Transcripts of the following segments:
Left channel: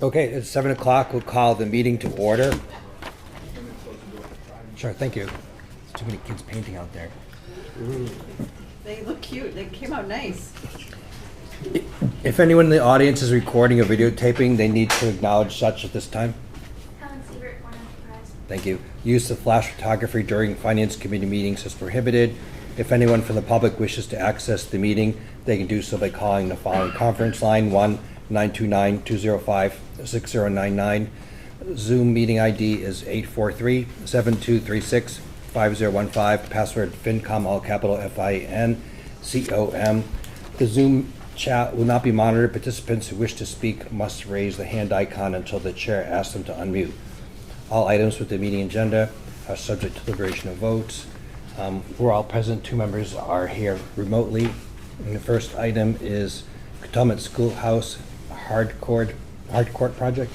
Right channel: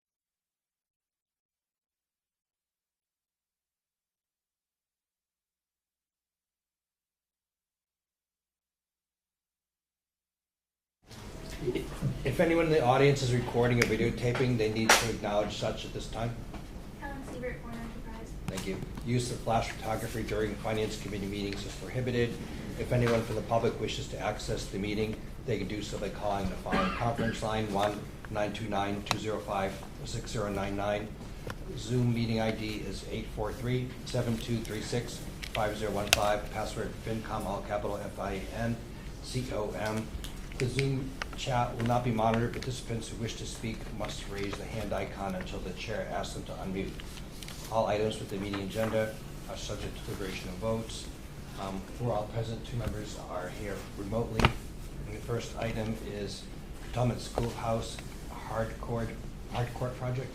Okay, it's 7 o'clock. We'll call the meeting to order. Sure, thank you. Too many kids painting out there. They look cute. They came out nice. If anyone in the audience is recording or videotaping, they need to acknowledge such at this time. Thank you. Use of flash photography during Finance Committee meetings is prohibited. If anyone from the public wishes to access the meeting, they can do so by calling the following conference line, 1-929-205-6099. Zoom meeting ID is 843-7236-5015. Password FINCOM, all capital FINCOM. The Zoom chat will not be monitored. Participants who wish to speak must raise the hand icon until the chair asks them to unmute. All items with the meeting agenda are subject to deliberation of votes. We're all present. 2 members are here remotely. And the first item is Potomac Schoolhouse Hardcourt project.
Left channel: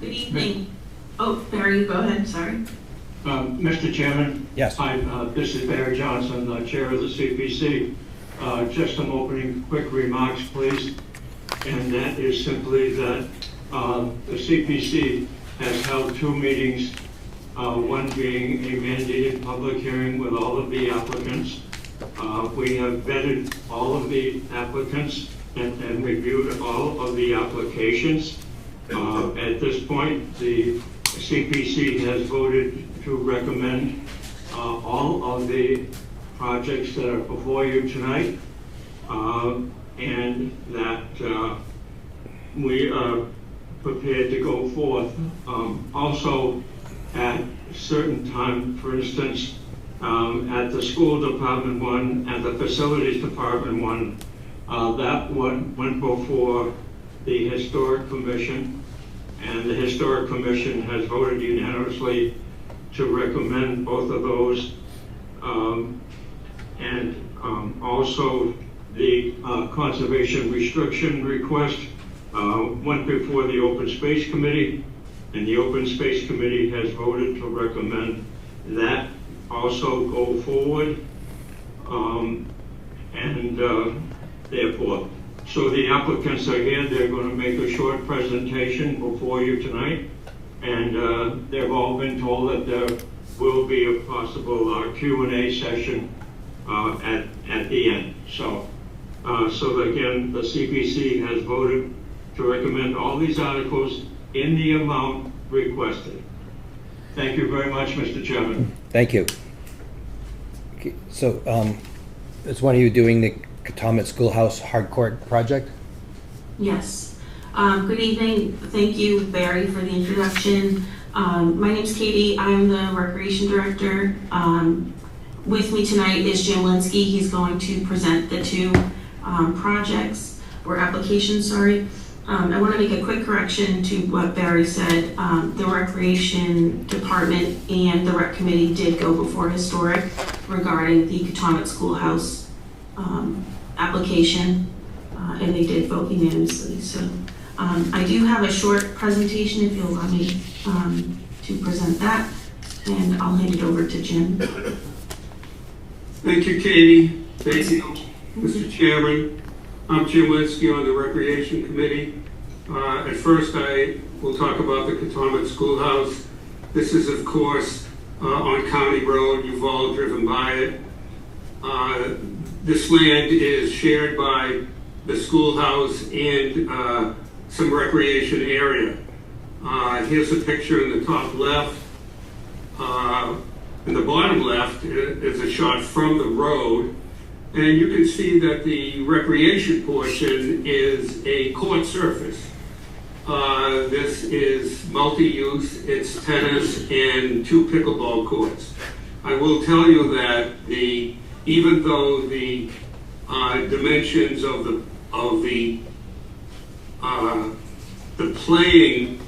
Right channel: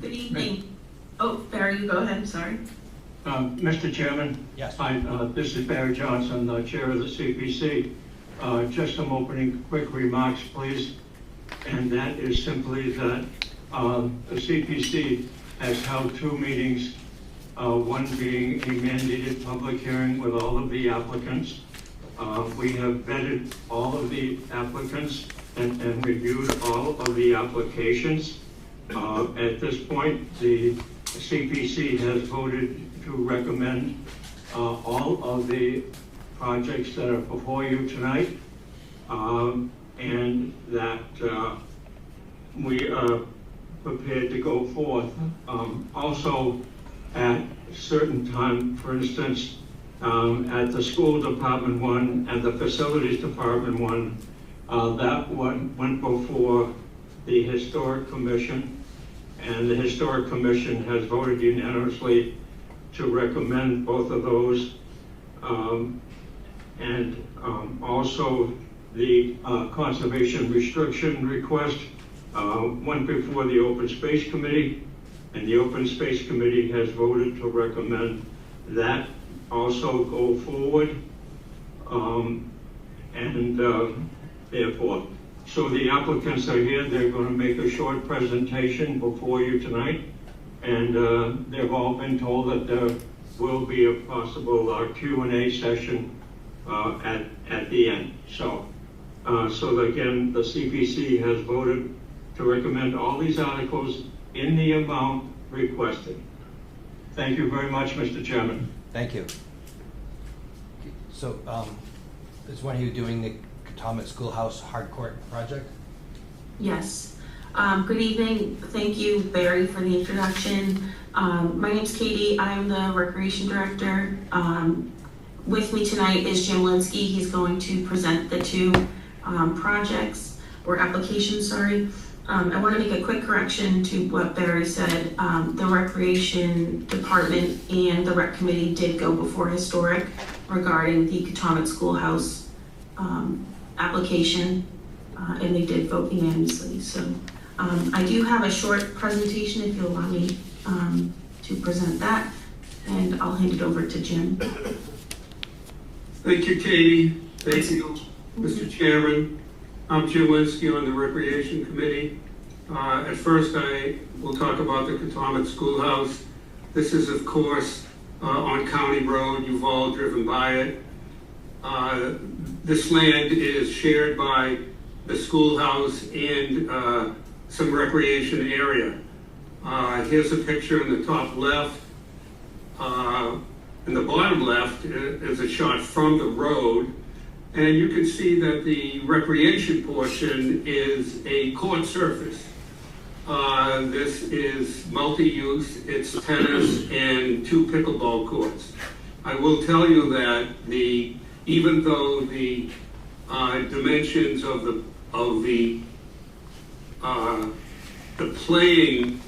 Good evening. Oh, Barry, go ahead, sorry. Mr. Chairman? Yes. Hi, this is Barry Johnson, Chair of the CPC. Just some opening quick remarks, please. And that is simply that the CPC has held 2 meetings, one being a mandated public hearing with all of the applicants. We have vetted all of the applicants and reviewed all of the applications. At this point, the CPC has voted to recommend all of the projects that are before you tonight, and that we are prepared to go forth. Also, at a certain time, for instance, at the school department one and the facilities department one, that went before the historic commission, and the historic commission has voted unanimously to recommend both of those. Also the conservation restriction request went before the open space committee, and the open space committee has voted to recommend that also go forward. Therefore, so the applicants are here. They're going to make a short presentation before you tonight, and they've all been told that there will be a possible Q&A session at the end. So again, the CPC has voted to recommend all these articles in the amount requested. Thank you very much, Mr. Chairman. Thank you. Okay, so is one of you doing the Potomac Schoolhouse Hardcourt project? Yes. Good evening. Thank you, Barry, for the introduction. My name's Katie. I'm the Recreation Director. With me tonight is Jim Linsky. He's going to present the 2 projects, or applications, sorry. I want to make a quick correction to what Barry said. The Recreation Department and the Rec Committee did go before Historic regarding the Potomac Schoolhouse application, and they did vote unanimously. So I do have a short presentation if you'll allow me to present that, and I'll hand it over to Jim. Thank you, Katie. Thank you, Mr. Chairman. I'm Jim Linsky on the Recreation Committee. At first, I will talk about the Potomac Schoolhouse. This is, of course, on County Road. You've all driven by it. This land is shared by the schoolhouse and some recreation area. Here's a picture in the top left. In the bottom left is a shot from the road. And you can see that the recreation portion is a court surface. This is multi-use. It's tennis and 2 pickleball courts. I will tell you that even though the dimensions of the playing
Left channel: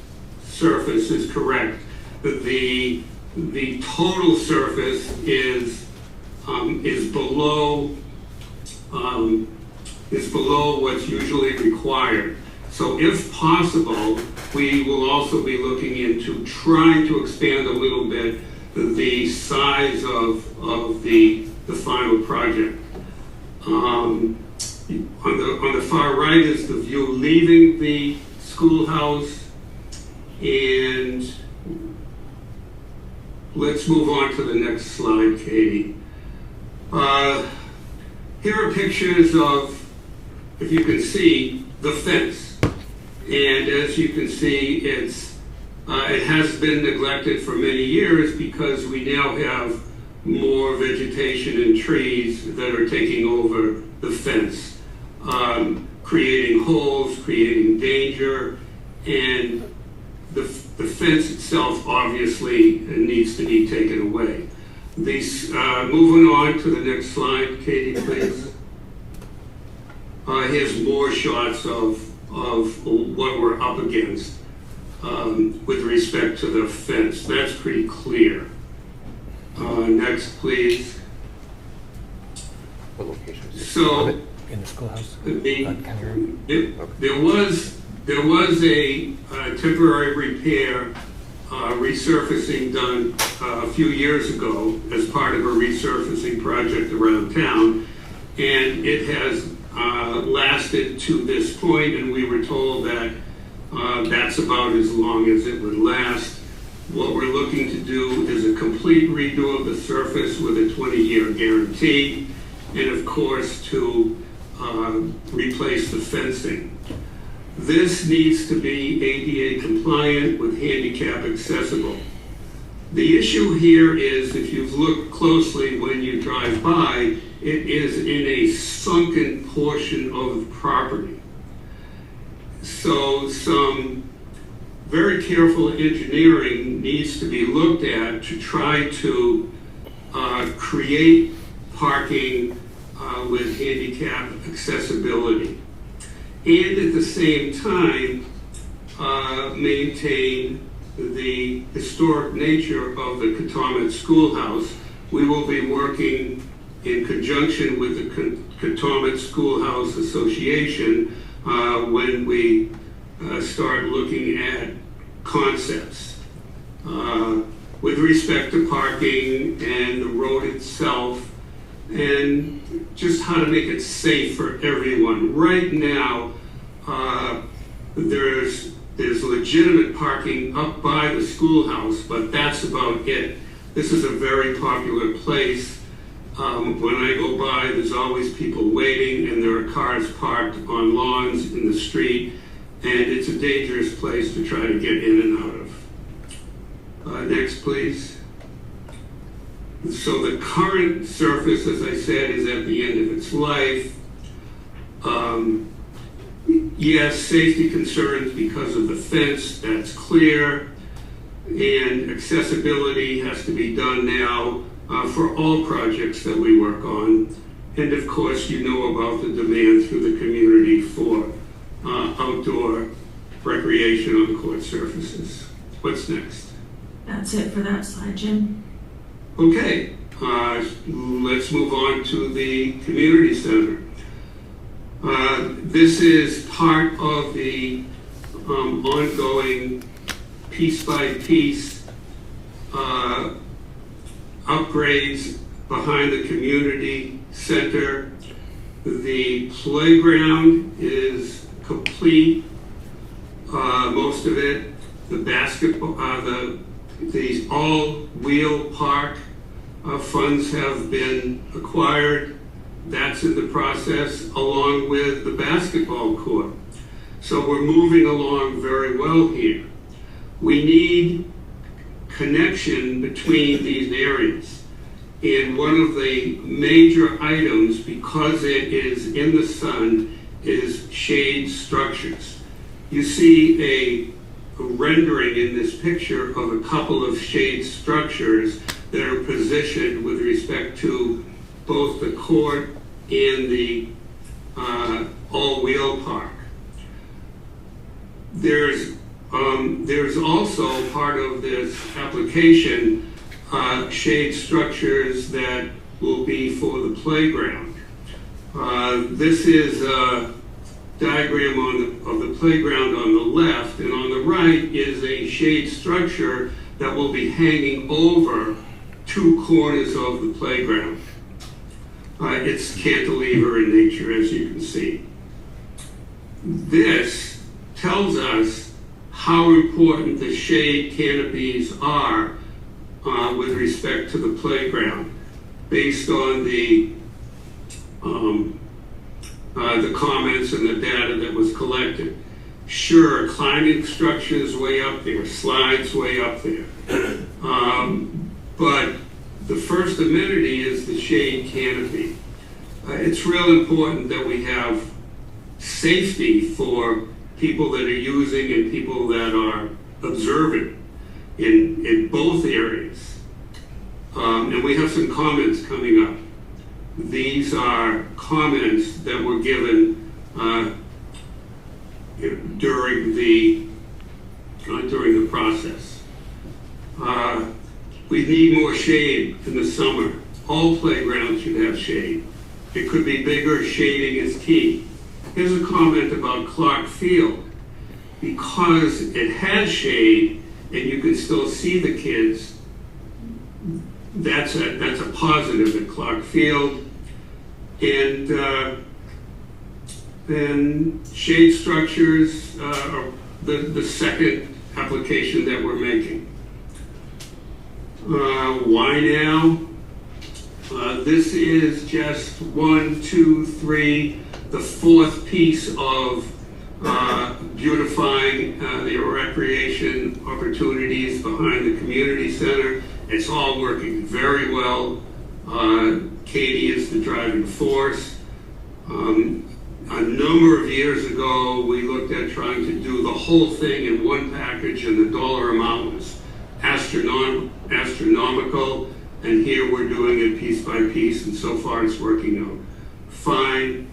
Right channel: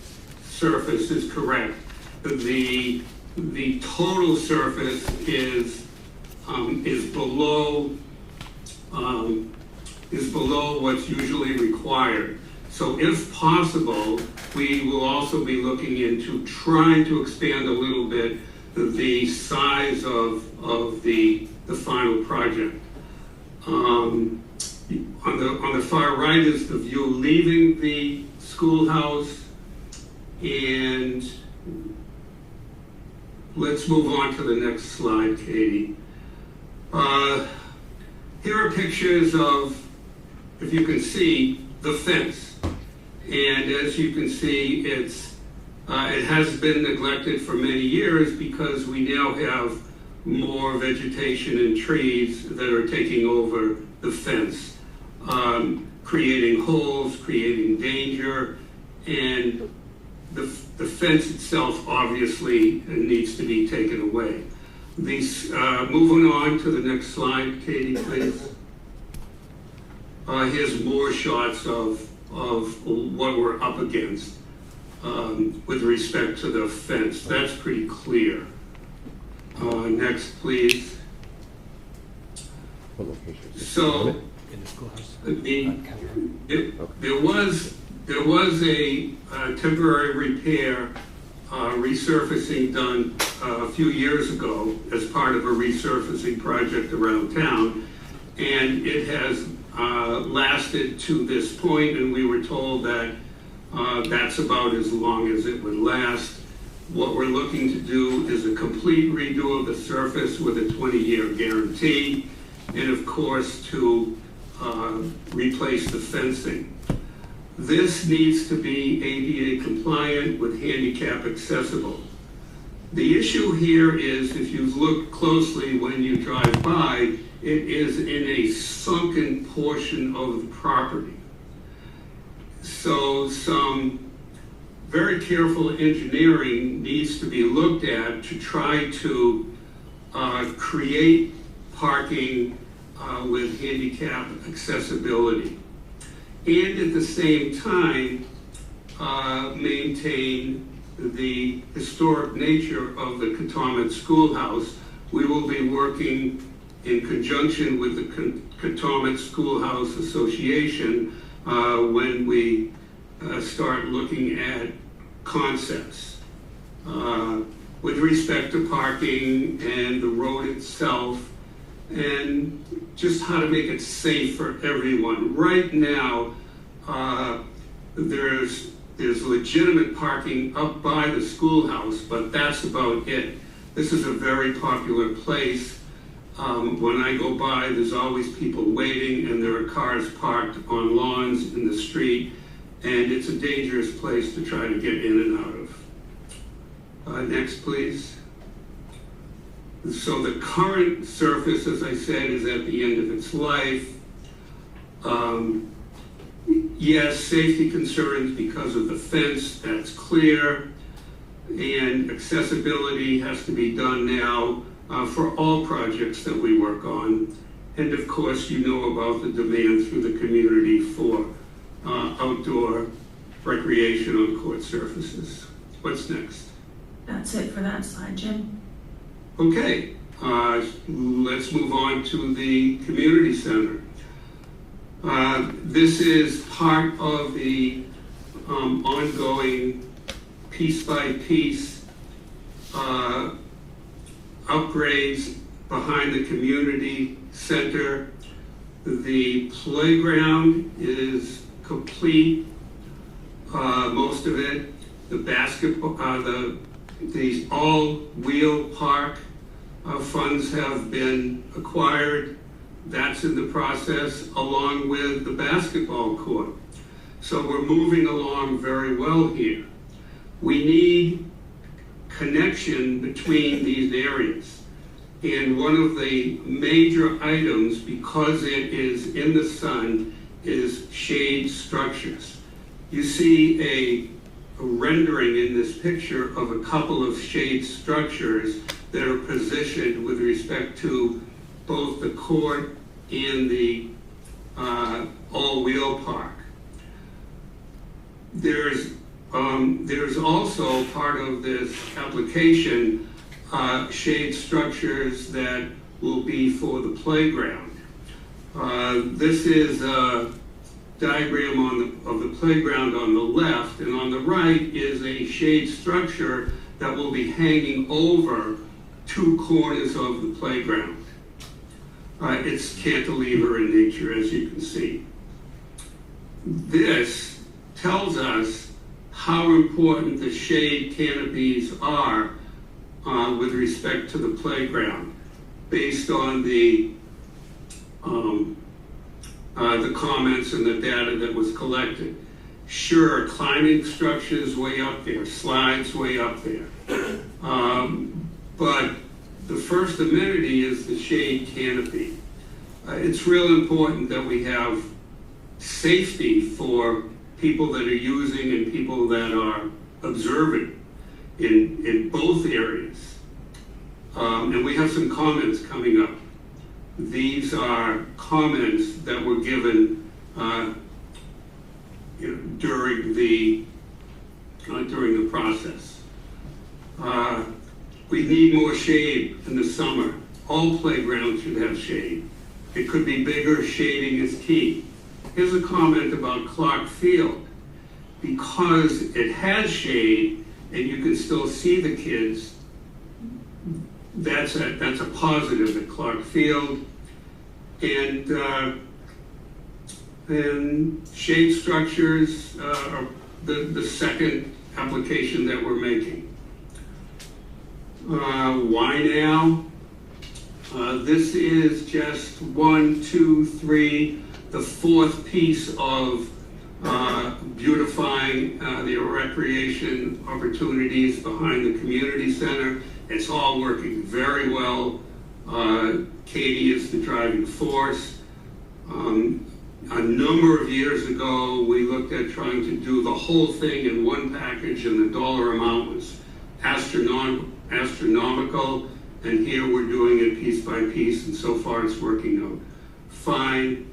surface is correct, the total surface is below what's usually required. So if possible, we will also be looking into trying to expand a little bit the size of the final project. On the far right is the view leaving the schoolhouse, and let's move on to the next slide, Katie. Here are pictures of, if you can see, the fence. And as you can see, it has been neglected for many years because we now have more vegetation and trees that are taking over the fence, creating holes, creating danger, and the fence itself obviously needs to be taken away. Moving on to the next slide, Katie, please. Here's more shots of what we're up against with respect to the fence. That's pretty clear. Next, please. What location is it? So, In the schoolhouse? there was a temporary repair, resurfacing done a few years ago as part of a resurfacing project around town, and it has lasted to this point, and we were told that that's about as long as it would last. What we're looking to do is a complete redo of the surface with a 20-year guarantee, and of course to replace the fencing. This needs to be ADA compliant with handicap accessible. The issue here is, if you look closely when you drive by, it is in a sunken portion of the property. So some very careful engineering needs to be looked at to try to create parking with handicap accessibility, and at the same time maintain the historic nature of the Catomet Schoolhouse. We will be working in conjunction with the Catomet Schoolhouse Association when we start looking at concepts with respect to parking and the road itself, and just how to make it safe for everyone. Right now, there's legitimate parking up by the schoolhouse, but that's about it. This is a very popular place. When I go by, there's always people waiting, and there are cars parked on lawns in the street, and it's a dangerous place to try to get in and out of. Next, please. So the current surface, as I said, is at the end of its life. Yes, safety concerns because of the fence, that's clear. And accessibility has to be done now for all projects that we work on. And of course, you know about the demand through the community for outdoor recreation on court surfaces. What's next? That's it for that slide, Jim. Okay, let's move on to the community center. This is part of the ongoing piece-by-piece upgrades behind the community center. The playground is complete, most of it. The basketball, the all-wheel park funds have been acquired. That's in the process, along with the basketball court. So we're moving along very well here. We need connection between these areas. And one of the major items, because it is in the sun, is shade structures. you see a rendering in this picture of a couple of shade structures that are positioned with respect to both the court and the all-wheel park. There's also part of this application shade structures that will be for the playground. This is a diagram of the playground on the left, and on the right is a shade structure that will be hanging over two corners of the playground. It's cantilever in nature, as you can see. This tells us how important the shade canopies are with respect to the playground, based on the comments and the data that was collected. Sure, climbing structures way up there, slides way up there, but the first amenity is the shade canopy. It's real important that we have safety for people that are using and people that are observing in both areas. And we have some comments coming up. These are comments that were given during the process. We need more shade in the summer. All playgrounds should have shade. It could be bigger. Shading is key. Here's a comment about Clark Field. Because it has shade and you can still see the kids, that's a positive at Clark Field. And shade structures are the second application that we're making. Why now? This is just 1, 2, 3, the fourth piece of beautifying the recreation opportunities behind the community center. It's all working very well. Katie is the driving force. A number of years ago, we looked at trying to do the whole thing in one package, and the dollar amount was astronomical, and here we're doing it piece by piece, and so far it's working out fine.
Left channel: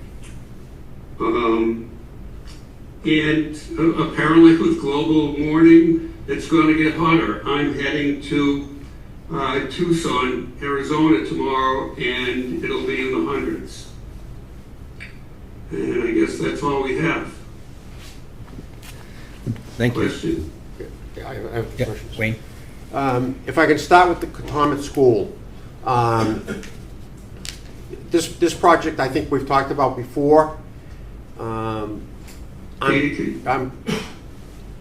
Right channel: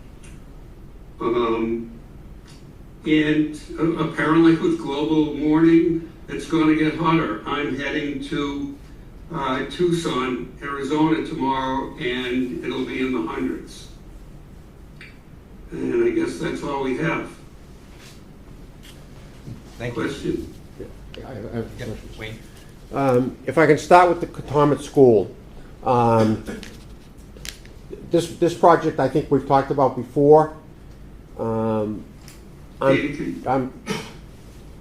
And apparently with global warming, it's going to get hotter. I'm heading to Tucson, Arizona tomorrow, and it'll be in the hundreds. And I guess that's all we have. Thank you. Question? I have Yeah, questions. Wayne? If I can start with the Katomet School. This project I think we've talked about before. Katie,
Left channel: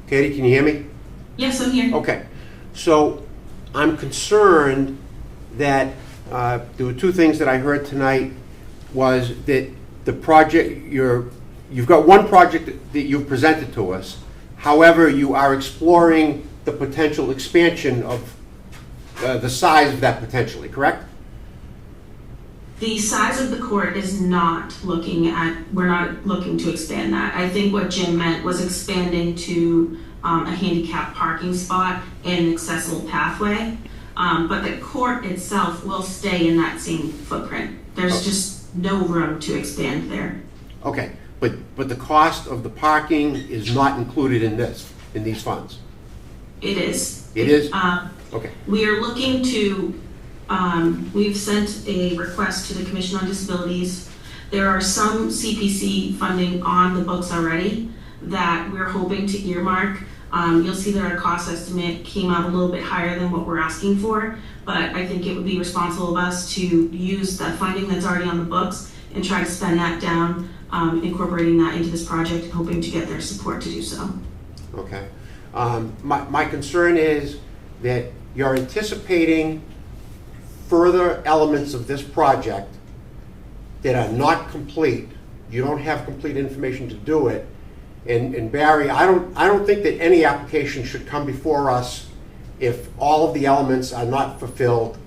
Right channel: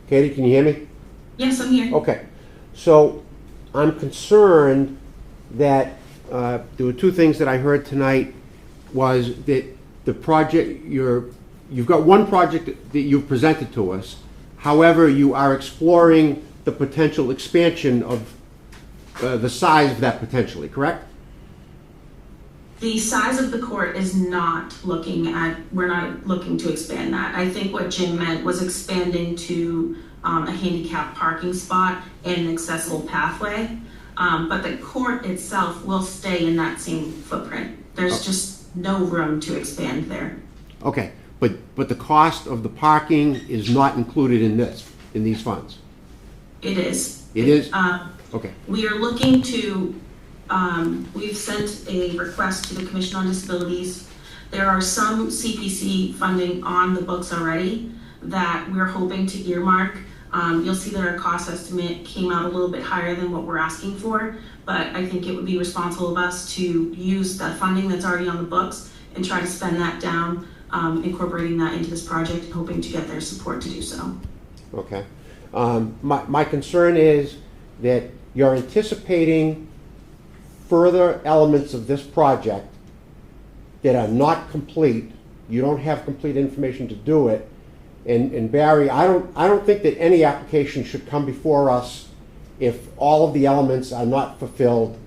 Katie, can you hear me? Yes, I'm here. Okay. So I'm concerned that there were two things that I heard tonight, was that the project, you've got one project that you've presented to us. However, you are exploring the potential expansion of the size of that potentially, correct? The size of the court is not we're not looking to expand that. I think what Jim meant was expanding to a handicap parking spot and an accessible pathway. But the court itself will stay in that same footprint. There's just no room to expand there. Okay, but the cost of the parking is not included in these funds? It is. It is? Okay. We are looking to, we've sent a request to the Commission on Disabilities. There are some CPC funding on the books already that we're hoping to earmark. You'll see that our cost estimate came out a little bit higher than what we're asking for, but I think it would be responsible of us to use the funding that's already on the books and try to spend that down, incorporating that into this project and hoping to get their support to do so. Okay. My concern is that you're anticipating further elements of this project that are not complete. You don't have complete information to do it. And Barry, I don't think that any application should come before us if all of the elements are not fulfilled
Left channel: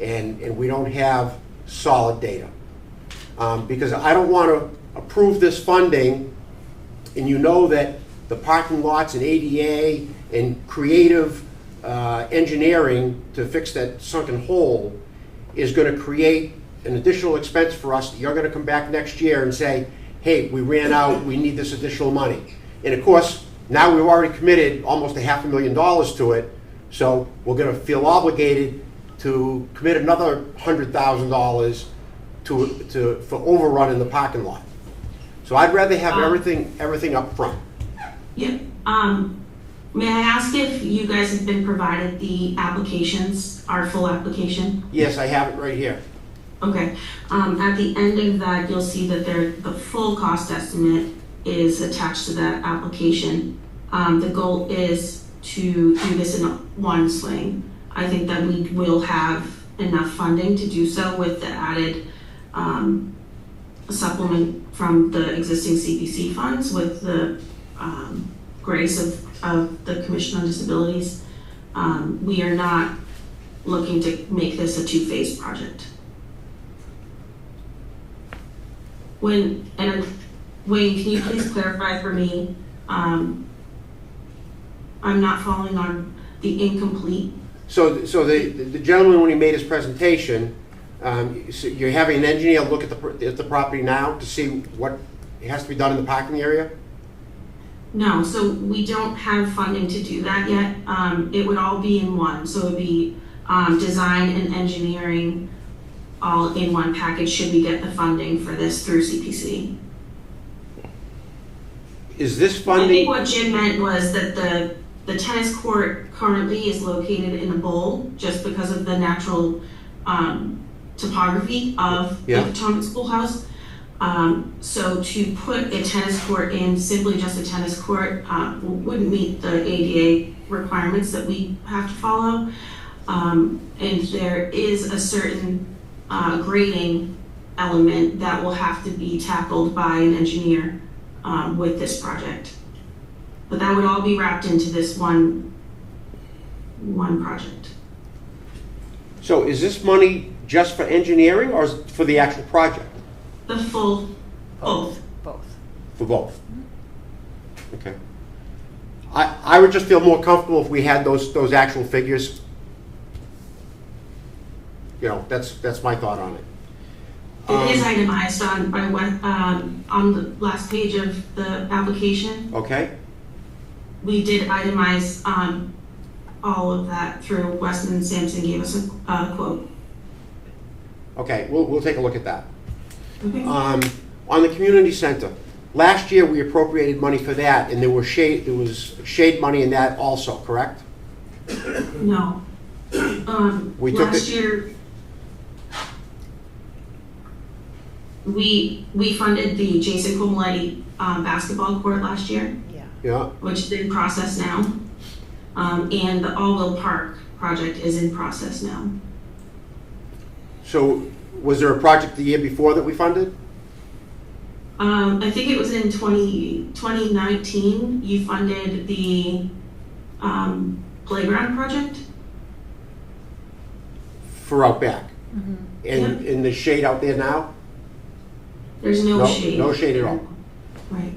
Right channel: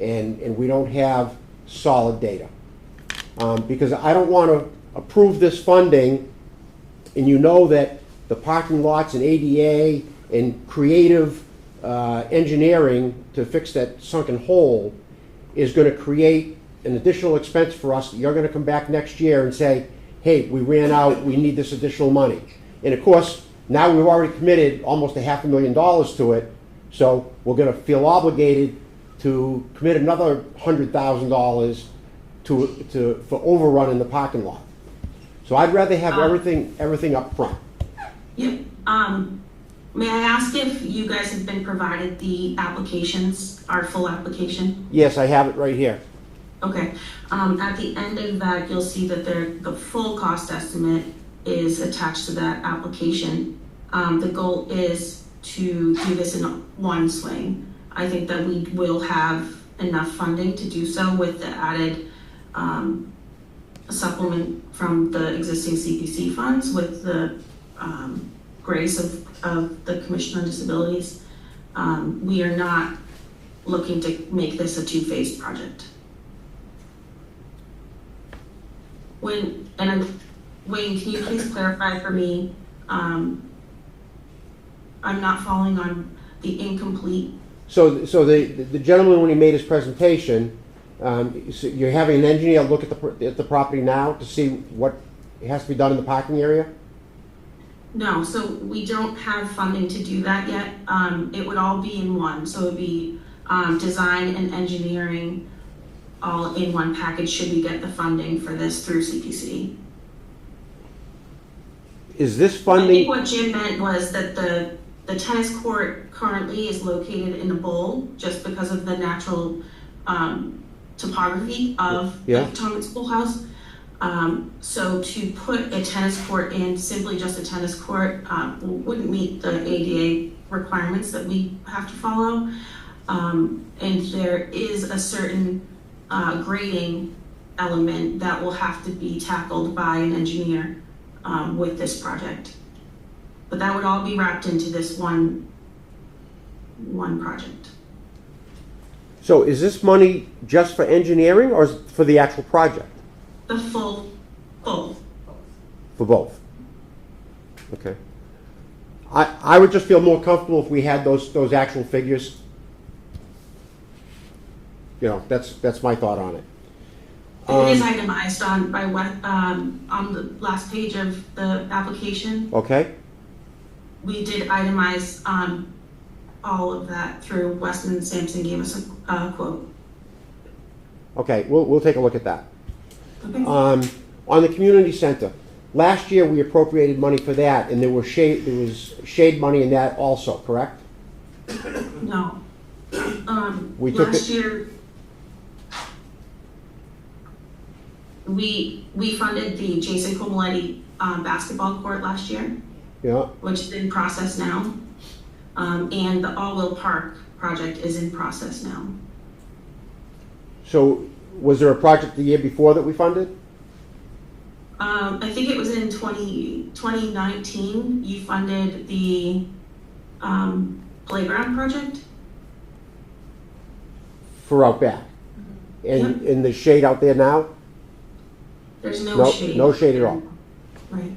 and we don't have solid data. Because I don't want to approve this funding, and you know that the parking lots and ADA and creative engineering to fix that sunken hole is going to create an additional expense for us. You're going to come back next year and say, hey, we ran out, we need this additional money. And of course, now we've already committed almost $500,000 to it, so we're going to feel obligated to commit another $100,000 for overrun in the parking lot. So I'd rather have everything up front. Yep. May I ask if you guys have been provided the applications, our full application? Yes, I have it right here. Okay. At the end of that, you'll see that the full cost estimate is attached to that application. The goal is to do this in one swing. I think that we will have enough funding to do so with the added supplement from the existing CPC funds with the grace of the Commission on Disabilities. We are not looking to make this a two-phase project. Wayne, can you please clarify for me? I'm not following on the incomplete. So the gentleman, when he made his presentation, so you're having an engineer look at the property now to see what has to be done in the parking area? No, so we don't have funding to do that yet. It would all be in one. So it would be design and engineering all in one package should we get the funding for this through CPC. Is this I funding? think what Jim meant was that the tennis court currently is located in a bowl just because of the natural topography of the Potomac Schoolhouse. So to put a tennis court in, simply just a tennis court, wouldn't meet the ADA requirements that we have to follow. And there is a certain grading element that will have to be tackled by an engineer with this project. But that would all be wrapped into this one project. So is this money just for engineering or is it for the actual project? The full, both. For both? Okay. I would just feel more comfortable if we had those actual figures. You know, that's my thought on it. It is itemized on the last page of the application. Okay. We did itemize all of that through Weston and Sampson gave us a quote. Okay, we'll take a look at that. Okay. On the community center, last year we appropriated money for that, and there was shade money in that also, correct? No. We took Last year, we funded the Jason Comoletti basketball court last year, Yeah. which is in process now. And the Allwell Park project is in process now. So was there a project the year before that we funded? I think it was in 2019, you funded the playground project. For out back? Yep. In the shade out there now? There's no shade. No shade at all. Right.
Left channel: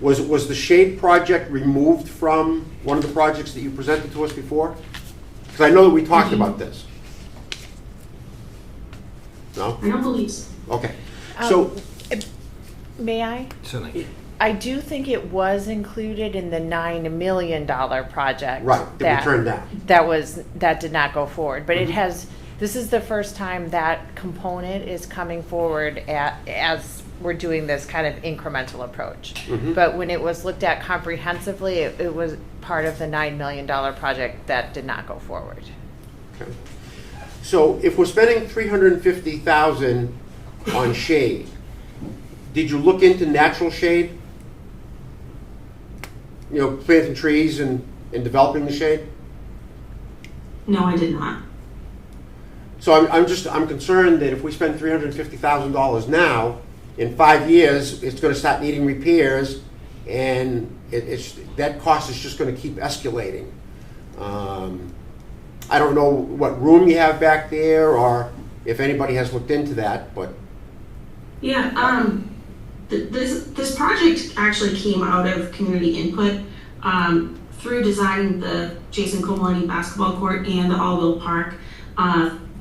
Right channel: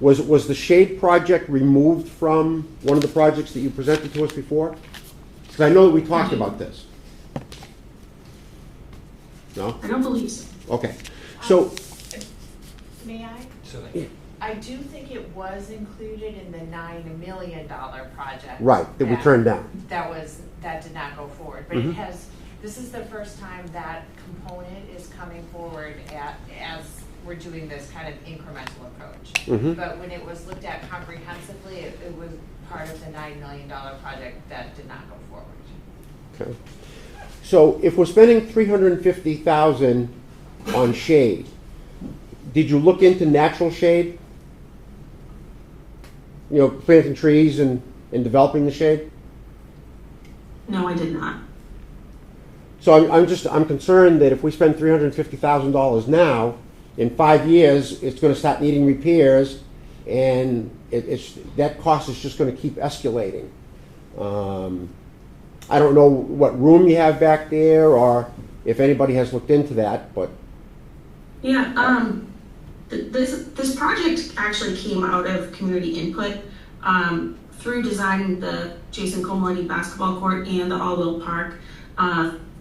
Was the shade project removed from one of the projects that you presented to us before? Because I know that we talked about this. No? I don't believe so. Okay. So, May I? Certainly. I do think it was included in the $9 million project. right, that we turned down. That did not go forward, but Mhm. this is the first time that component is coming forward as we're doing this kind of incremental approach. Mhm. But when it was looked at comprehensively, it was part of the $9 million project that did not go forward. Okay. So if we're spending $350,000 on shade, did you look into natural shade? You know, planting trees and developing the shade? No, I did not. So I'm concerned that if we spend $350,000 now, in 5 years, it's gonna start needing repairs, and that cost is just gonna keep escalating. I don't know what room you have back there, or if anybody has looked into that, but. Yeah, This project actually came out of community input through designing the Jason Comolini basketball court and the All-Will Park.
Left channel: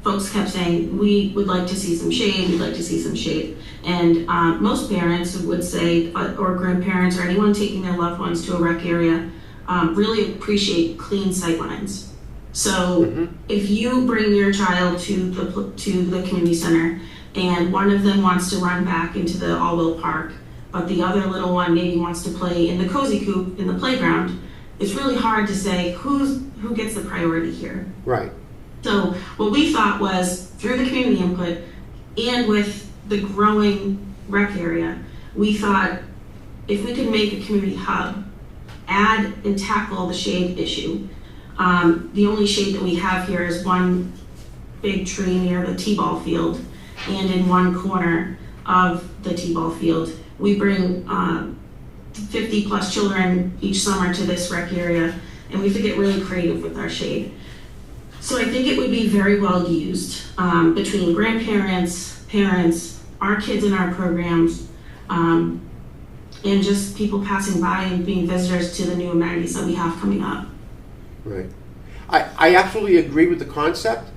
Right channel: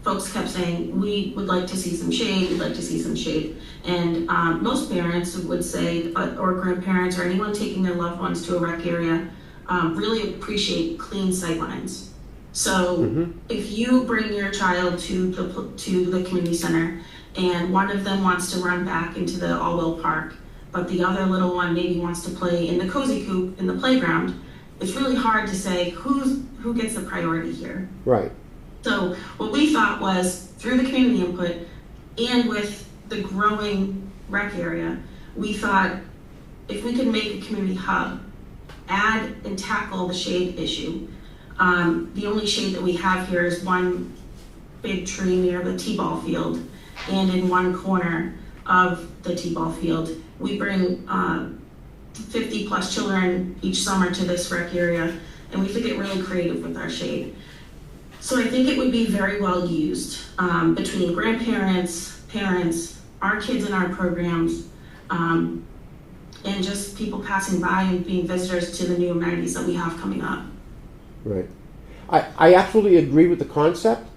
Folks kept saying, we would like to see some shade, we'd like to see some shade. And most parents would say, or grandparents or anyone taking their loved ones to a rec area, really appreciate clean sightlines. So if you bring your child to the community center and one of them wants to run back into the All-Will Park, but the other little one maybe wants to play in the cozy coop in the playground, it's really hard to say who gets the priority here. Right. So what we thought was, through the community input and with the growing rec area, we thought if we could make a community hub, add and tackle the shade issue. The only shade that we have here is one big tree near the t-ball field, and in one corner of the t-ball field. We bring 50 plus children each summer to this rec area, and we have to get really creative with our shade. So I think it would be very well used between grandparents, parents, our kids in our programs, and just people passing by and being visitors to the new amenities that we have coming up. Right. I absolutely agree with the concept.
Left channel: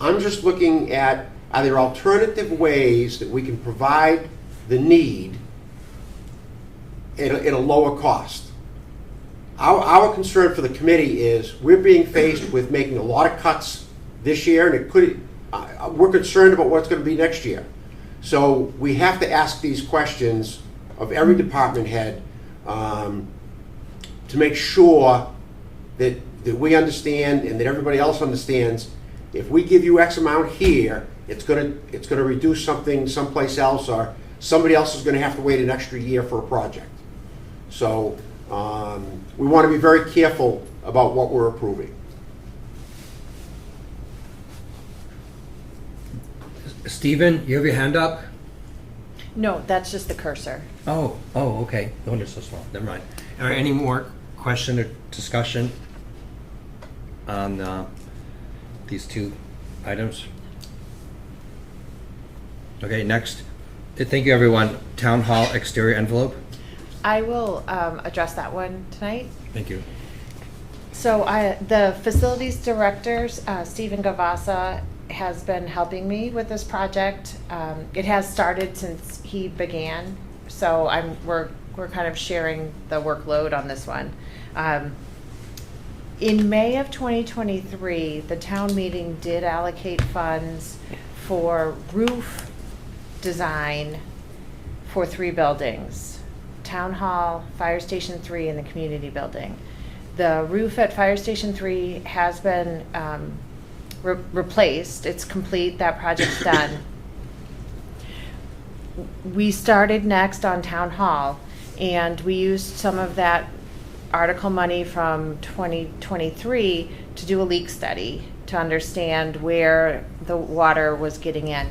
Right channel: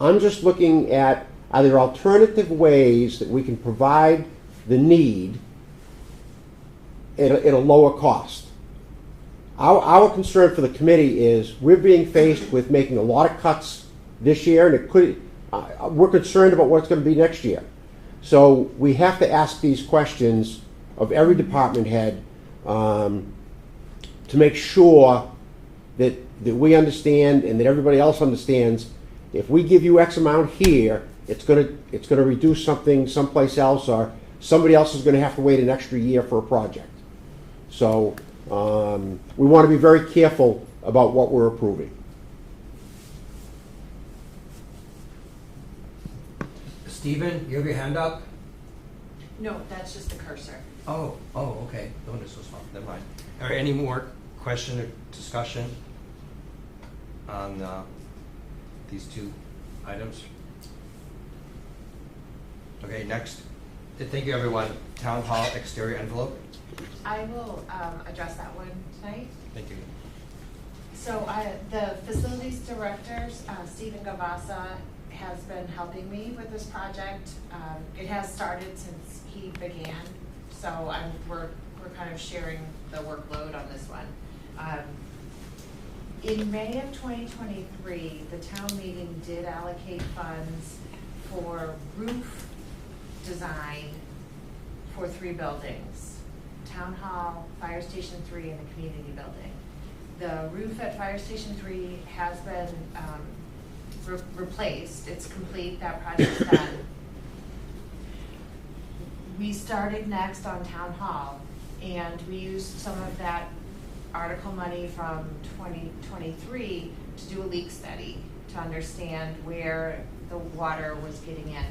I'm just looking at, are there alternative ways that we can provide the need at a lower cost? Our concern for the committee is we're being faced with making a lot of cuts this year, and we're concerned about what's going to be next year. So we have to ask these questions of every department head to make sure that we understand and that everybody else understands. If we give you X amount here, it's going to reduce something someplace else, or somebody else is going to have to wait an extra year for a project. So we want to be very careful about what we're approving. Stephen, you have your hand up? No, that's just the cursor. Oh, okay. The one is so small. Never mind. Are there any more question or discussion on these two items? Okay, next. Thank you, everyone. Town Hall exterior envelope. I will address that one tonight. Thank you. So the facilities director, Stephen Gavasa, has been helping me with this project. It has started since he began, so we're kind of sharing the workload on this one. In May of 2023, the town meeting did allocate funds for roof design for 3 buildings: Town Hall, Fire Station 3, and the community building. The roof at Fire Station 3 has been replaced. It's complete. That project's done. We started next on Town Hall, and we used some of that article money from 2023 to do a leak study to understand where the water was getting in.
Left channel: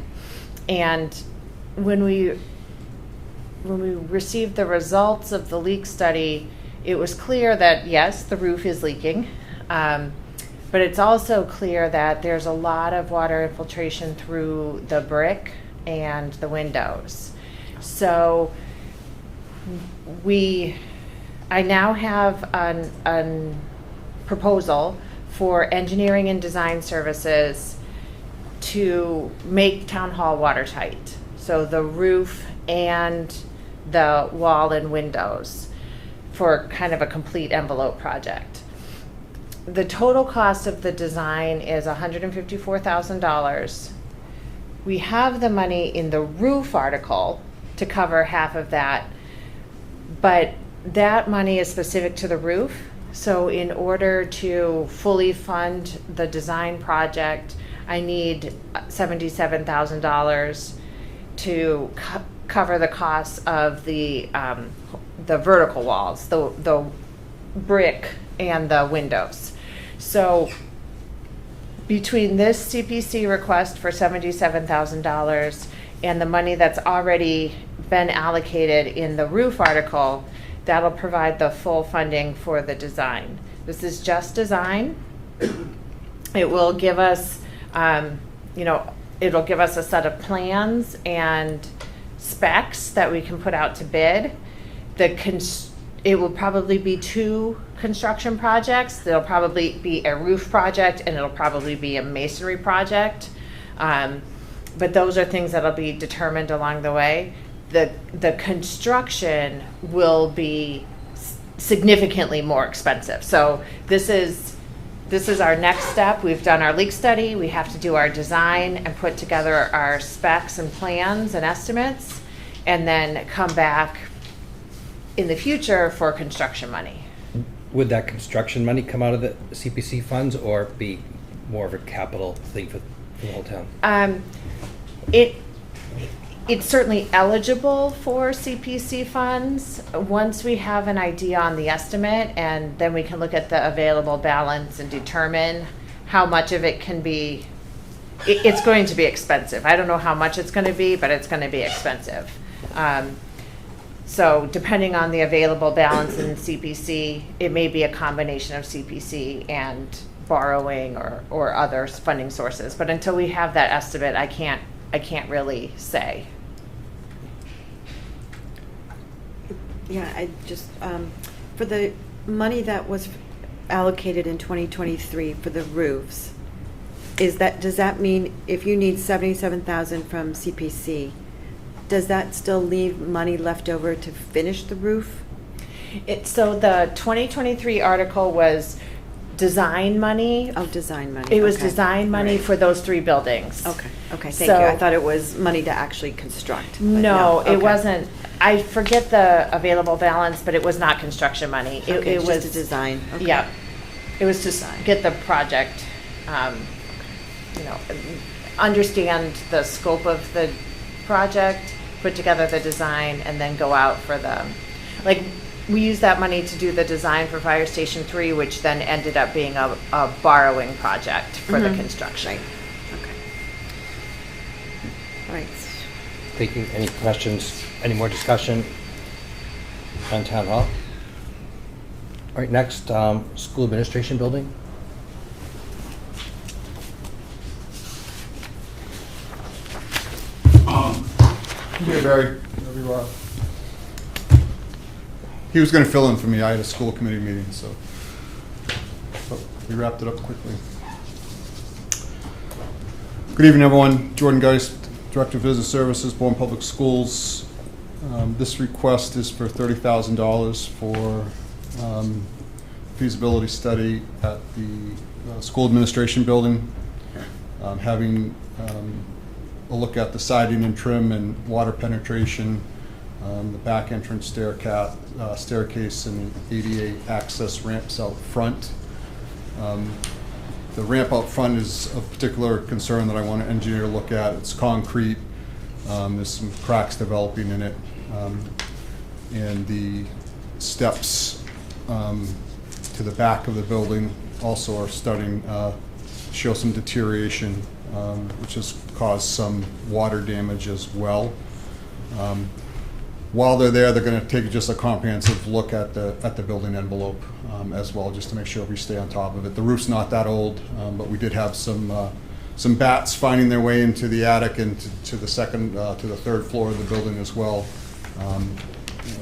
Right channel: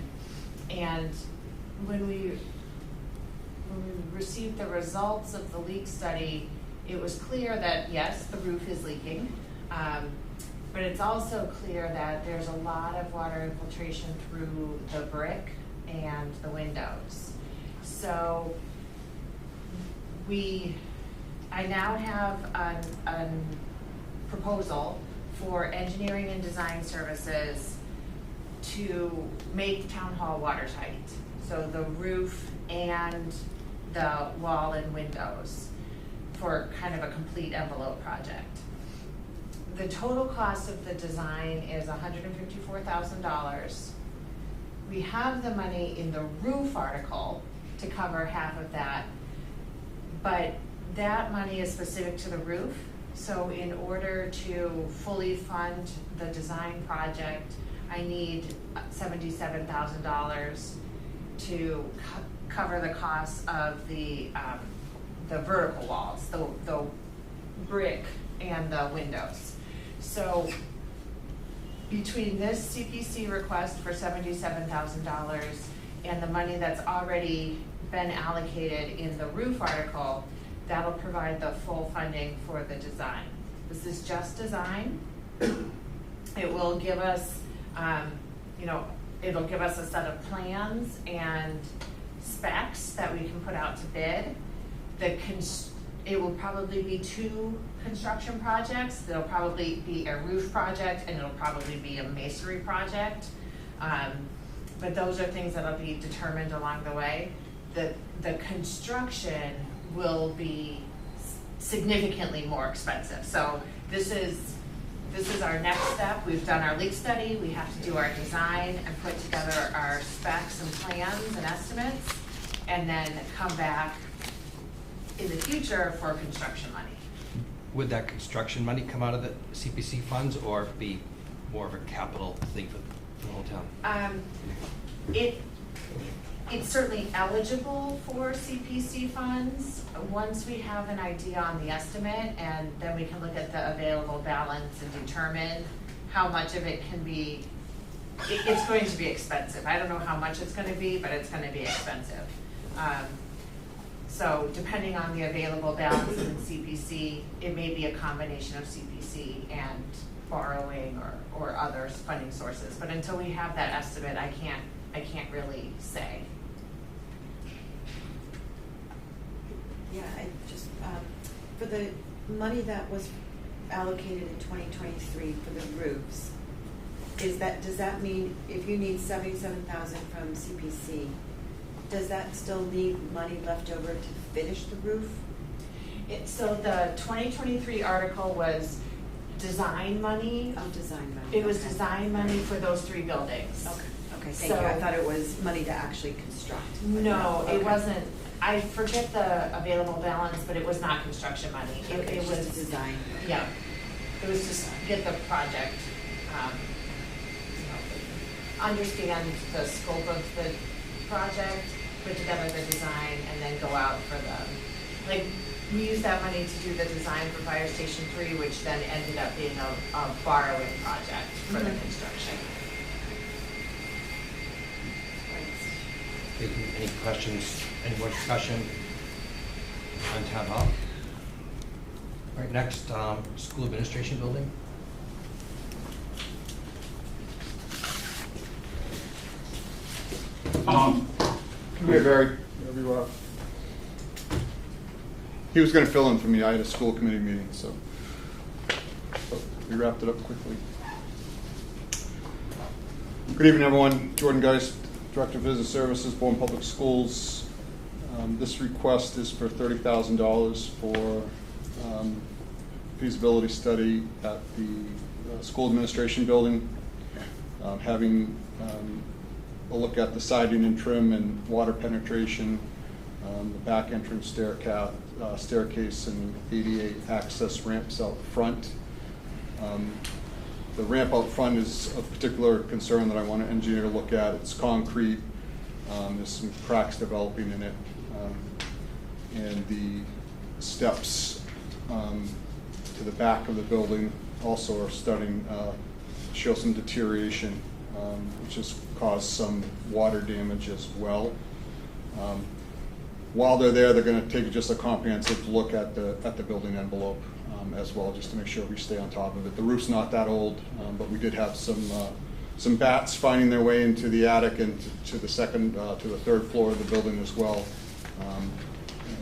And when we received the results of the leak study, it was clear that yes, the roof is leaking, but it's also clear that there's a lot of water infiltration through the brick and the windows. So I now have a proposal for engineering and design services to make Town Hall watertight. So the roof and the wall and windows for kind of a complete envelope project. The total cost of the design is $154,000. We have the money in the roof article to cover half of that, but that money is specific to the roof. So in order to fully fund the design project, I need $77,000 to cover the costs of the vertical walls, the brick and the windows. So between this CPC request for $77,000 and the money that's already been allocated in the roof article, that'll provide the full funding for the design. This is just design. It will give us, it'll give us a set of plans and specs that we can put out to bid. It will probably be 2 construction projects. There'll probably be a roof project and it'll probably be a masonry project. But those are things that'll be determined along the way. The construction will be significantly more expensive. So this is our next step. We've done our leak study. We have to do our design and put together our specs and plans and estimates, and then come back in the future for construction money. Would that construction money come out of the CPC funds or be more of a capital thing for the whole town? It's certainly eligible for CPC funds once we have an idea on the estimate, and then we can look at the available balance and determine how much of it can be. It's going to be expensive. I don't know how much it's going to be, but it's going to be expensive. So depending on the available balance in CPC, it may be a combination of CPC and borrowing or other funding sources. But until we have that estimate, I can't really say. Yeah, I just, for the money that was allocated in 2023 for the roofs, does that mean if you need 77,000 from CPC, does that still leave money left over to finish the roof? So the 2023 article was design money. Oh, design money. It was okay. design money Right. for those 3 buildings. Okay, thank So- you. I thought it was money to actually construct. but No, okay. it wasn't. I forget the available balance, but it was not construction money. Okay, It it's was just a design. Okay. Yeah, it was to get the project, understand the scope of the project, put together the design, and then go out for we used that money to do the design for Fire Station 3, which then ended up being a borrowing project for the Mhm. construction. Okay. All right. Thank you. Any questions? Any more discussion on town hall? All right, next, school administration building. Hey, Barry. There you are. He was going to fill in for me. I had a school committee meeting, so we wrapped it up quickly. Good evening, everyone. Jordan Geist, Director of Business Services, Bourne Public Schools. This request is for $30,000 for feasibility study at the school administration building, having a look at the siding and trim and water penetration, the back entrance staircase and the ADA access ramps out front. The ramp out front is of particular concern that I want an engineer to look at. It's concrete. There's some cracks developing in it. And the steps to the back of the building also are starting to show some deterioration, which has caused some water damage as well. While they're there, they're going to take just a comprehensive look at the building envelope as well, just to make sure we stay on top of it. The roof's not that old, but we did have some bats finding their way into the attic and to the third floor of the building as well.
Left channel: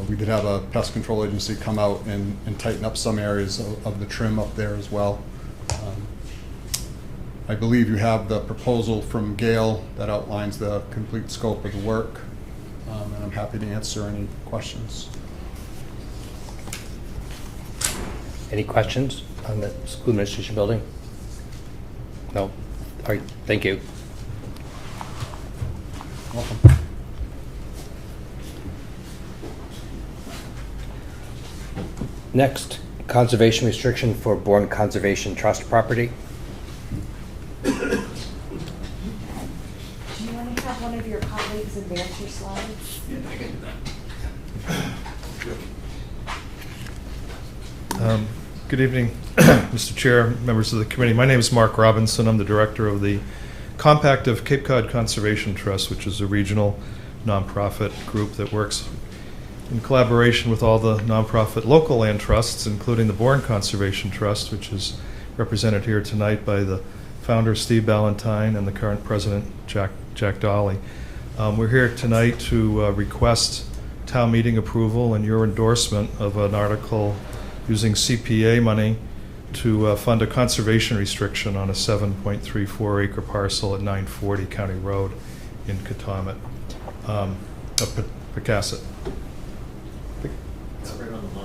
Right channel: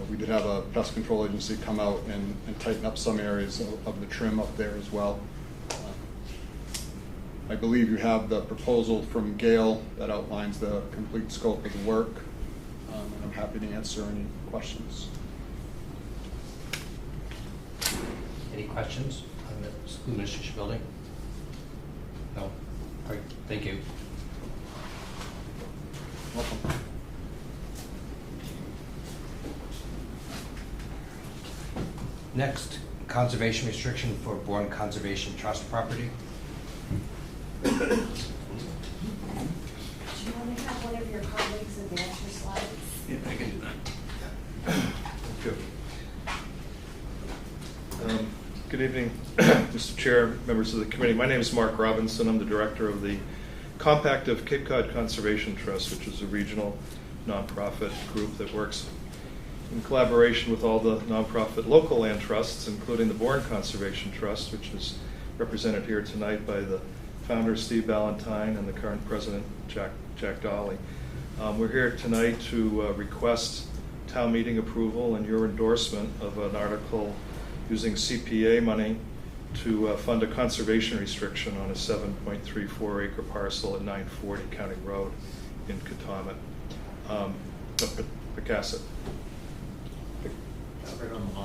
We did have a pest control agency come out and tighten up some areas of the trim up there as well. I believe you have the proposal from Gail that outlines the complete scope of the work, and I'm happy to answer any questions. Any questions on the school administration building? No? All right, thank you. Welcome. Next, conservation restriction for Bourne Conservation Trust property. Do you want to have one of your colleagues advance your slides? Yeah, I can do that. Good evening, Mr. Chair, members of the committee. My name is Mark Robinson. I'm the director of the Compact of Cape Cod Conservation Trust, which is a regional nonprofit group that works in collaboration with all the nonprofit local land trusts, including the Bourne Conservation Trust, which is represented here tonight by the founder, Steve Ballantyne, and the current president, Jack Dolly. We're here tonight to request town meeting approval and your endorsement of an article using CPA money to fund a conservation restriction on a 7.34 acre parcel at 940 County Road in Katomet, Pecasset.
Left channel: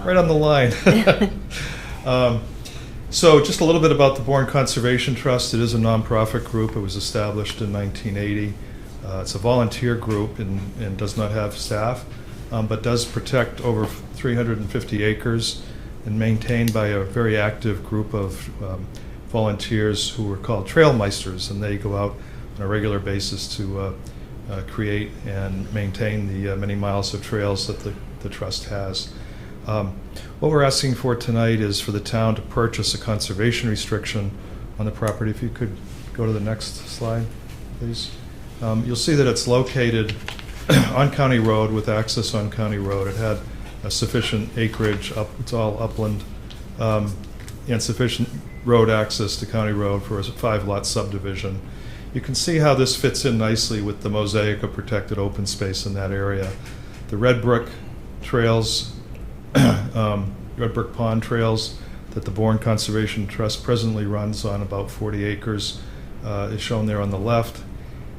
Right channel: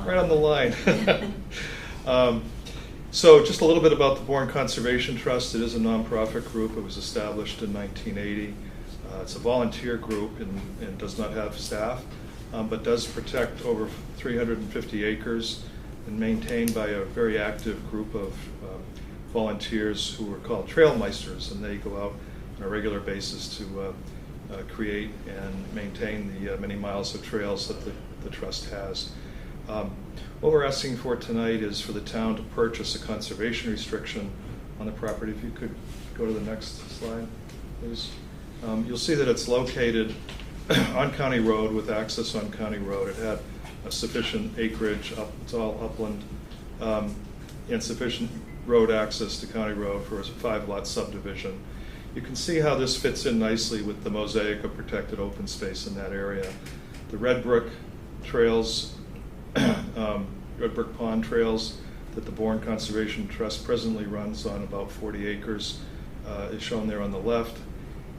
Right on the line. So just a little bit about the Bourne Conservation Trust. It is a nonprofit group. It was established in 1980. It's a volunteer group and does not have staff, but does protect over 350 acres and maintained by a very active group of volunteers who are called Trailmeisters, and they go out on a regular basis to create and maintain the many miles of trails that the trust has. What we're asking for tonight is for the town to purchase a conservation restriction on the property. If you could go to the next slide, please. You'll see that it's located on County Road with access on County Road. It had a sufficient acreage, it's all upland, and sufficient road access to County Road for a 5-lot subdivision. You can see how this fits in nicely with the mosaic of protected open space in that area. The red brick trails, red brick pond trails that the Bourne Conservation Trust presently runs on about 40 acres is shown there on the left.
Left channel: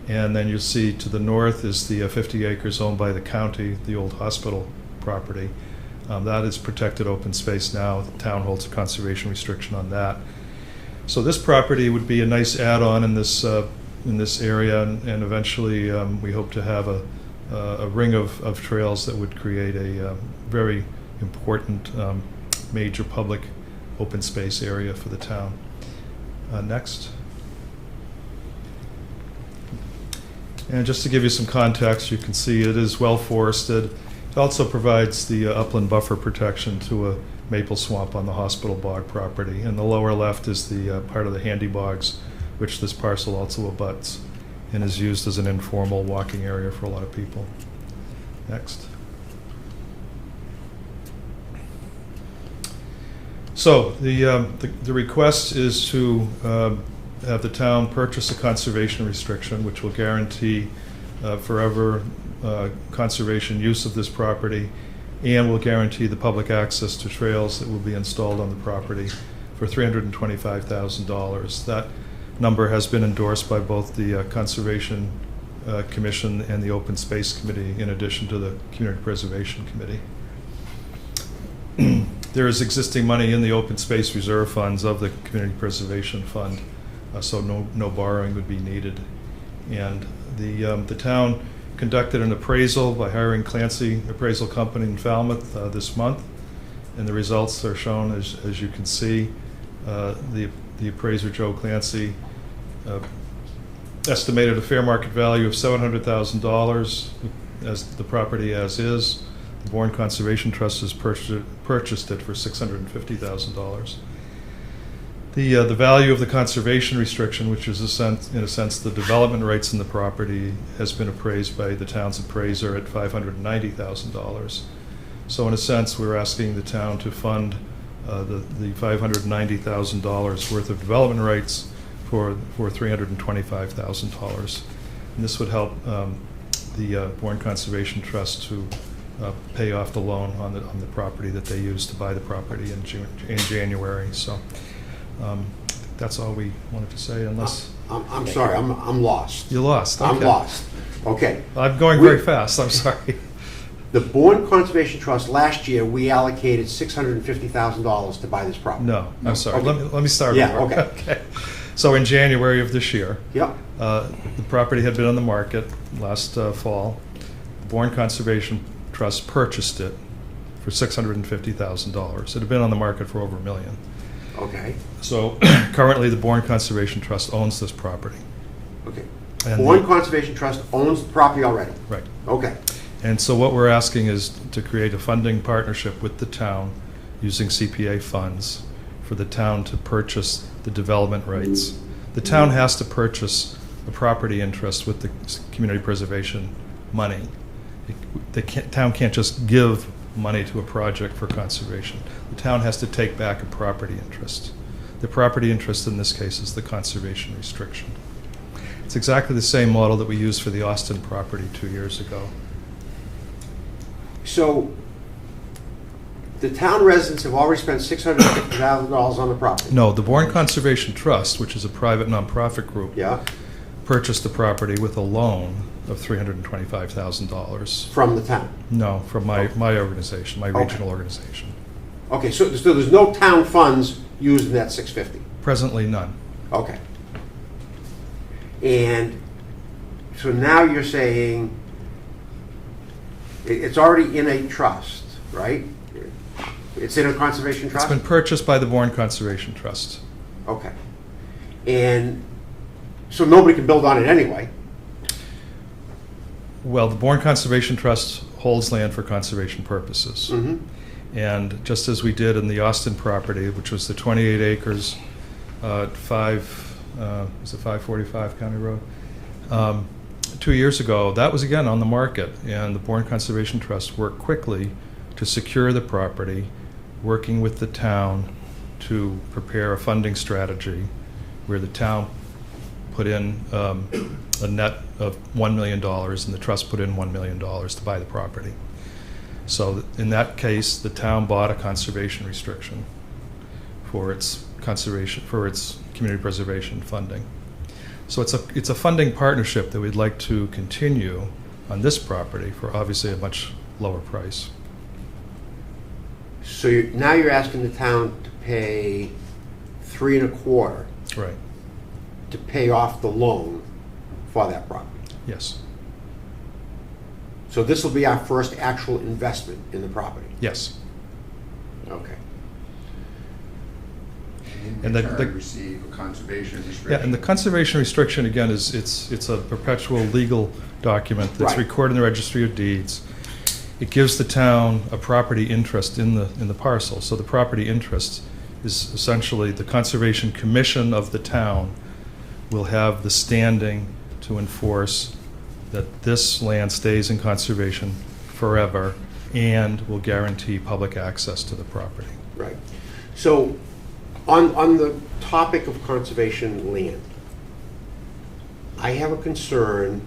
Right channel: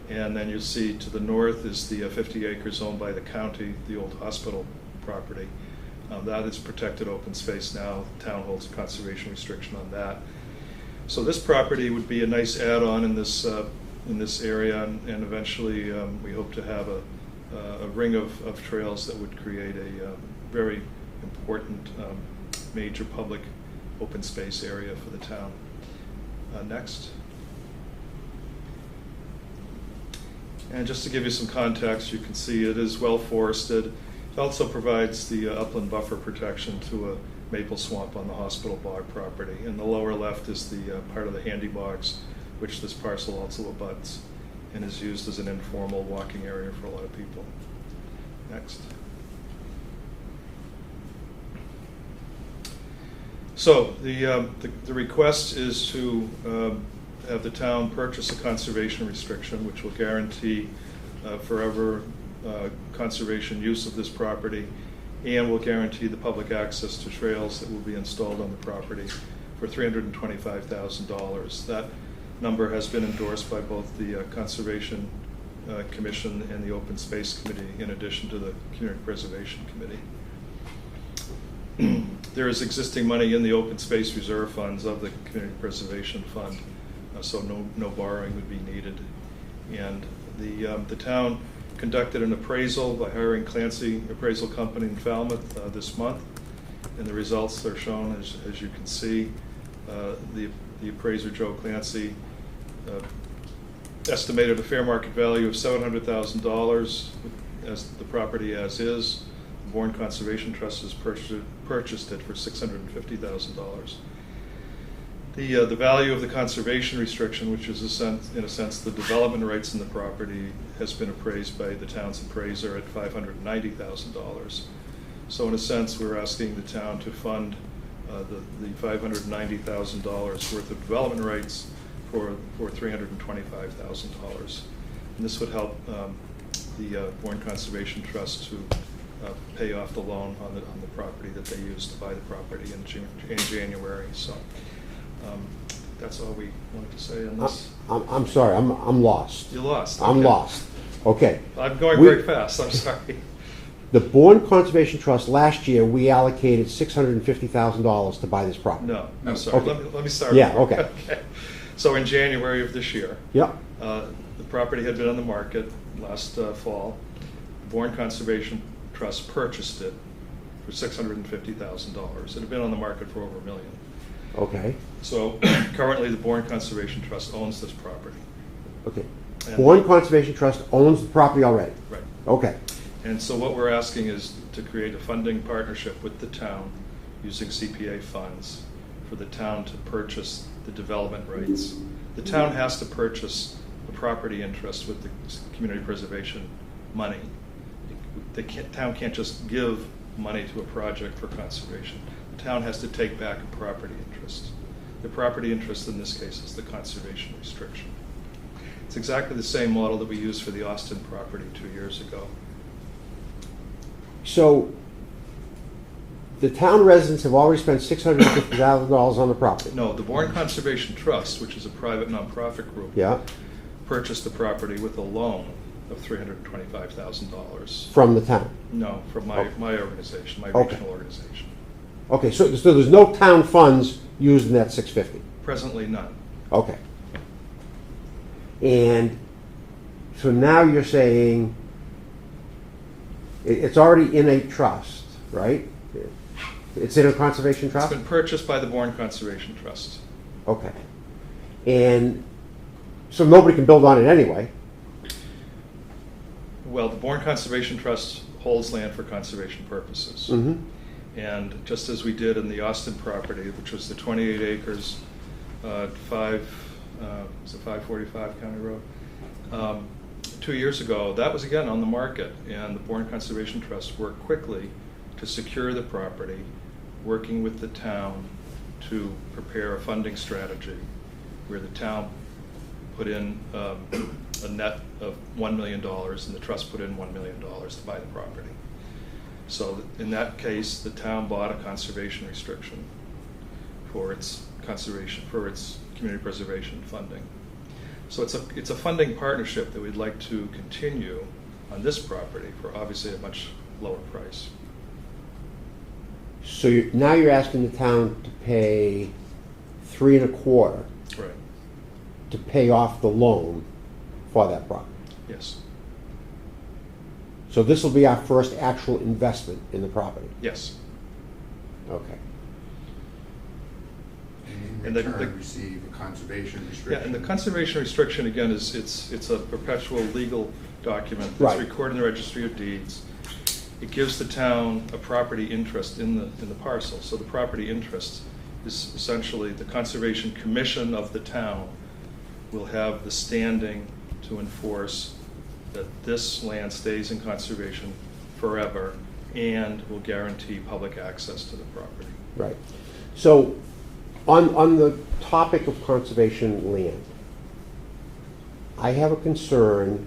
And then you see to the north is the 50 acres owned by the county, the old hospital property. That is protected open space now. The town holds a conservation restriction on that. So this property would be a nice add-on in this area, and eventually we hope to have a ring of trails that would create a very important major public open space area for the town. Next. And just to give you some context, you can see it is well forested. It also provides the upland buffer protection to a maple swamp on the hospital bog property. And the lower left is the part of the handy bogs, which this parcel also abuts and is used as an informal walking area for a lot of people. Next. So the request is to have the town purchase a conservation restriction, which will guarantee forever conservation use of this property, and will guarantee the public access to trails that will be installed on the property for $325,000. That number has been endorsed by both the Conservation Commission and the Open Space Committee, in addition to the Community Preservation Committee. There is existing money in the open space reserve funds of the Community Preservation Fund, so no borrowing would be needed. And the town conducted an appraisal by hiring Clancy Appraisal Company in Falmouth this month, and the results are shown as you can see. The appraiser, Joe Clancy, estimated a fair market value of $700,000 as the property as is. The Bourne Conservation Trust has purchased it for $650,000. The value of the conservation restriction, which is in a sense the development rights in the property, has been appraised by the town's appraiser at $590,000. So in a sense, we're asking the town to fund the $590,000 worth of development rights for $325,000. And this would help the Bourne Conservation Trust to pay off the loan on the property that they used to buy the property in January. So that's all we wanted to say. Unless I'm sorry, I'm lost. you're lost, okay. I'm lost. Okay. I'm going very fast. I'm sorry. The Bourne Conservation Trust, last year, we allocated $650,000 to buy this property. No, I'm sorry. Okay. Let me start Yeah, over. okay. So in January of this year, Yep. the property had been on the market last fall. The Bourne Conservation Trust purchased it for $650,000. It had been on the market for over $1 million. Okay. So currently, the Bourne Conservation Trust owns this property. Okay. And Bourne Conservation Trust owns the property already. Right. Okay. And so what we're asking is to create a funding partnership with the town using CPA funds for the town to purchase the development rights. The town has to purchase a property interest with the community preservation money. The town can't just give money to a project for conservation. The town has to take back a property interest. The property interest in this case is the conservation restriction. It's exactly the same model that we used for the Austin property 2 years ago. So the town residents have already spent $650,000 on the property. No, the Bourne Conservation Trust, which is a private nonprofit group, Yeah, purchased the property with a loan of $325,000. from the town. No, from my organization, my Okay. regional organization. Okay, so there's no town funds used in that 650. Presently, none. Okay. And so now you're saying it's already in a trust, right? It's in a conservation It's trust? been purchased by the Bourne Conservation Trust. Okay. And so nobody can build on it anyway? Well, the Bourne Conservation Trust holds land for conservation purposes. Mm-hmm. And just as we did in the Austin property, which was the 28 acres at 545 County Road, 2 years ago, that was again on the market, and the Bourne Conservation Trust worked quickly to secure the property, working with the town to prepare a funding strategy where the town put in a net of $1 million and the trust put in $1 million to buy the property. So in that case, the town bought a conservation restriction for its community preservation funding. So it's a funding partnership that we'd like to continue on this property for obviously a much lower price. So now you're asking the town to pay $3.25 Right. to pay off the loan for that property. Yes. So this will be our first actual investment in the property. Yes. Okay. And In return, receive a conservation restriction. Yeah, and the conservation restriction, again, it's a perpetual legal document that's Right. recorded in the Registry of Deeds. It gives the town a property interest in the parcel. So the property interest is essentially the Conservation Commission of the town will have the standing to enforce that this land stays in conservation forever and will guarantee public access to the property. Right. So on the topic of conservation land, I have a concern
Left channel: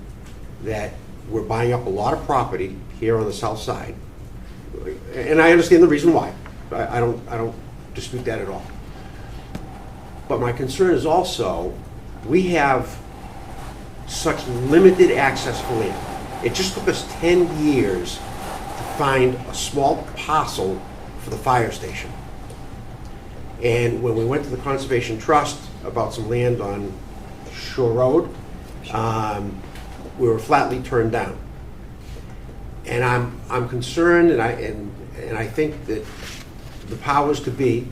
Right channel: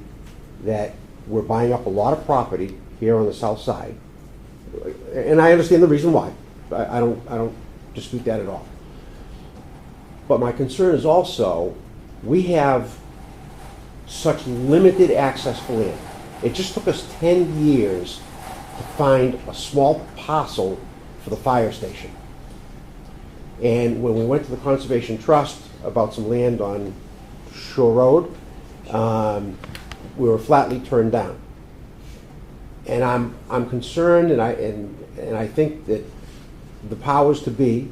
that we're buying up a lot of property here on the south side. And I understand the reason why. I don't dispute that at all. But my concern is also, we have such limited access to land. It just took us 10 years to find a small parcel for the fire station. And when we went to the Conservation Trust about some land on Shore Road, we were flatly turned down. And I'm concerned, and I think that the powers to be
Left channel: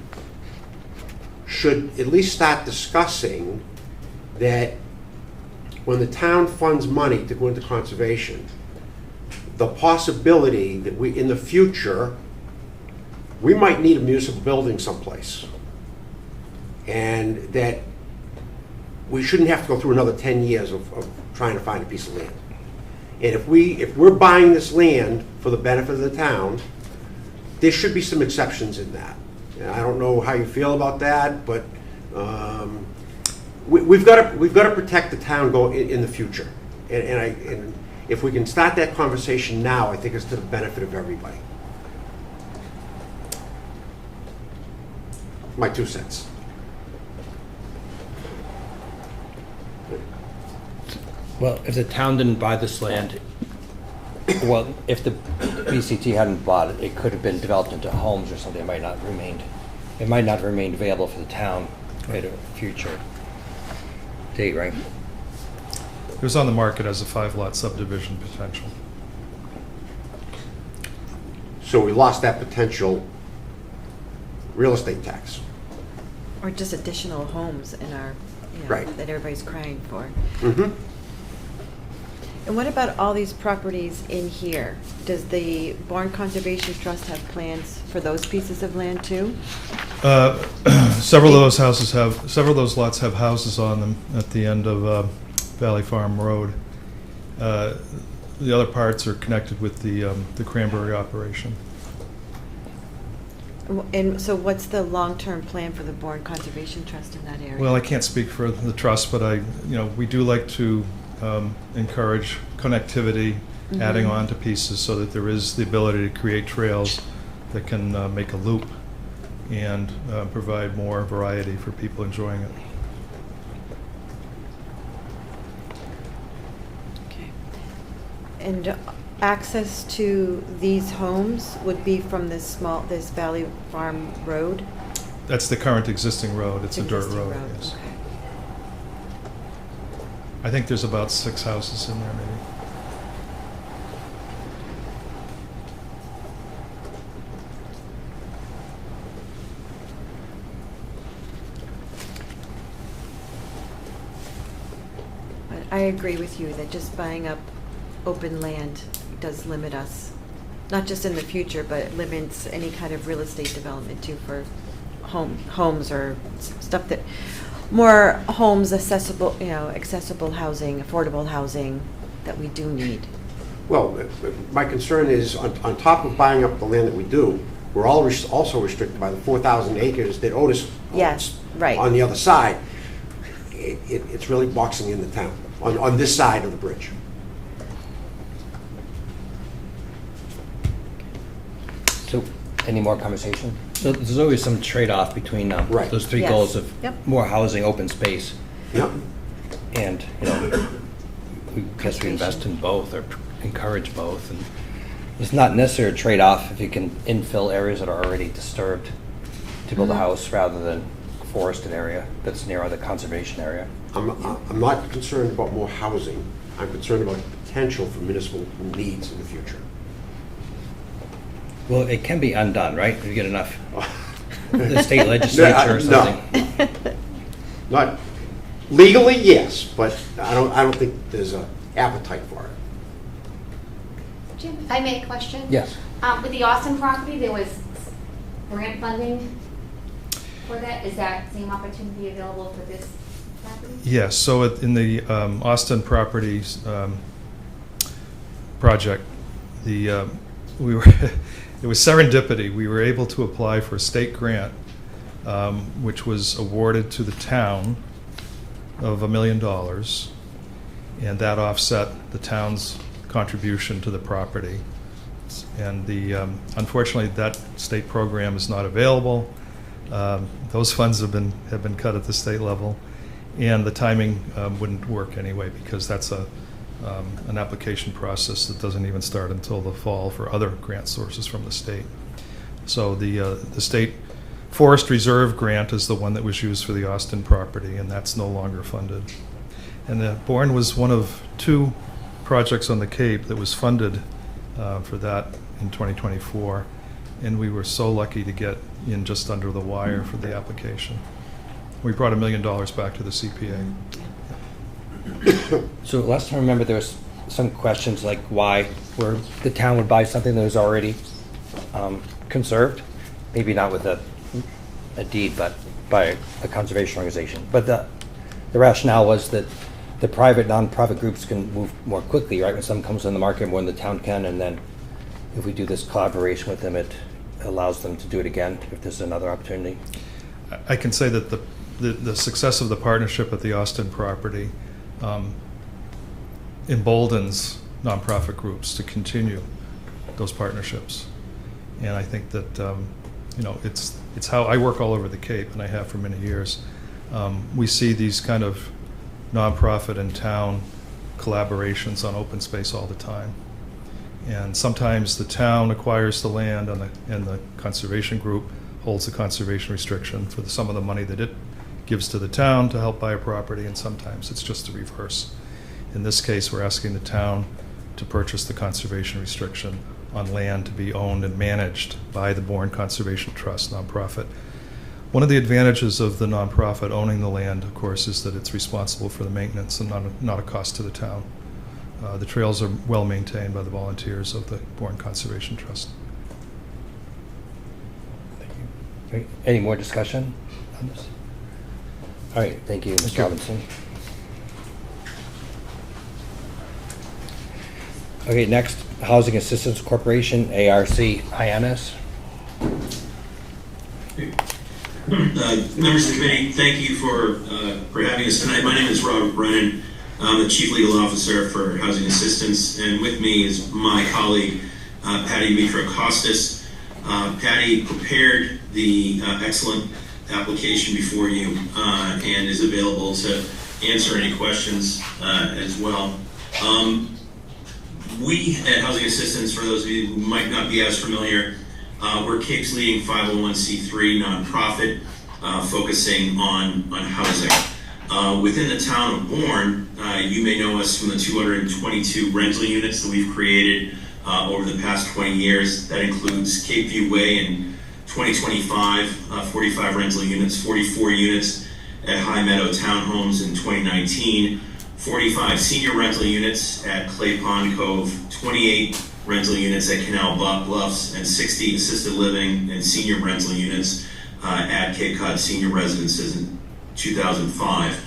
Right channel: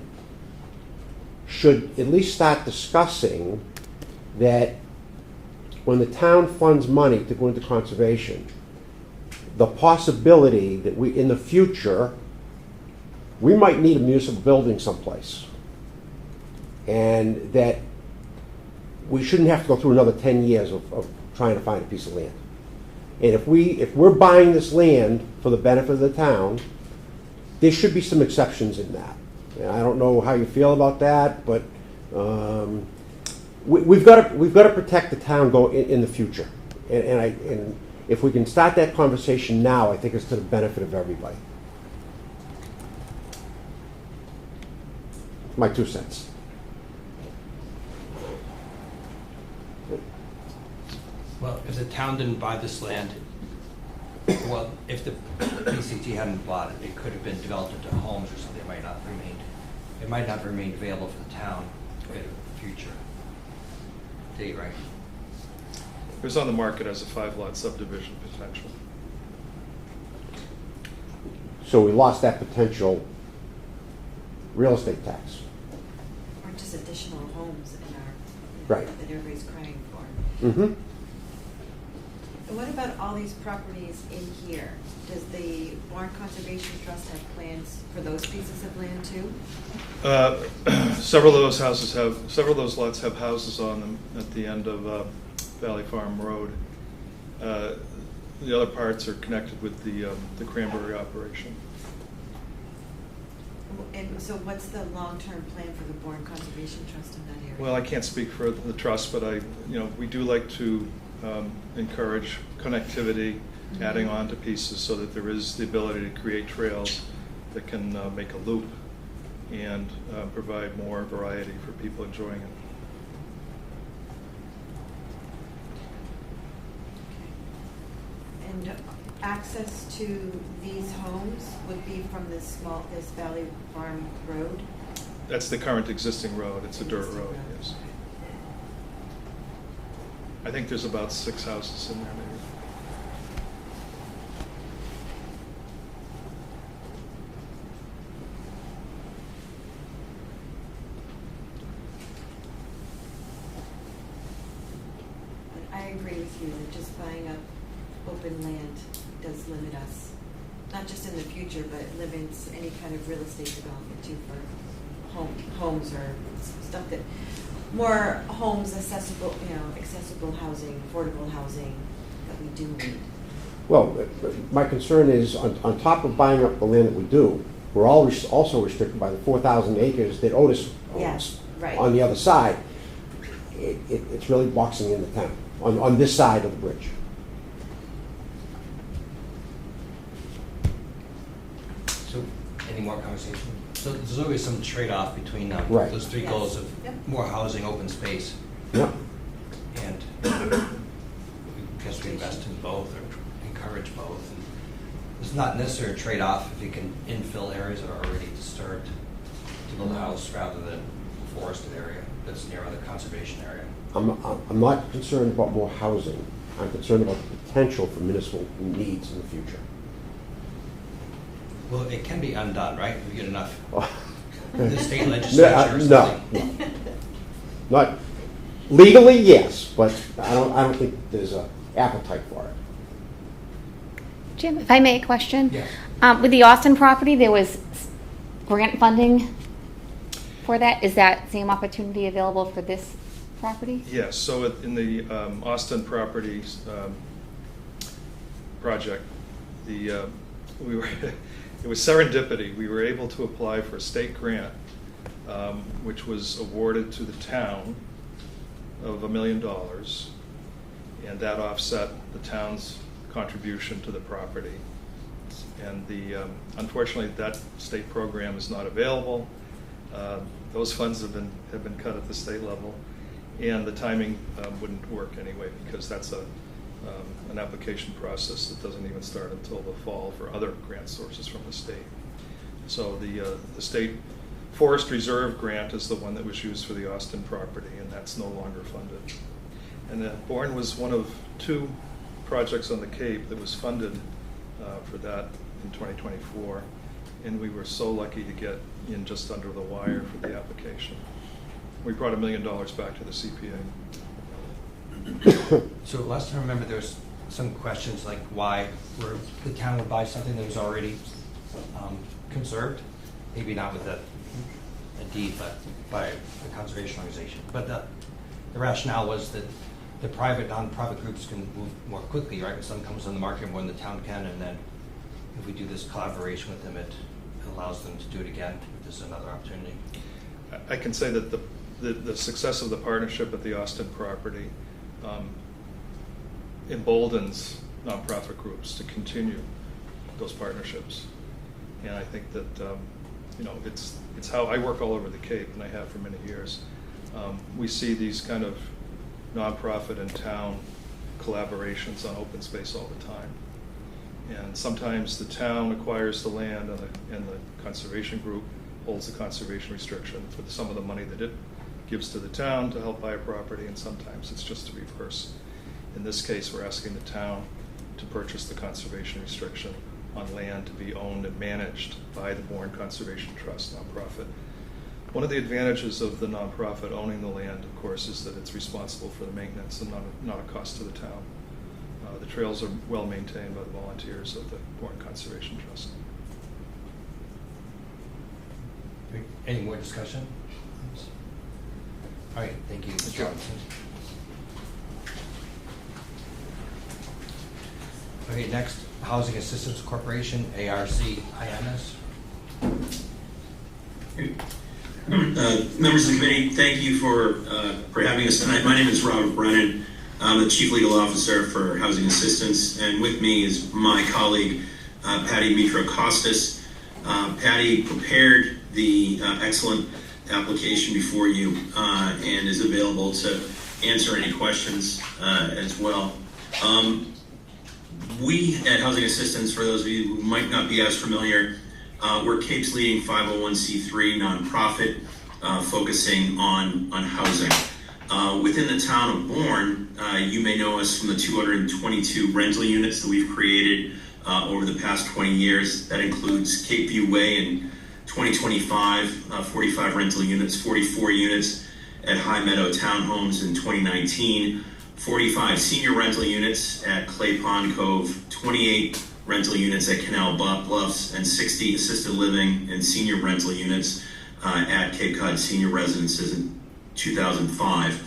should at least start discussing that when the town funds money to go into conservation, the possibility that we, in the future, we might need a municipal building someplace. And that we shouldn't have to go through another 10 years of trying to find a piece of land. And if we're buying this land for the benefit of the town, there should be some exceptions in that. And I don't know how you feel about that, but we've got to protect the town in the future. And if we can start that conversation now, I think it's to the benefit of everybody. My 2 cents. Well, if the town didn't buy this land, well, if the BCT hadn't bought it, it could have been developed into homes or something. It might not have remained available for the town at a future date, right? It was on the market as a 5-lot subdivision potential. So we lost that potential real estate tax. Or just additional homes in our, Right. that everybody's crying for. Mm-hmm. And what about all these properties in here? Does the Bourne Conservation Trust have plans for those pieces of land too? Several of those lots have houses on them at the end of Valley Farm Road. The other parts are connected with the cranberry operation. And so what's the long-term plan for the Bourne Conservation Trust in that area? Well, I can't speak for the trust, but we do like to encourage connectivity, adding on to pieces so that there is the ability to create trails that can make a loop and provide more variety for people enjoying it. Okay. And access to these homes would be from this Valley Farm Road? That's the current existing road. It's a dirt Existing road, yes. Okay. I think there's about 6 houses in there, maybe. I agree with you that just buying up open land does limit us, not just in the future, but it limits any kind of real estate development too for homes or stuff that, more homes accessible, accessible housing, affordable housing that we do need. Well, my concern is, on top of buying up the land that we do, we're also restricted by the 4,000 acres that Otis owns. Yes, right. On the other side. It's really boxing in the town, on this side of the bridge. So, any more conversation? So there's always some trade-off between Right. those three Yes. goals of Yep. more housing, open space, Yeah. and, we guess we invest in both or encourage both. And it's not necessarily a trade-off if you can infill areas that are already disturbed to build a house rather than a forested area that's near the conservation area. I'm not concerned about more housing. I'm concerned about the potential for municipal needs in the future. Well, it can be undone, right? If you get enough, the state legislature or something. No. Not legally, yes, but I don't think there's an appetite for it. Jim, if I may, a question? Yes. With the Austin property, there was grant funding for that. Is that same opportunity available for this property? Yes, so in the Austin Properties project, we were it was serendipity. We were able to apply for a state grant, which was awarded to the town of $1 million, and that offset the town's contribution to the property. And unfortunately, that state program is not available. Those funds have been cut at the state level, and the timing wouldn't work anyway because that's an application process that doesn't even start until the fall for other grant sources from the state. So the state Forest Reserve grant is the one that was used for the Austin property, and that's no longer funded. And Bourne was one of 2 projects on the Cape that was funded for that in 2024, and we were so lucky to get in just under the wire for the application. We brought $1 million back to the CPA. So last time I remember there was some questions like why the town would buy something that was already conserved, maybe not with a deed, but by a conservation organization. But the rationale was that the private nonprofit groups can move more quickly, right? When something comes on the market more than the town can, and then if we do this collaboration with them, it allows them to do it again if there's another opportunity. I can say that the success of the partnership at the Austin property emboldens nonprofit groups to continue those partnerships. And I think that it's how I work all over the Cape, and I have for many years. We see these kind of nonprofit and town collaborations on open space all the time. And sometimes the town acquires the land and the conservation group holds the conservation restriction for some of the money that it gives to the town to help buy a property, and sometimes it's just the reverse. In this case, we're asking the town to purchase the conservation restriction on land to be owned and managed by the Bourne Conservation Trust nonprofit. One of the advantages of the nonprofit owning the land, of course, is that it's responsible for the maintenance and not a cost to the town. The trails are well maintained by the volunteers of the Bourne Conservation Trust. Okay. Any more discussion on this? All right, thank you, Ms. Robinson. Okay, next, Housing Assistance Corporation, ARC, INS. Members of the committee, thank you for having us tonight. My name is Robert Brennan. I'm the Chief Legal Officer for Housing Assistance, and with me is my colleague, Patty Mitro-Costas. Patty prepared the excellent application before you and is available to answer any questions as well. We at Housing Assistance, for those of you who might not be as familiar, we're Cape's leading 501c3 nonprofit focusing on housing. Within the town of Bourne, you may know us from the 222 rental units that we've created over the past 20 years. That includes Cape View Way in 2025, 45 rental units, 44 units at High Meadow Townhomes in 2019, 45 senior rental units at Clay Pond Cove, 28 rental units at Canal Bluffs, and 60 assisted living and senior rental units at Cape Cod Senior Residences in 2005.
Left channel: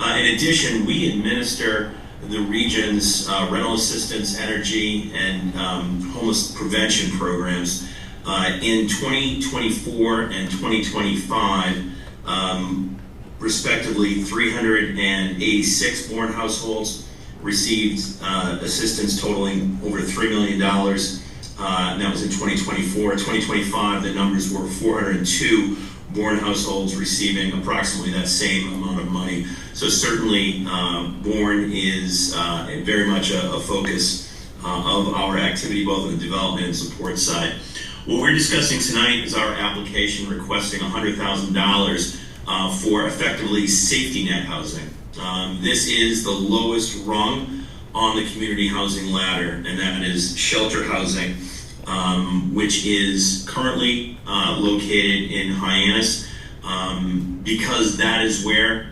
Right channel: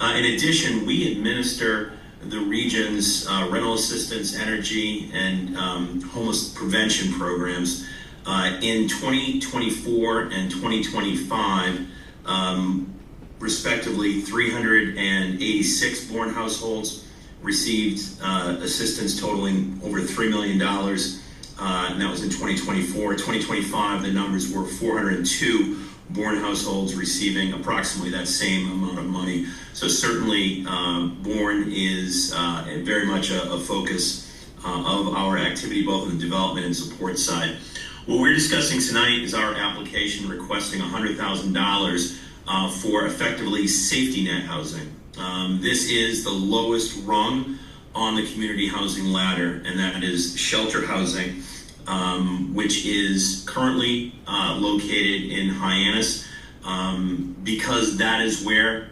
In addition, we administer the region's rental assistance, energy, and homeless prevention programs. In 2024 and 2025, respectively, 386 Bourne households received assistance totaling over $3 million. That was in 2024. 2025, the numbers were 402 Bourne households receiving approximately that same amount of money. So certainly, Bourne is very much a focus of our activity, both on the development and support side. What we're discussing tonight is our application requesting $100,000 for effectively safety net housing. This is the lowest rung on the community housing ladder, and that is shelter housing, which is currently located in Hyannis, because that is where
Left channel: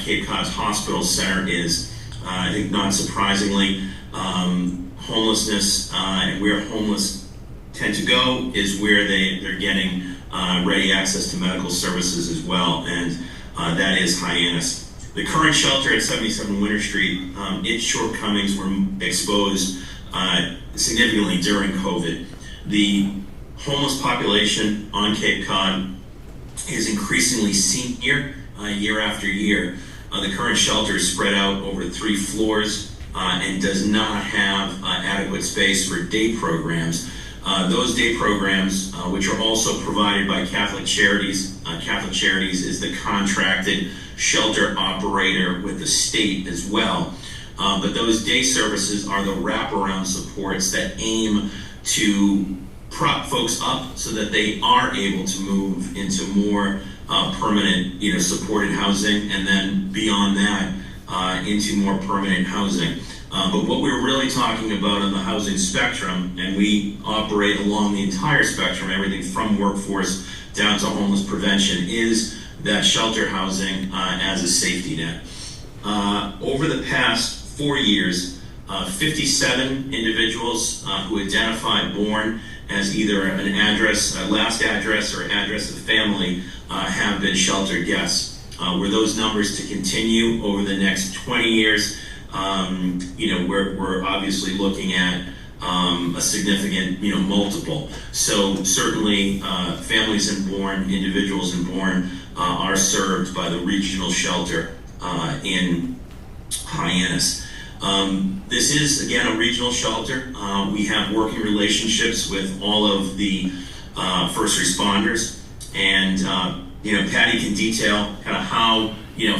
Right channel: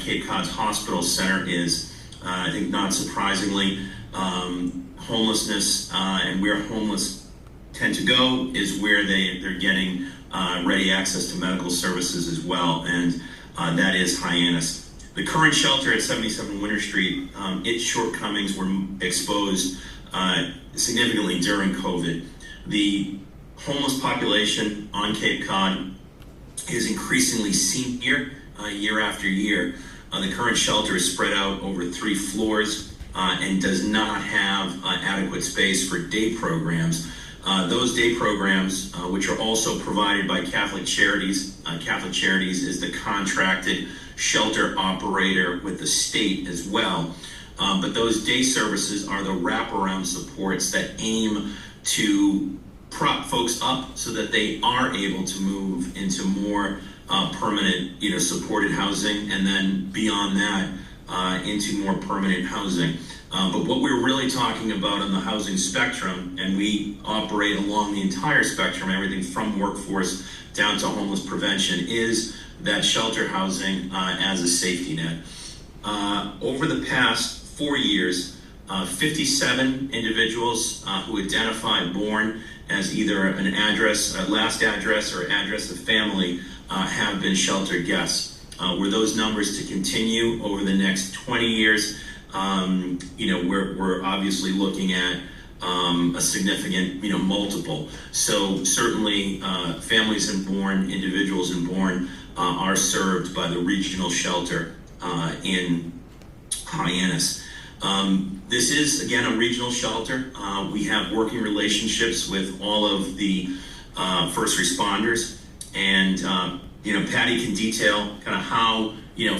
Cape Cod's hospital center is. I think not surprisingly, homelessness and where homeless tend to go is where they're getting ready access to medical services as well, and that is Hyannis. The current shelter at 77 Winter Street, its shortcomings were exposed significantly during COVID. The homeless population on Cape Cod is increasingly senior year after year. The current shelter is spread out over 3 floors and does not have adequate space for day programs. Those day programs, which are also provided by Catholic Charities. Catholic Charities is the contracted shelter operator with the state as well. But those day services are the wraparound supports that aim to prop folks up so that they are able to move into more permanent, supported housing, and then beyond that, into more permanent housing. But what we're really talking about on the housing spectrum, and we operate along the entire spectrum, everything from workforce down to homeless prevention, is that shelter housing as a safety net. Over the past 4 years, 57 individuals who identified Bourne as either an address, a last address, or address of family have been shelter guests. Were those numbers to continue over the next 20 years, we're obviously looking at a significant, multiple. So certainly families in Bourne, individuals in Bourne are served by the regional shelter in Hyannis. This is, again, a regional shelter. We have working relationships with all of the first responders, and Patty can detail kind of how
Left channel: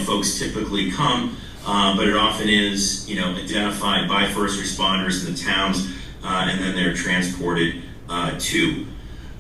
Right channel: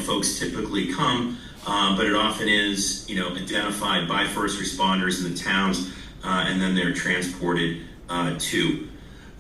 folks typically come, but it often is identified by first responders in the towns, and then they're transported to.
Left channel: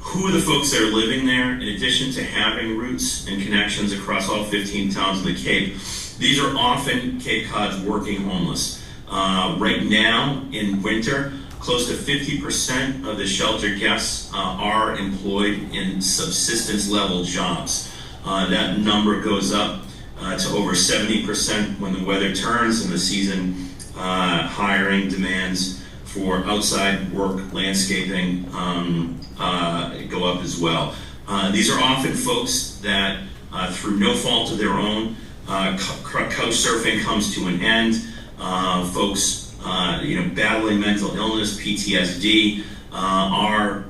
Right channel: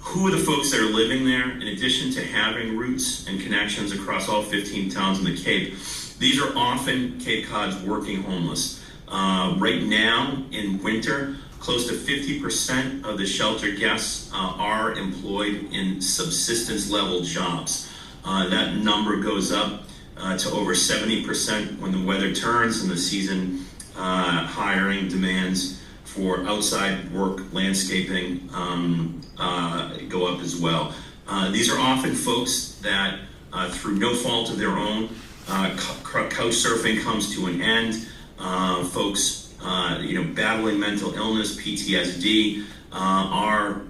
Who are the folks that are living there? In addition to having roots and connections across all 15 towns in the Cape, these are often Cape Cod's working homeless. Right now, in winter, close to 50% of the shelter guests are employed in subsistence level jobs. That number goes up to over 70% when the weather turns and the season hiring demands for outside work, landscaping, go up as well. These are often folks that, through no fault of their own, couch surfing comes to an end. Folks, battling mental illness, PTSD, are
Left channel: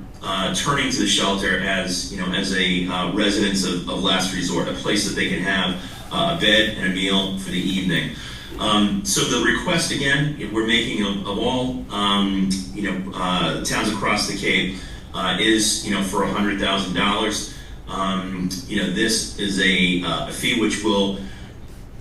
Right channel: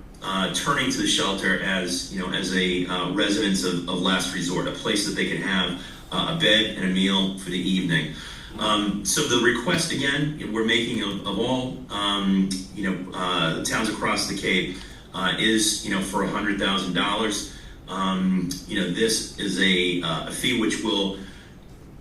turning to the shelter as, as a residence of last resort, a place that they can have a bed and a meal for the evening. So the request, again, we're making of all, towns across the Cape is, for $100,000. This is a fee which will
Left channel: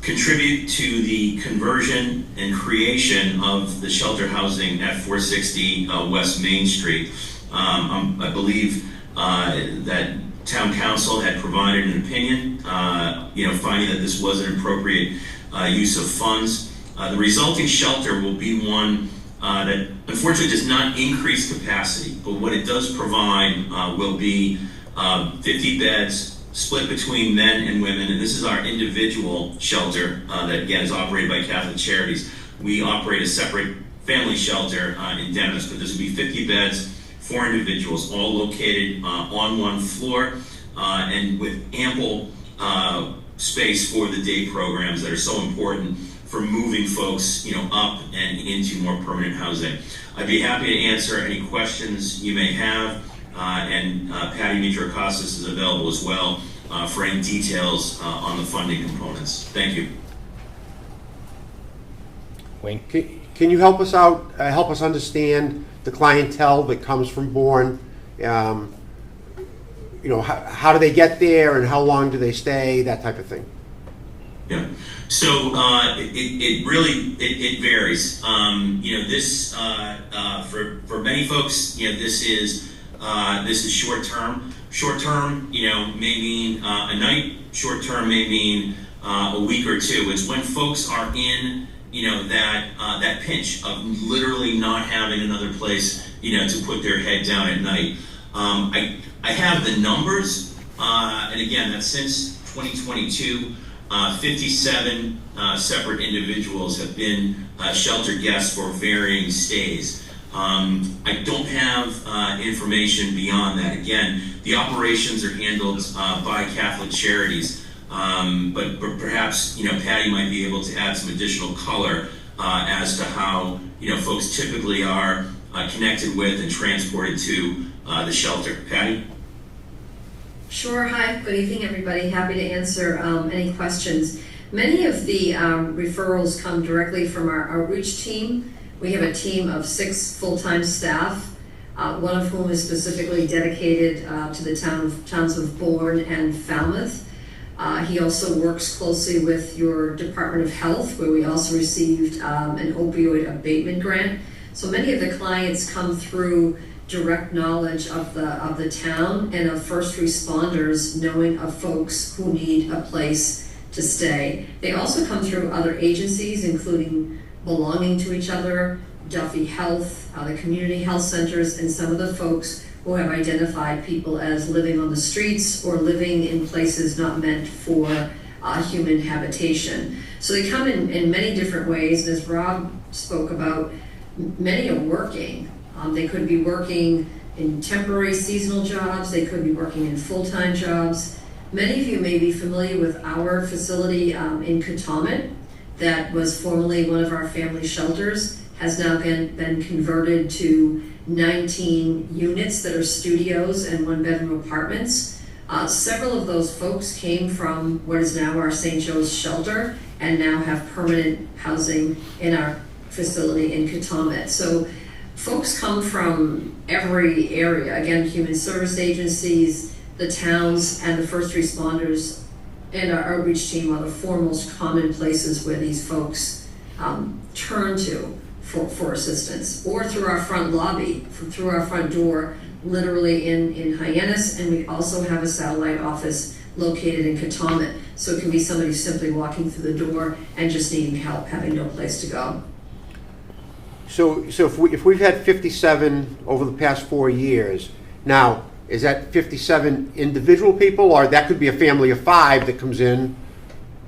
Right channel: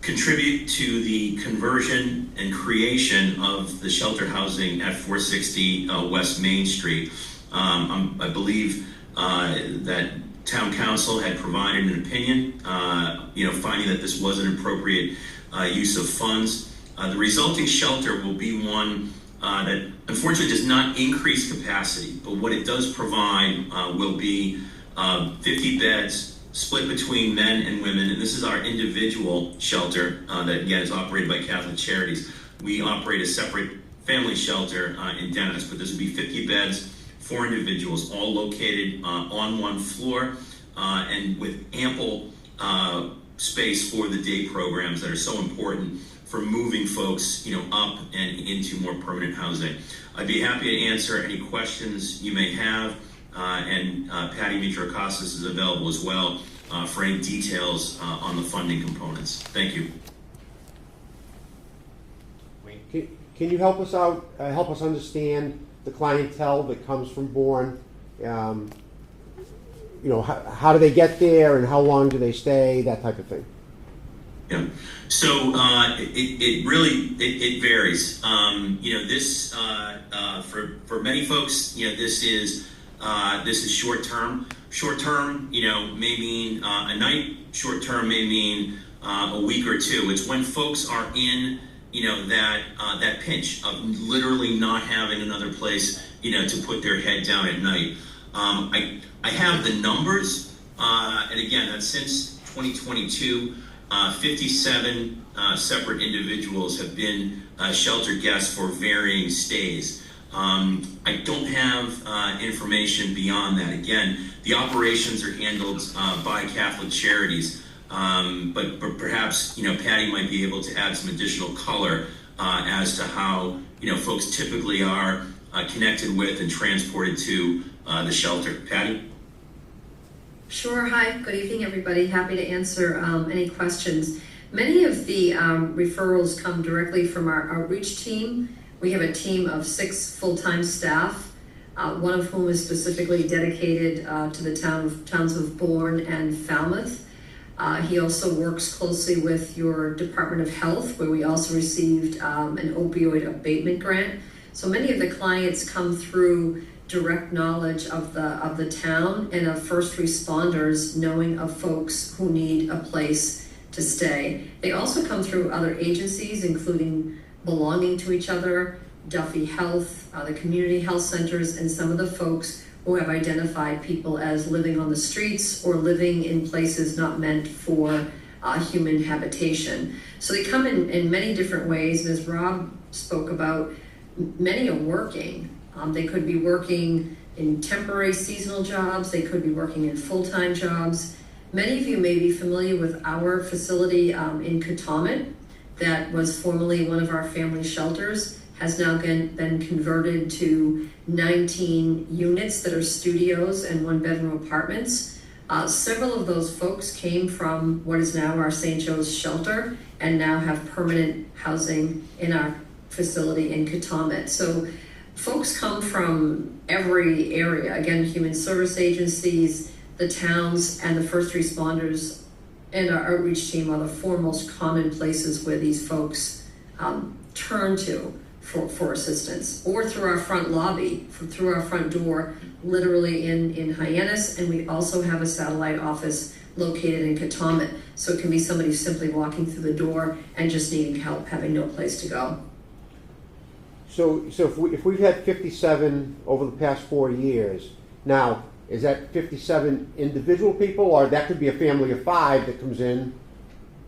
contribute to the conversion and creation of the shelter housing at 460 West Main Street. I believe that Town Council had provided an opinion, finding that this was an appropriate use of funds. The resulting shelter will be one that unfortunately does not increase capacity, but what it does provide will be 50 beds split between men and women, and this is our individual shelter that again is operated by Catholic Charities. We operate a separate family shelter in Dennis, but this will be 50 beds, 4 individuals, all located on one floor and with ample space for the day programs that are so important for moving folks, up and into more permanent housing. I'd be happy to answer any questions you may have, and Patty Mitrakostas is available as well for any details on the funding components. Thank you. Wayne? Can you help us out, help us understand the clientele that comes from Bourne? How do they get there and how long do they stay, that type of thing? Yeah. So it really varies. This for many folks, this is short term. Short term, may mean a night. Short term may mean a week or two. It's when folks are in that pinch of literally not having another place to put their head down at night. I have the numbers, and again, that's since 2022. 57 separate individuals have been shelter guests for varying stays. I don't have information beyond that. Again, the operations are handled by Catholic Charities, but perhaps Patty might be able to add some additional color as to how folks typically are connected with and transported to the shelter. Patty? Sure. Hi. Good evening, everybody. Happy to answer any questions. Many of the referrals come directly from our outreach team. We have a team of 6 full-time staff, one of whom is specifically dedicated to the towns of Bourne and Falmouth. He also works closely with your Department of Health, where we also received an opioid abatement grant. So many of the clients come through direct knowledge of the town and of first responders knowing of folks who need a place to stay. They also come through other agencies, including Belonging to Each Other, Duffy Health, the community health centers, and some of the folks who have identified people as living on the streets or living in places not meant for human habitation. So they come in many different ways, and as Rob spoke about, many are working. They could be working in temporary seasonal jobs, they could be working in full-time jobs. Many of you may be familiar with our facility in Katomet that was formerly one of our family shelters, has now been converted to 19 units that are studios and 1-bedroom apartments. Several of those folks came from what is now our St. Joe's shelter and now have permanent housing in our facility in Katomet. So folks come from every area. Again, human service agencies, the towns, and the first responders and our outreach team are the 4 most common places where these folks turn to for assistance, or through our front lobby, through our front door, literally in Hyannis, and we also have a satellite office located in Katomet. So it can be somebody simply walking through the door and just needing help, having no place to go. So if we've had 57 over the past 4 years, now, is that 57 individual people, or that could be a family of 5 that comes in,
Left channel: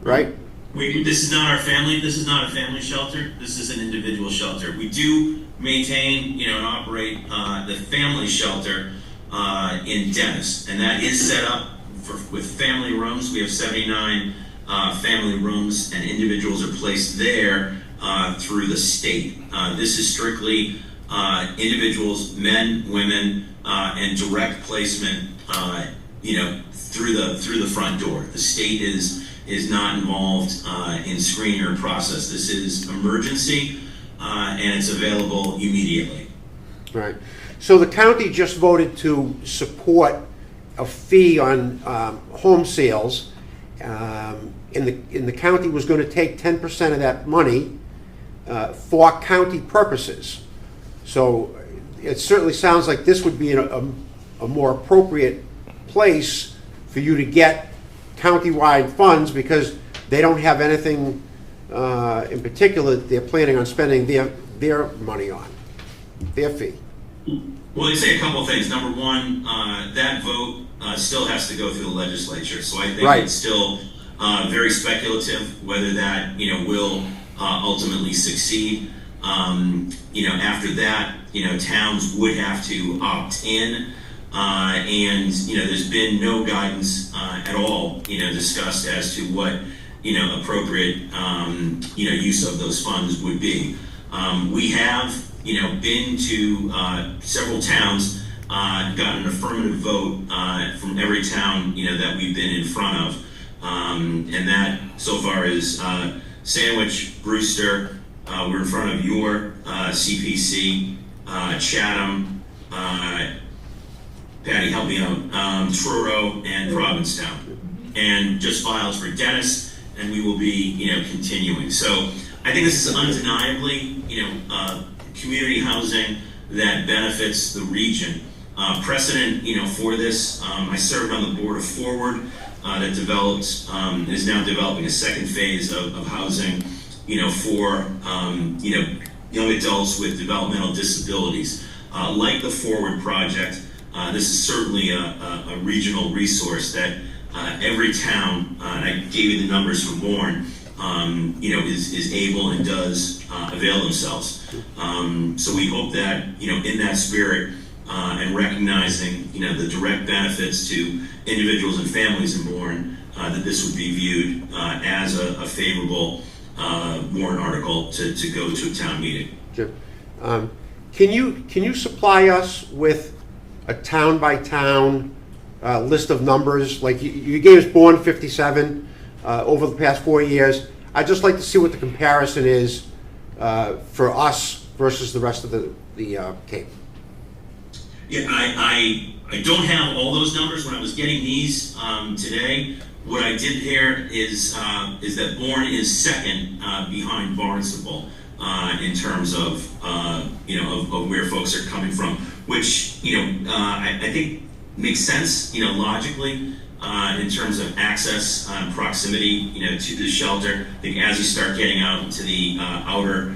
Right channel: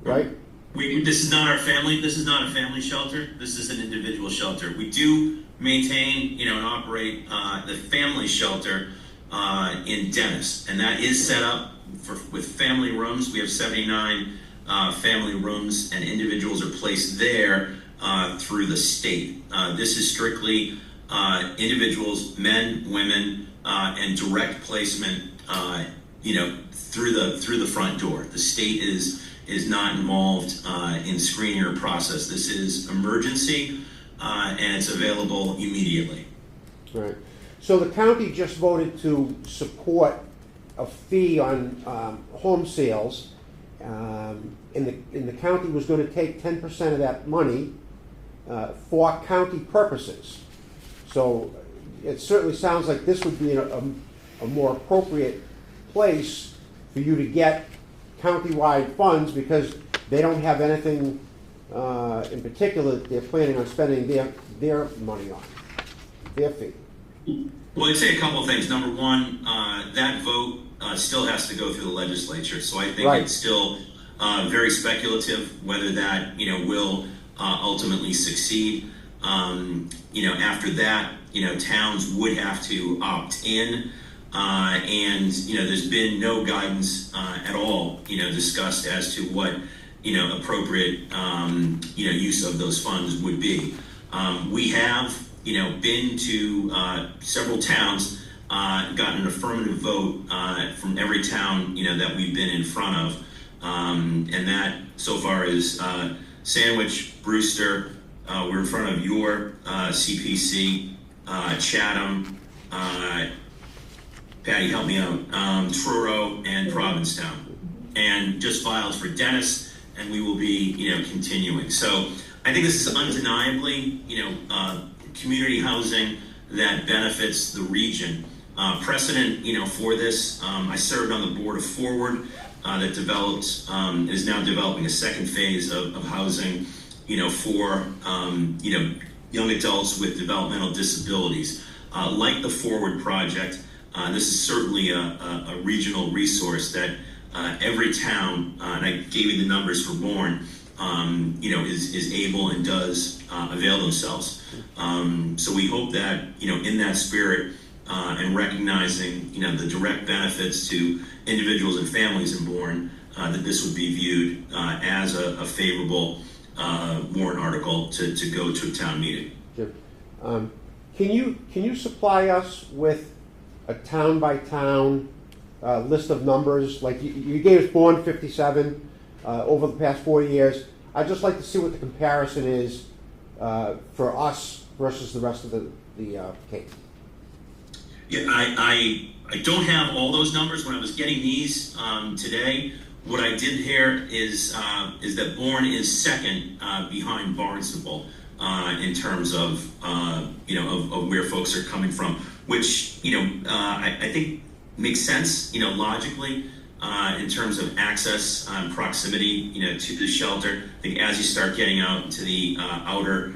right? This is not our family. This is not a family shelter. This is an individual shelter. We do maintain, and operate the family shelter in Dennis, and that is set up with family rooms. We have 79 family rooms, and individuals are placed there through the state. This is strictly individuals, men, women, and direct placement, through the front door. The state is not involved in screening or process. This is emergency, and it's available immediately. Right. So the county just voted to support a fee on home sales. And the county was going to take 10% of that money for county purposes. So it certainly sounds like this would be a more appropriate place for you to get countywide funds, because they don't have anything in particular that they're planning on spending their money on, their fee. Well, I'd say a couple of things. Number one, that vote still has to go through the legislature, so I think it's still very speculative whether that will ultimately succeed. After that, towns would have to opt in, and there's been no guidance at all discussed as to what appropriate use of those funds would be. We have been to several towns, got an affirmative vote from every town that we've been in front of, and that so far is Sandwich, Brewster. We're in front of your CPC, Chatham, Patty, help me out, Truro, and Provincetown, and just files for Dennis, and we will be continuing. So I think this is undeniably community housing that benefits the region. Precedent for this, I served on the board of Forward that developed, is now developing a second phase of housing for young adults with developmental disabilities. Like the Forward project, this is certainly a regional resource that every town, and I gave you the numbers for Bourne, is able and does avail themselves. So we hope that in that spirit and recognizing the direct benefits to individuals and families in Bourne, that this would be viewed as a favorable warrant article to go to a town meeting. Jim, can you supply us with a town by town list of numbers? Like you gave us Bourne 57 over the past 4 years. I'd just like to see what the comparison is for us versus the rest of the Cape. Yeah, I don't have all those numbers. When I was getting these today, what I did hear is that Bourne is second behind Barnstable in terms of of where folks are coming from, which I think makes sense logically in terms of access and proximity to the shelter. I think as you start getting out into the outer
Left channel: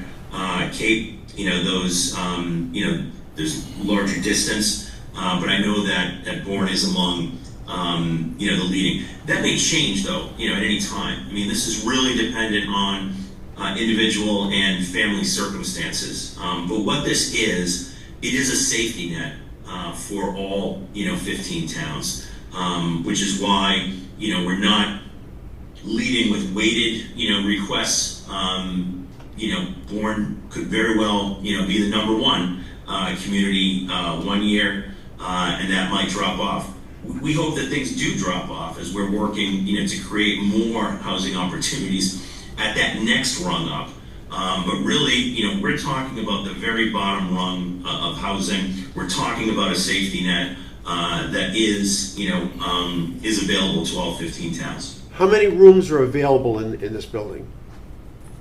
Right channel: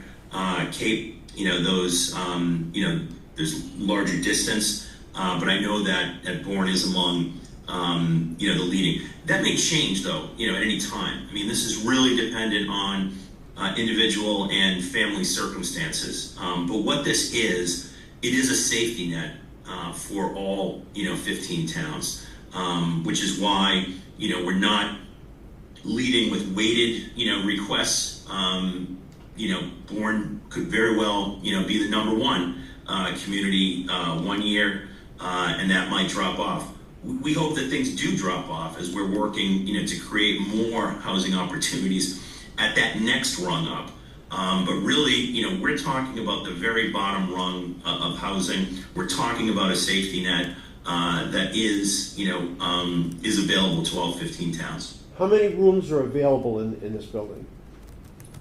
Cape, those there's larger distance, but I know that Bourne is among the leading. That may change though, at any time. I mean, this is really dependent on individual and family circumstances. But what this is, it is a safety net for all 15 towns, which is why we're not leading with weighted requests. Bourne could very well be the number one community 1 year, and that might drop off. We hope that things do drop off as we're working to create more housing opportunities at that next rung up. But really, we're talking about the very bottom rung of housing. We're talking about a safety net that is available to all 15 towns. How many rooms are available in this building?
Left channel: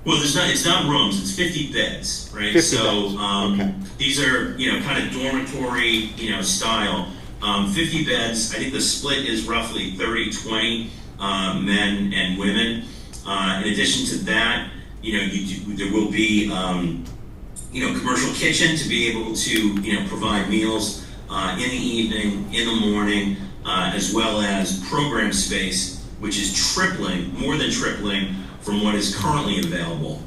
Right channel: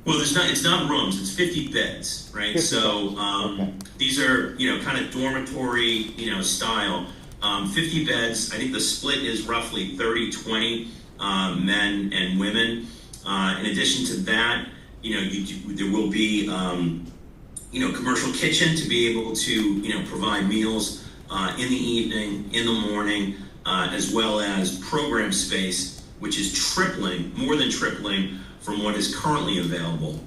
Well, it's not rooms, it's 50 beds, right? 50 so beds. Okay. These are, kind of dormitory, style. 50 beds, I think the split is roughly 30-20 men and women. In addition to that, there will be, commercial kitchen to be able to, provide meals in the evening, in the morning, as well as program space, which is more than tripling from what is currently available.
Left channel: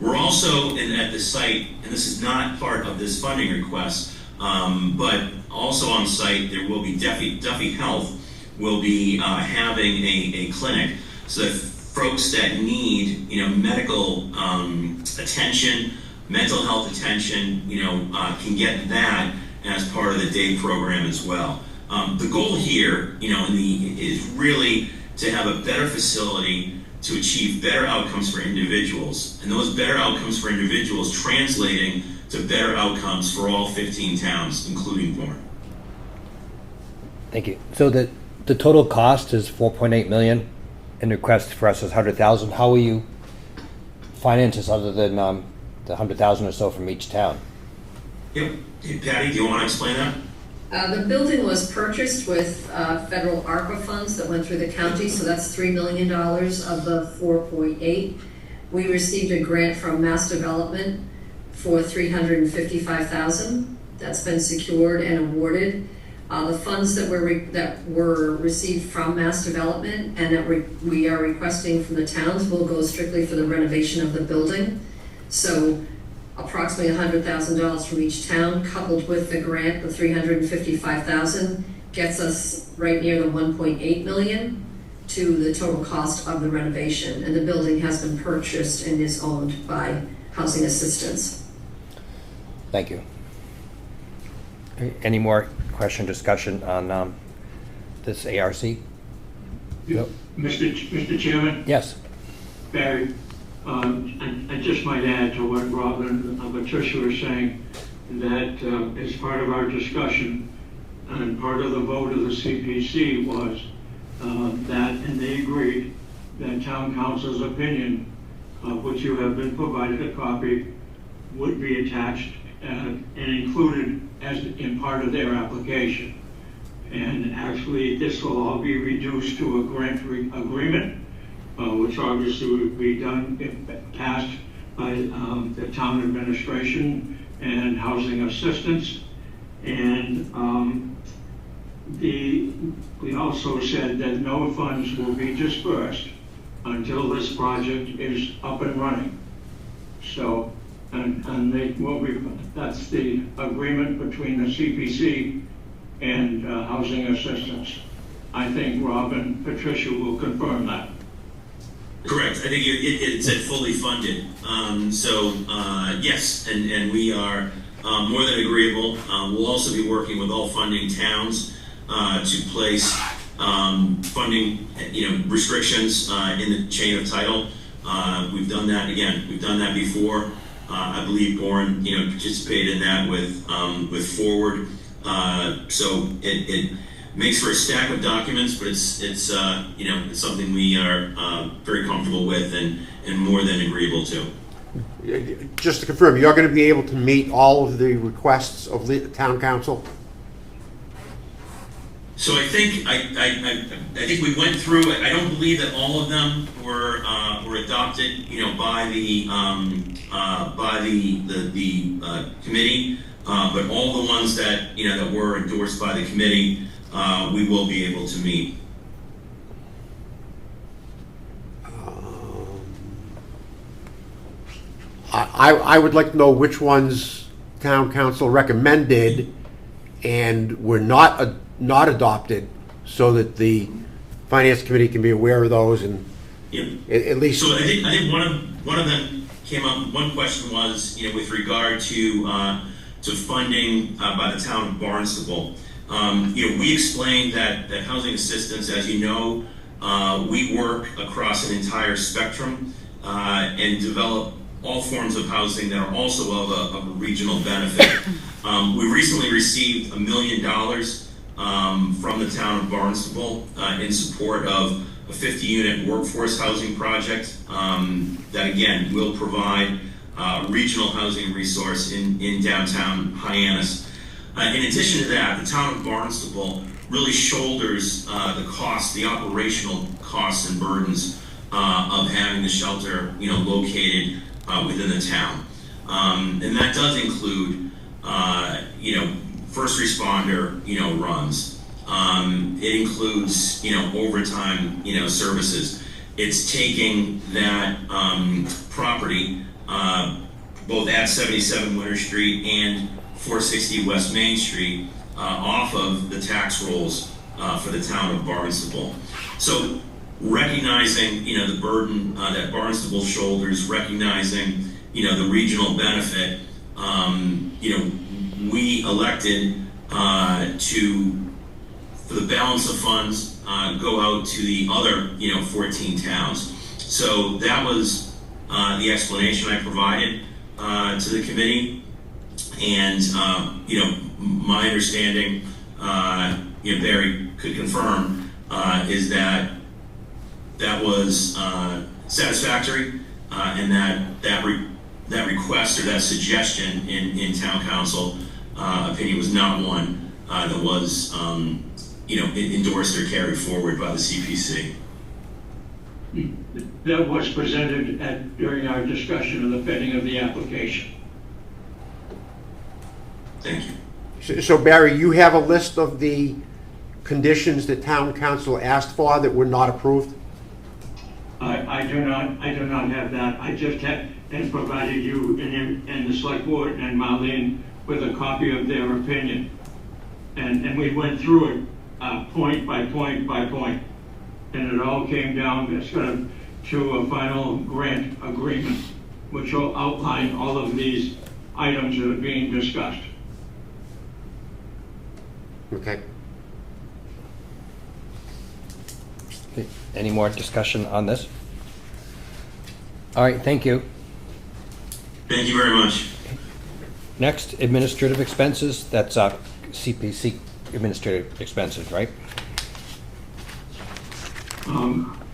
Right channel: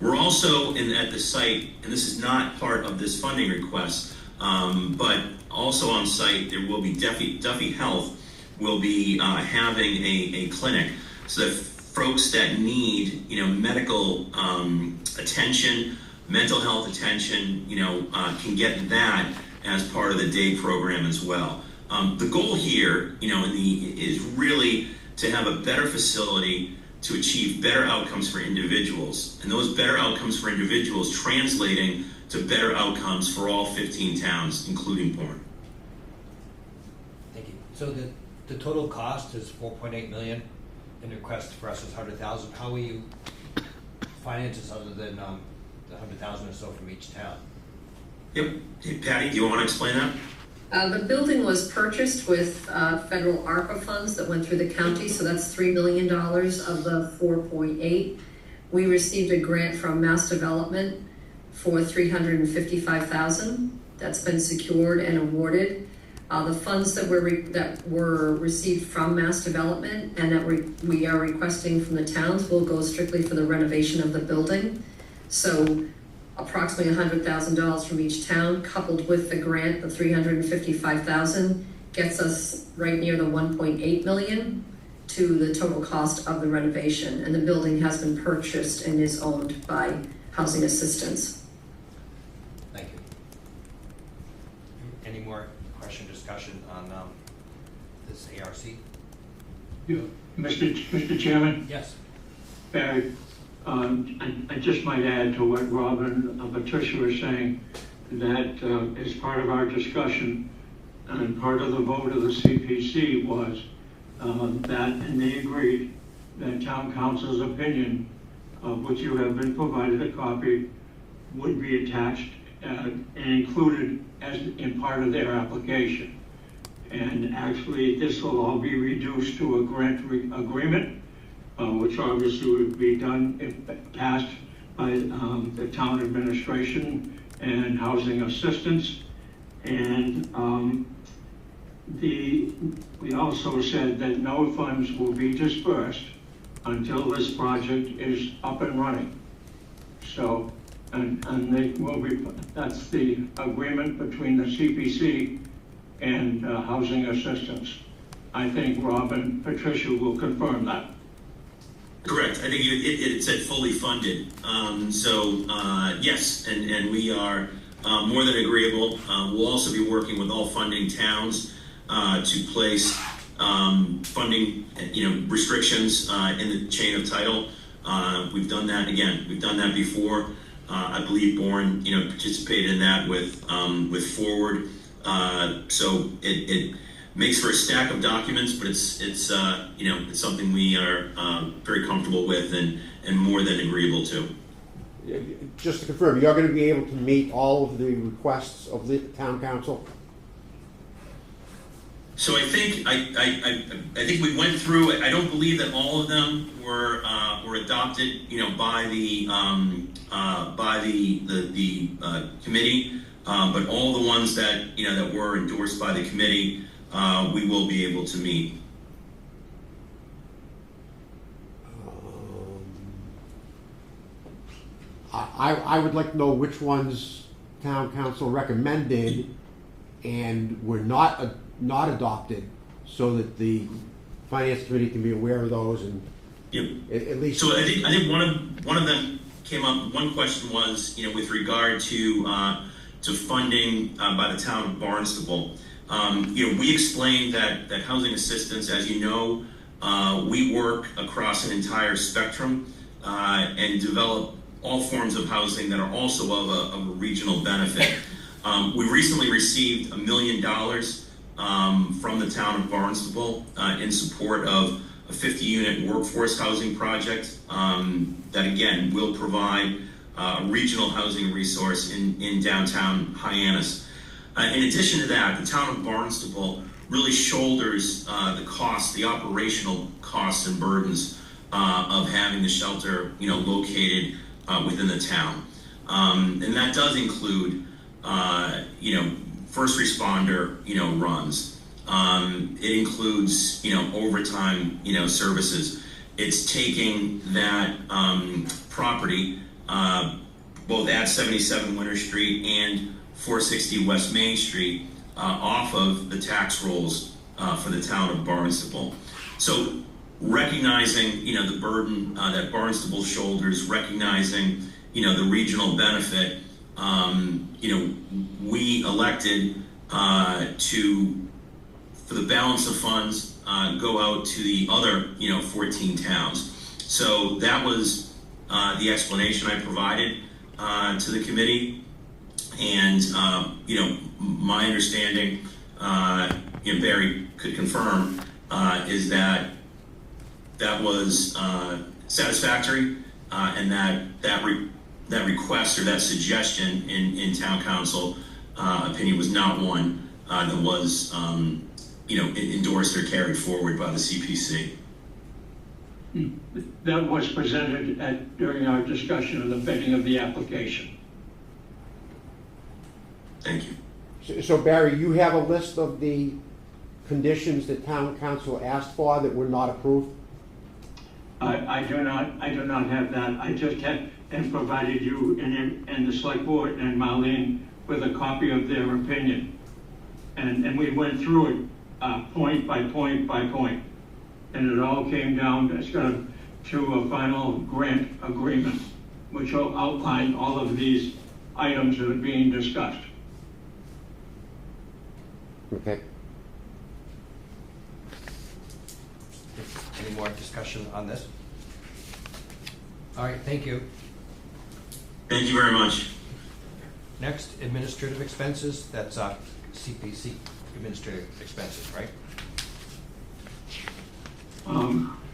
We're also at the site, and this is not part of this funding request, but also on site there will be Duffy Health will be having a clinic so that folks that need medical attention, mental health attention, can get that, as part of the day program as well. The goal here, is really to have a better facility to achieve better outcomes for individuals, and those better outcomes for individuals translating to better outcomes for all 15 towns, including Bourne. Thank you. So the total cost is 4.8 million, and the request for us is 100,000. How will you finance this other than the 100,000 or so from each town? Yep. Hey, Patty, do you want to explain that? The building was purchased with federal ARPA funds that went through the county, so that's $3 million of the 4.8. We received a grant from Mass Development for $355,000. That's been secured and awarded. The funds that were received from Mass Development and that we are requesting from the towns will go strictly for the renovation of the building. So approximately $100,000 from each town, coupled with the grant, the $355,000, gets us right near the 1.8 million to the total cost of the renovation. And the building has been purchased and is owned by Housing Assistance. Thank you. Any more question, discussion on this ARC? Yep. Mr. Chairman? Yes. Barry, I just might add to what Robin and Patricia were saying, that as part of our discussion and part of the vote of the CPC was that, and they agreed, that town council's opinion, of which you have been provided a copy, would be attached and included as in part of their application. And actually, this will all be reduced to a grant agreement, which obviously would be done if passed by the town administration and housing assistance. And we also said that no funds will be dispersed until this project is up and running. So, and they will be, that's the agreement between the CPC and housing assistance. I think Rob and Patricia will confirm that. Correct. I think it said fully funded. Yes, and we are more than agreeable. We'll also be working with all funding towns to place funding, restrictions in the chain of title. We've done that again. We've done that before. I believe Bourne, participated in that with Forward. So it makes for a stack of documents, but it's something we are very comfortable with and more than agreeable to. Just to confirm, you're going to be able to meet all of the requests of the town council? So I think I think we went through it. I don't believe that all of them were adopted, by the committee. But all the ones that that were endorsed by the committee, we will be able to meet. I would like to know which ones town council recommended and were not adopted, so that the finance committee can be aware of those and at least. So I think one of them came up. One question was with regard to funding by the town of Barnstable. We explained that housing assistance, as you know, we work across an entire spectrum and develop all forms of housing that are also of a regional benefit. We recently received $1 million from the town of Barnstable in support of a 50-unit workforce housing project that again will provide regional housing resource in downtown Hyannis. In addition to that, the town of Barnstable really shoulders the operational costs and burdens of having the shelter, located within the town, and that does include, first responder, runs. It includes, overtime, services. It's taking that property, both at 77 Winter Street and 460 West Main Street, off of the tax rolls for the town of Barnstable. So recognizing, the burden that Barnstable shoulders, recognizing, the regional benefit, we elected for the balance of funds, go out to the other, 14 towns. So that was the explanation I provided to the committee. And, my understanding, Barry could confirm, is that was satisfactory, and that request or that suggestion in town council opinion was not one that was endorsed or carried forward by the CPC. That was presented during our discussion of the vetting of the application. Thank you. So Barry, you have a list of the conditions that town council asked for that were not approved? I do not have that. I just have and provided you and the select board and Marlene with a copy of their opinion. And we went through it point by point by point. And it all came down to a final grant agreement, which will outline all of these items that are being discussed. Okay. Any more discussion on this? All right, thank you. Thank you very much. Next, administrative expenses. That's CPC administrative expenses, right?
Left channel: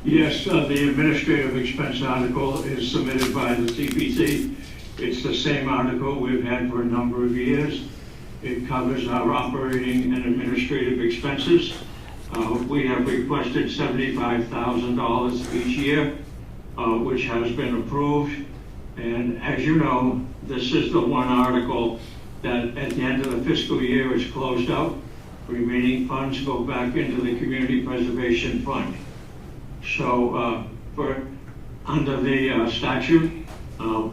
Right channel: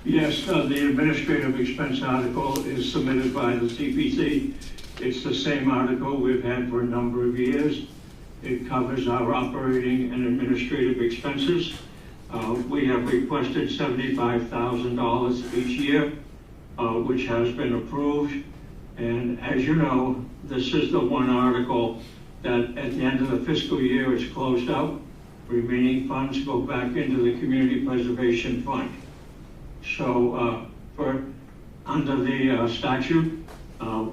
Yes, the administrative expense article is submitted by the CPC. It's the same article we've had for a number of years. It covers our operating and administrative expenses. We have requested $75,000 each year, which has been approved. And as you know, this is the one article that at the end of the fiscal year is closed out. Remaining funds go back into the Community Preservation Fund. So under the statute,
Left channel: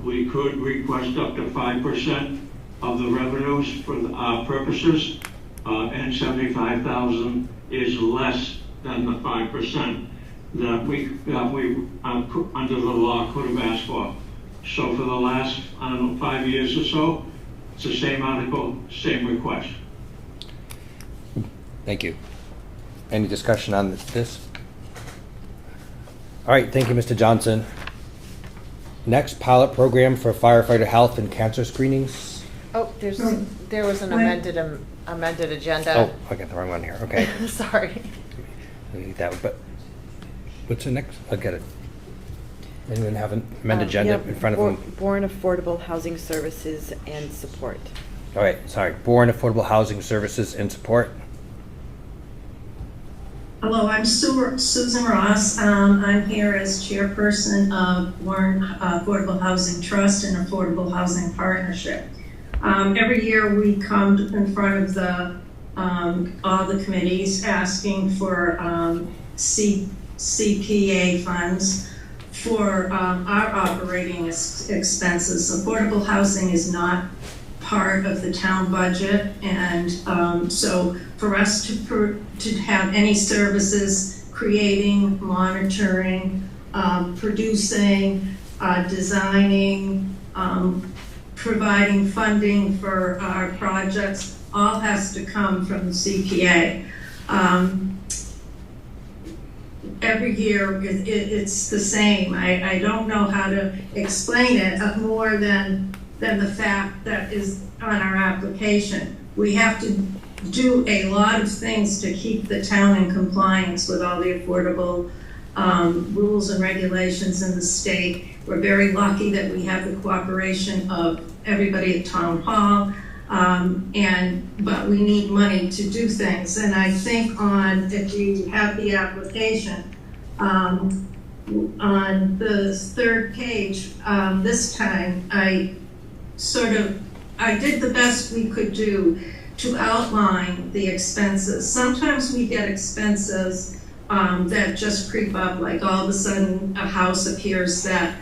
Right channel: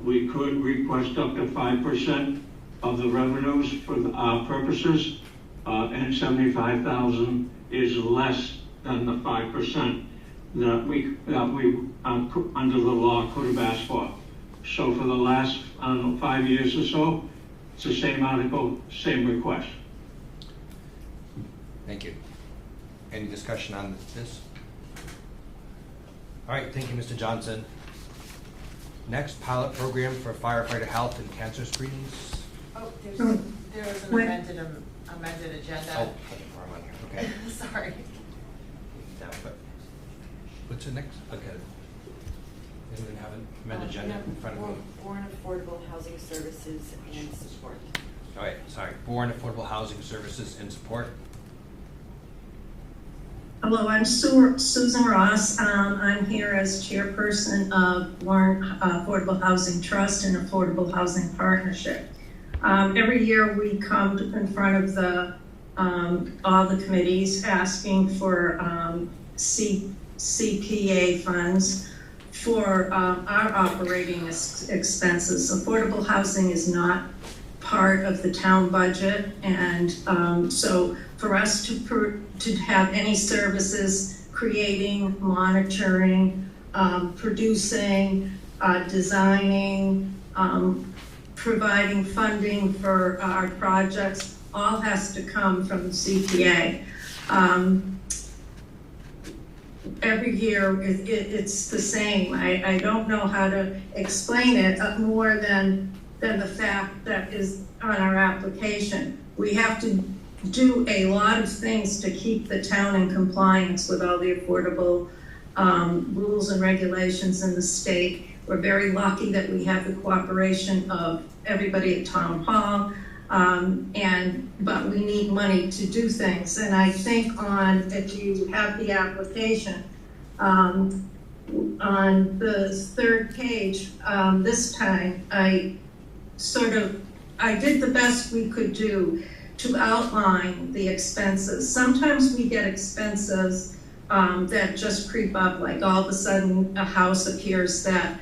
we could request up to 5% of the revenues for our purposes, and $75,000 is less than the 5% that we under the law could have asked for. So for the last 5 years or so, it's the same article, same request. Thank you. Any discussion on this? All right, thank you, Mr. Johnson. Next, pilot program for firefighter health and cancer screenings. Oh, there was an amended agenda. Oh, I got the wrong one here. Okay. Sorry. But what's the next? I'll get it. Anyone have an amended agenda in front of them? Bourne Affordable Housing Services and Support. All right, sorry. Bourne Affordable Housing Services and Support. Hello, I'm Susan Ross. I'm here as chairperson of Bourne Affordable Housing Trust and Affordable Housing Partnership. Every year we come in front of all the committees asking for CPA funds for our operating expenses. Affordable housing is not part of the town budget, and so for us to have any services, creating, monitoring, producing, designing, providing funding for our projects, all has to come from the CPA. Every year it's the same. I don't know how to explain it more than the fact that is on our application. We have to do a lot of things to keep the town in compliance with all the affordable rules and regulations in the state. We're very lucky that we have the cooperation of everybody at Town Hall, but we need money to do things. And I think if you have the application, on the third page, this time, I did the best we could do to outline the expenses. Sometimes we get expenses that just creep up, like all of a sudden a house appears that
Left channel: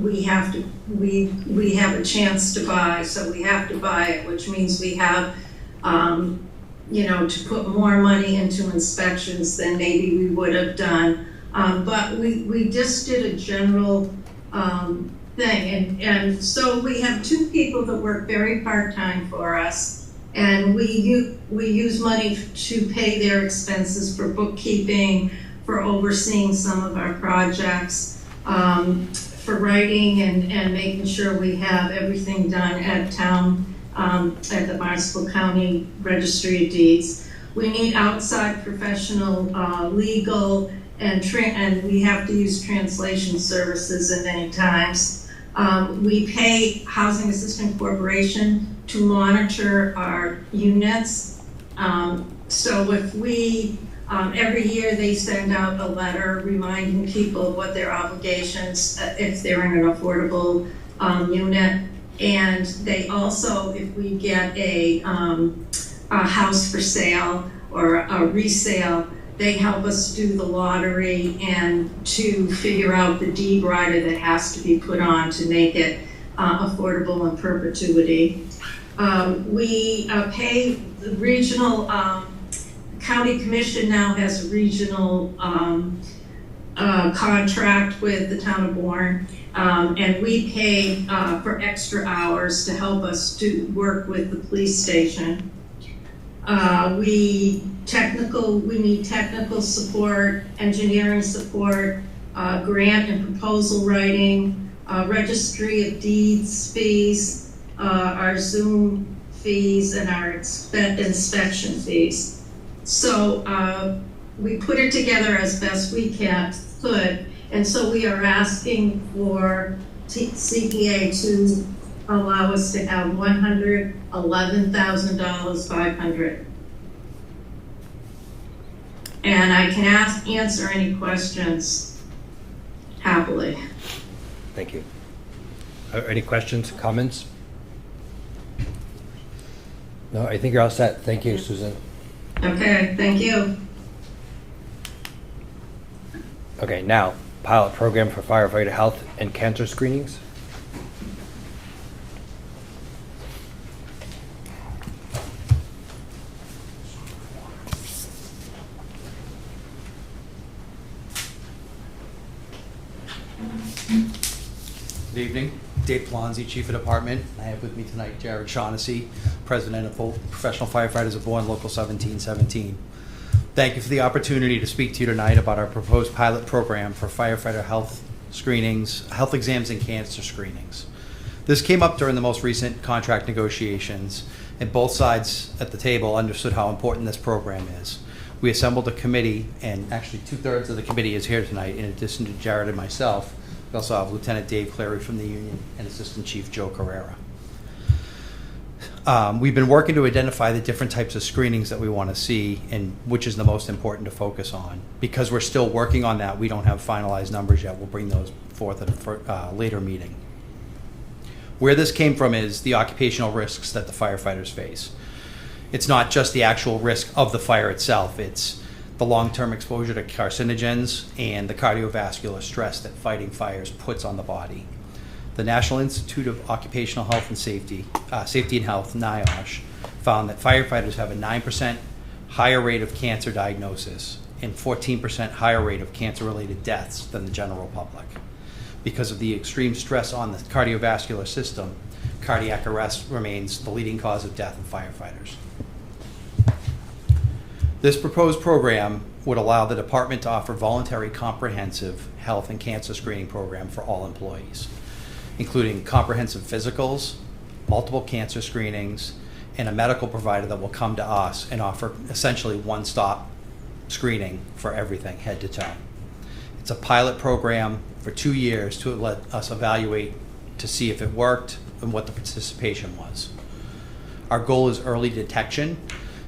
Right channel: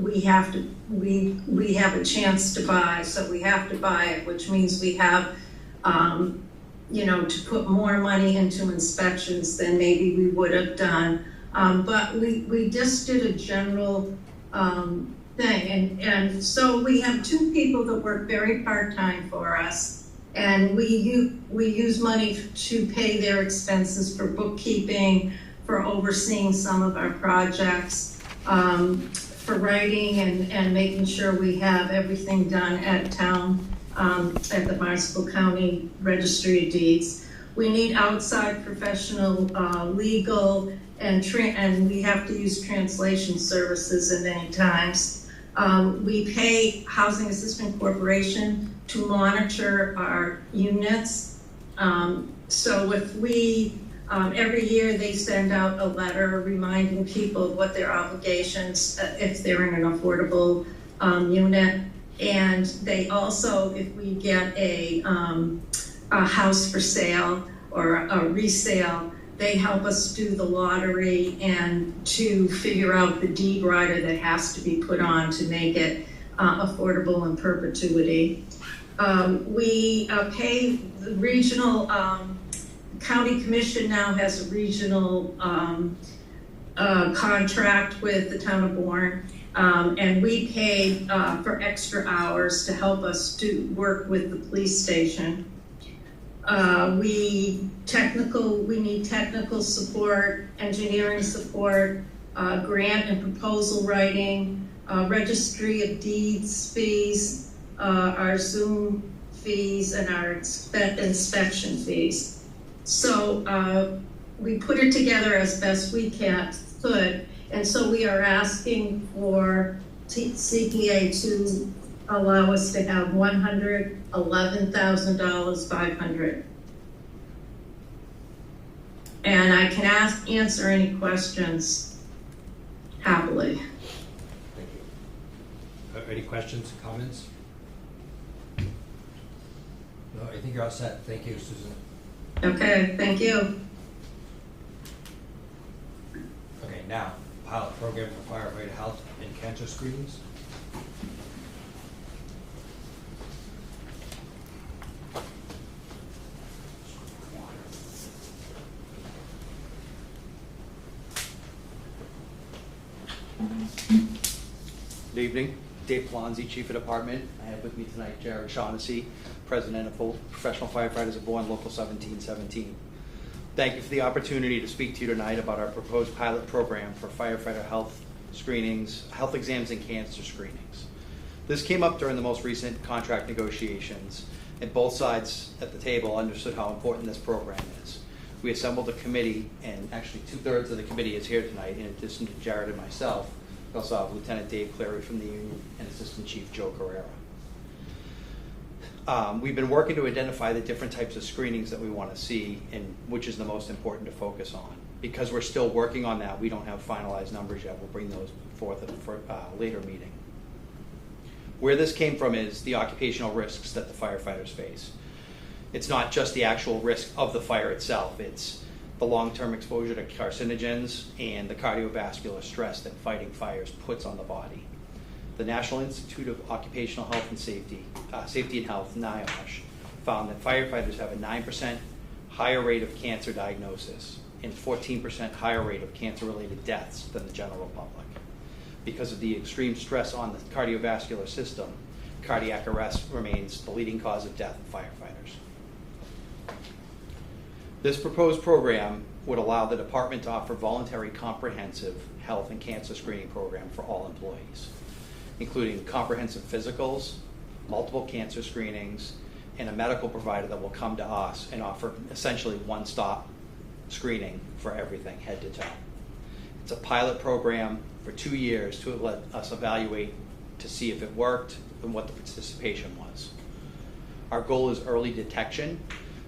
we have a chance to buy, so we have to buy it, which means we have to put more money into inspections than maybe we would have done. But we just did a general thing. And so we have two people that work very part-time for us, and we use money to pay their expenses for bookkeeping, for overseeing some of our projects, for writing and making sure we have everything done at town, at the Barnstable County Registry of Deeds. We need outside professional legal and we have to use translation services at many times. We pay Housing Assistance Corporation to monitor our units. So if we, every year they send out a letter reminding people of what their obligations, if they're in an affordable unit. And they also, if we get a house for sale or a resale, they help us do the lottery and to figure out the deed rider that has to be put on to make it affordable in perpetuity. We pay the regional, county commission now has a regional contract with the town of Bourne. And we pay for extra hours to help us do work with the police station. We need technical support, engineering support, grant and proposal writing, registry of deeds fees, our Zoom fees, and our inspection fees. So we put it together as best we could, and so we are asking for CPA to allow us to have $111,500. And I can answer any questions happily. Thank you. Any questions, comments? No, I think you're all set. Thank you, Susan. Okay, thank you. Okay, now, pilot program for firefighter health and cancer screenings. Good evening, Dave Plonzi, Chief of Department. I have with me tonight Jared Shaughnessy, President of Professional Firefighters of Bourne, Local 1717. Thank you for the opportunity to speak to you tonight about our proposed pilot program for firefighter health screenings, health exams, and cancer screenings. This came up during the most recent contract negotiations, and both sides at the table understood how important this program is. We assembled a committee, and actually 2/3 of the committee is here tonight, in addition to Jared and myself. We also have Lieutenant Dave Clary from the union and Assistant Chief Joe Carrera. We've been working to identify the different types of screenings that we want to see and which is the most important to focus on. Because we're still working on that, we don't have finalized numbers yet. We'll bring those forth at a later meeting. Where this came from is the occupational risks that the firefighters face. It's not just the actual risk of the fire itself, it's the long-term exposure to carcinogens and the cardiovascular stress that fighting fires puts on the body. The National Institute of Occupational Health and Safety and Health, NIOSH, found that firefighters have a 9% higher rate of cancer diagnosis and 14% higher rate of cancer-related deaths than the general public. Because of the extreme stress on the cardiovascular system, cardiac arrest remains the leading cause of death in firefighters. This proposed program would allow the department to offer voluntary comprehensive health and cancer screening program for all employees, including comprehensive physicals, multiple cancer screenings, and a medical provider that will come to us and offer essentially one-stop screening for everything, head to toe. It's a pilot program for 2 years to let us evaluate to see if it worked and what the participation was. Our goal is early detection.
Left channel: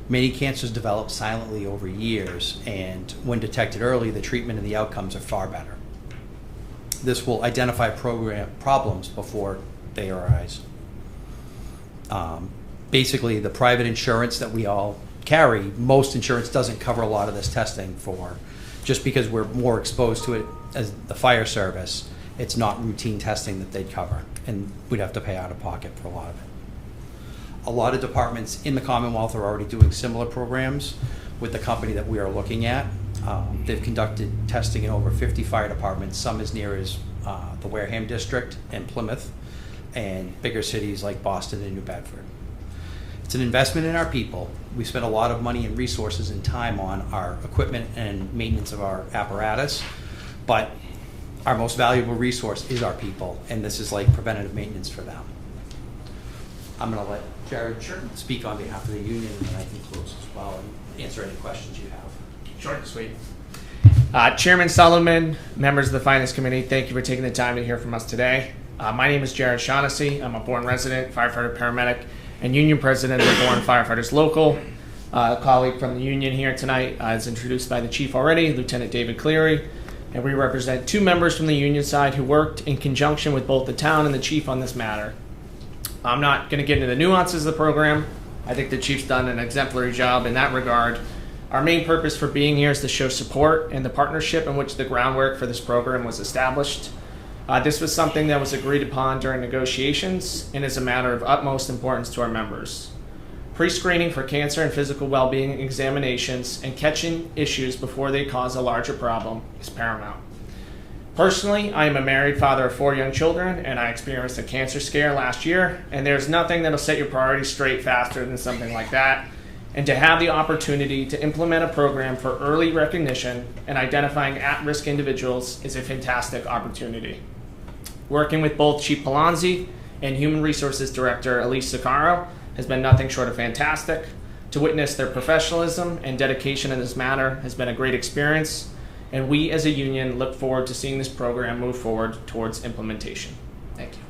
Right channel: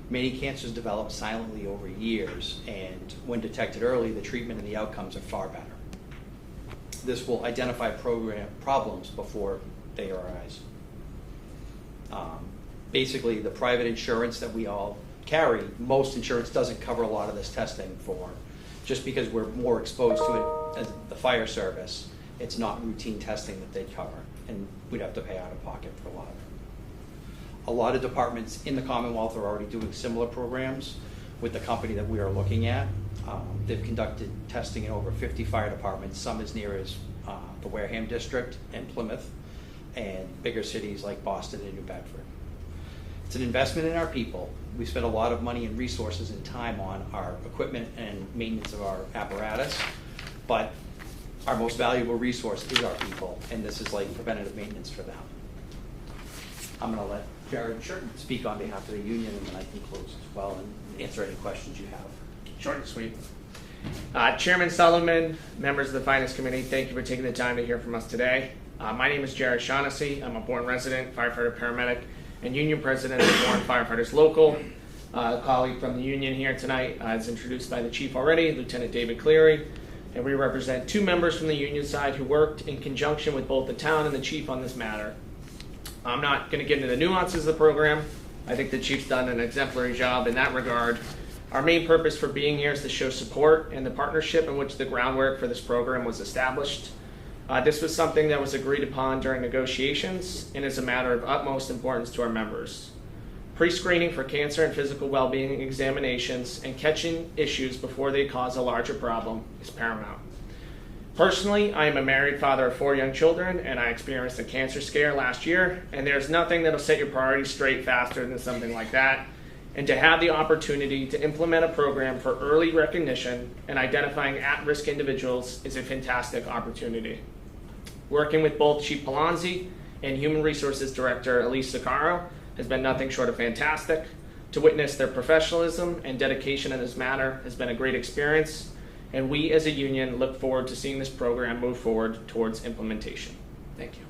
Many cancers develop silently over years, and when detected early, the treatment and the outcomes are far better. This will identify problems before they arise. Basically, the private insurance that we all carry, most insurance doesn't cover a lot of this testing for, just because we're more exposed to it as the fire service, it's not routine testing that they'd cover, and we'd have to pay out of pocket for a lot of it. A lot of departments in the Commonwealth are already doing similar programs with the company that we are looking at. They've conducted testing in over 50 fire departments, some as near as the Wareham district and Plymouth, and bigger cities like Boston and New Bedford. It's an investment in our people. We spend a lot of money and resources and time on our equipment and maintenance of our apparatus, but our most valuable resource is our people, and this is like preventative maintenance for them. I'm going to let Jared speak on behalf of the union, and then I can close as well and answer any questions you have. Short and sweet. Chairman Sullivan, members of the Finance Committee, thank you for taking the time to hear from us today. My name is Jared Shaughnessy. I'm a Bourne resident, firefighter, paramedic, and union president of the Bourne Firefighters Local. A colleague from the union here tonight is introduced by the chief already, Lieutenant David Cleary, and we represent 2 members from the union side who worked in conjunction with both the town and the chief on this matter. I'm not going to get into the nuances of the program. I think the chief's done an exemplary job in that regard. Our main purpose for being here is to show support and the partnership in which the groundwork for this program was established. This was something that was agreed upon during negotiations and is a matter of utmost importance to our members. Pre-screening for cancer and physical well-being examinations and catching issues before they cause a larger problem is paramount. Personally, I am a married father of 4 young children, and I experienced a cancer scare last year, and there's nothing that'll set your priorities straight faster than something like that. And to have the opportunity to implement a program for early recognition and identifying at-risk individuals is a fantastic opportunity. Working with both Chief Palazzi and Human Resources Director Elise Sicaro has been nothing short of fantastic. To witness their professionalism and dedication in this matter has been a great experience, and we as a union look forward to seeing this program move forward towards implementation. Thank you.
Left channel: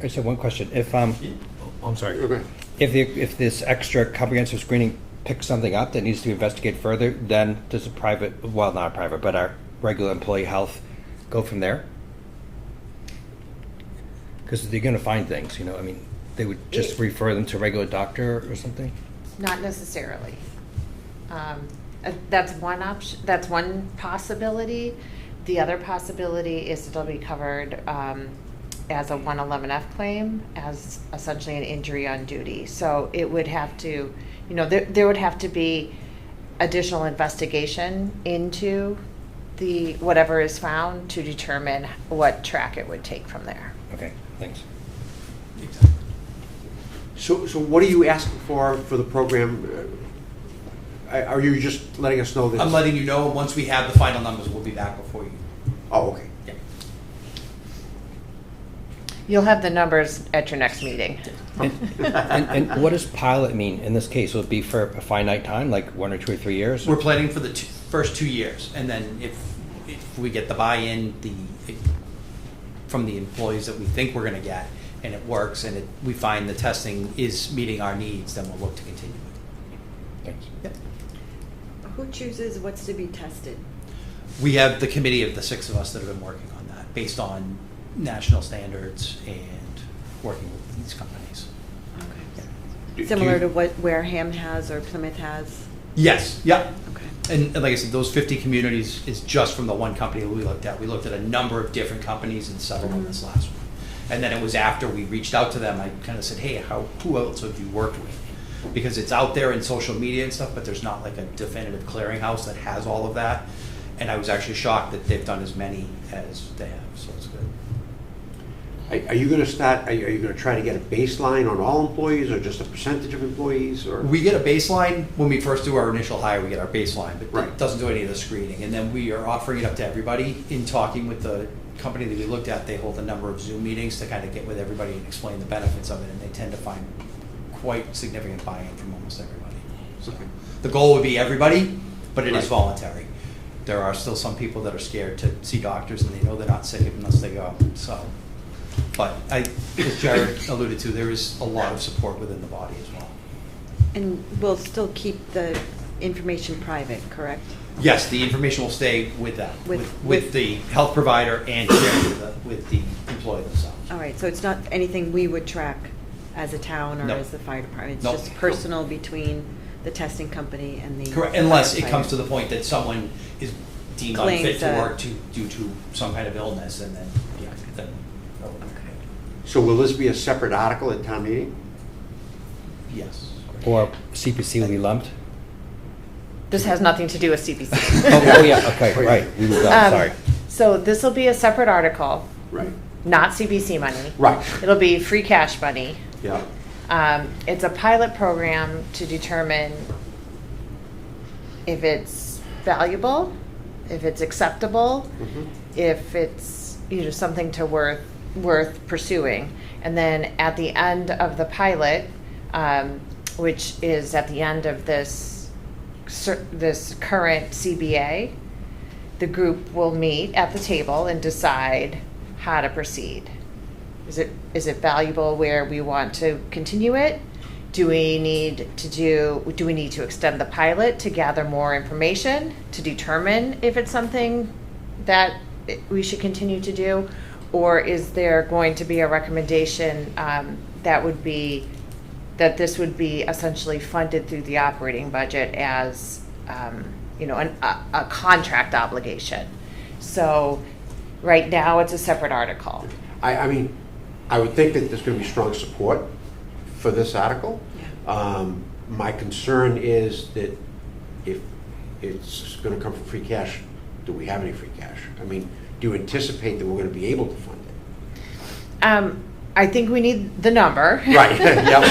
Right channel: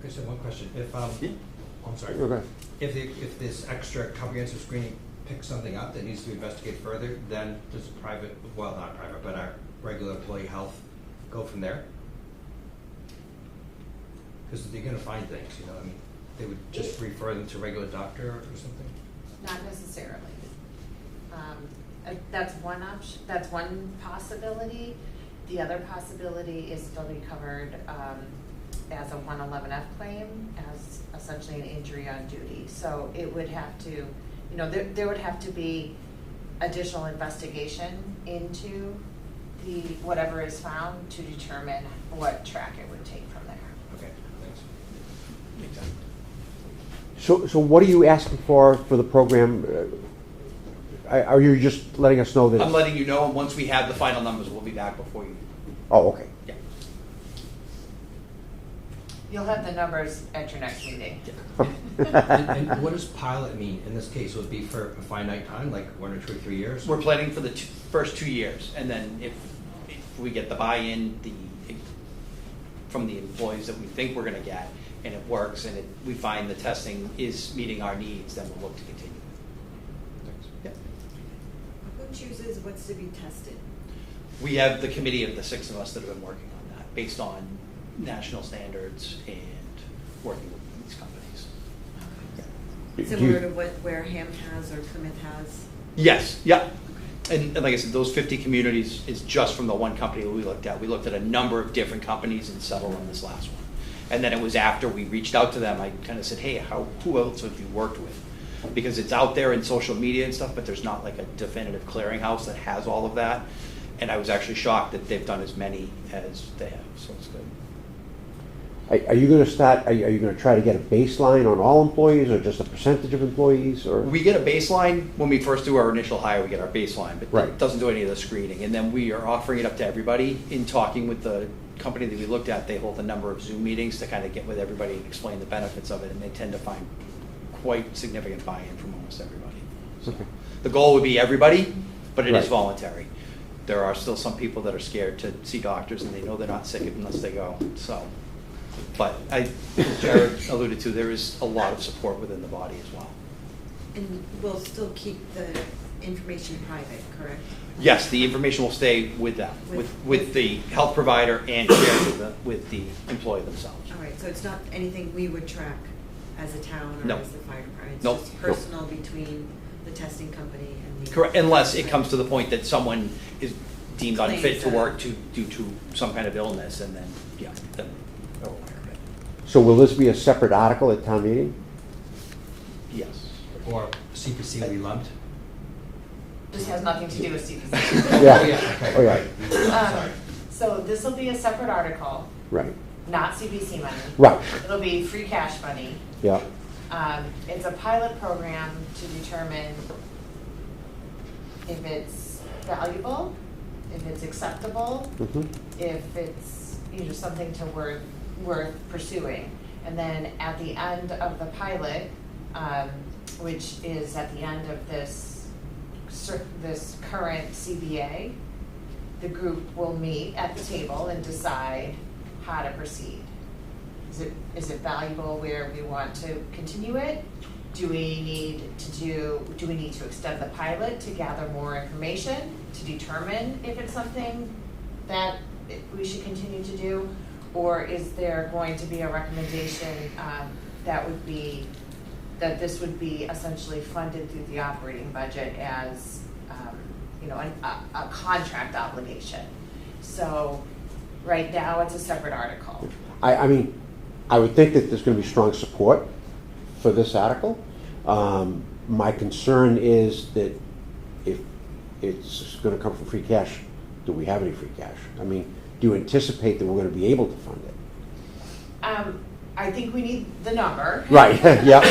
I just have one question. If I'm sorry. Okay. If this extra comprehensive screening picks something up that needs to be investigated further, then does a private, well, not a private, but our regular employee health go from there? Because they're going to find things, you know. I mean, they would just refer them to a regular doctor or something? Not necessarily. That's one option. That's one possibility. The other possibility is it'll be covered as a 111F claim, as essentially an injury on duty. So it would have to, you know, there would have to be additional investigation into the whatever is found to determine what track it would take from there. Okay, thanks. So what are you asking for the program? Are you just letting us know that? I'm letting you know, once we have the final numbers, we'll be back before you. Oh, okay. Yeah. You'll have the numbers at your next meeting. And what does pilot mean in this case? Will it be for a finite time, like 1 or 2 or 3 years? We're planning for the first 2 years, and then if we get the buy-in from the employees that we think we're going to get, and it works, and we find the testing is meeting our needs, then we'll look to continue. Thanks. Yeah. Who chooses what's to be tested? We have the committee of the 6 of us that have been working on that, based on national standards and working with these companies. Okay. Similar to what Wareham has or Plymouth has? Yes, yep. Okay. And like I said, those 50 communities is just from the one company we looked at. We looked at a number of different companies and settled on this last one. And then it was after we reached out to them, I kind of said, hey, who else have you worked with? Because it's out there in social media and stuff, but there's not like a definitive clearinghouse that has all of that. And I was actually shocked that they've done as many as they have, so it's good. Are you going to start? Are you going to try to get a baseline on all employees, or just a percentage of employees? Or we get a baseline when we first do our initial hire. We get our baseline, but right. It doesn't do any of the screening. And then we are offering it up to everybody. In talking with the company that we looked at, they hold a number of Zoom meetings to kind of get with everybody and explain the benefits of it, and they tend to find quite significant buy-in from almost everybody. So okay. The goal would be everybody, but it is Right. voluntary. There are still some people that are scared to see doctors, and they know they're not sick unless they go. So, but as Jared alluded to, there is a lot of support within the body as well. And we'll still keep the information private, correct? Yes, the information will stay with them, with the health provider and shared with the employee themselves. All right, so it's not anything we would track as a town or No. as the fire department? It's Nope. just personal between the testing company and the... Correct, unless it firefighter. comes to the point that someone is deemed Claims unfit to that- work due to some kind of illness, and then, yeah, then, So will this be a separate article at town meeting? yes. Or CPC will be lumped? This has nothing to do with CPC. Oh, yeah, okay, right. We will- Sorry. So this will be a separate article, Right. not CPC money. Right. It'll be free cash money. Yeah. It's a pilot program to determine if it's valuable, if it's acceptable, Mhm. if it's, something worth pursuing. And then at the end of the pilot, which is at the end of this current CBA, the group will meet at the table and decide how to proceed. Is it valuable where we want to continue it? Do we need to extend the pilot to gather more information to determine if it's something that we should continue to do? Or is there going to be a recommendation that this would be essentially funded through the operating budget as a contract obligation? So right now it's a separate article. I mean, I would think that there's going to be strong support for this article. My concern is that if it's going to come from free cash, do we have any free cash? I mean, do you anticipate that we're going to be able to fund it? I think we need the number. Right, yep.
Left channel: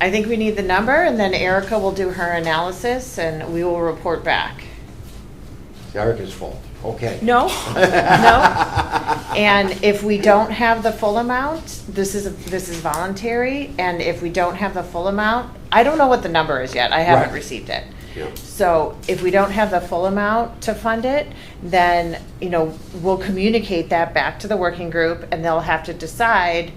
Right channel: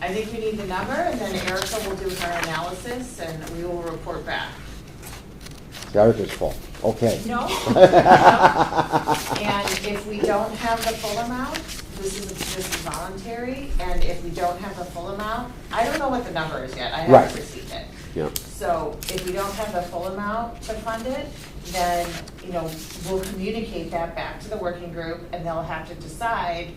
I think we need the number, and then Erica will do her analysis, and we will report back. It's Erica's fault. Okay. No. And if we don't have the full amount, this is voluntary, and if we don't have the full amount, I don't know what the number is yet. I haven't Right. received it. Yeah. So if we don't have the full amount to fund it, then, we'll communicate that back to the working group, and they'll have to decide,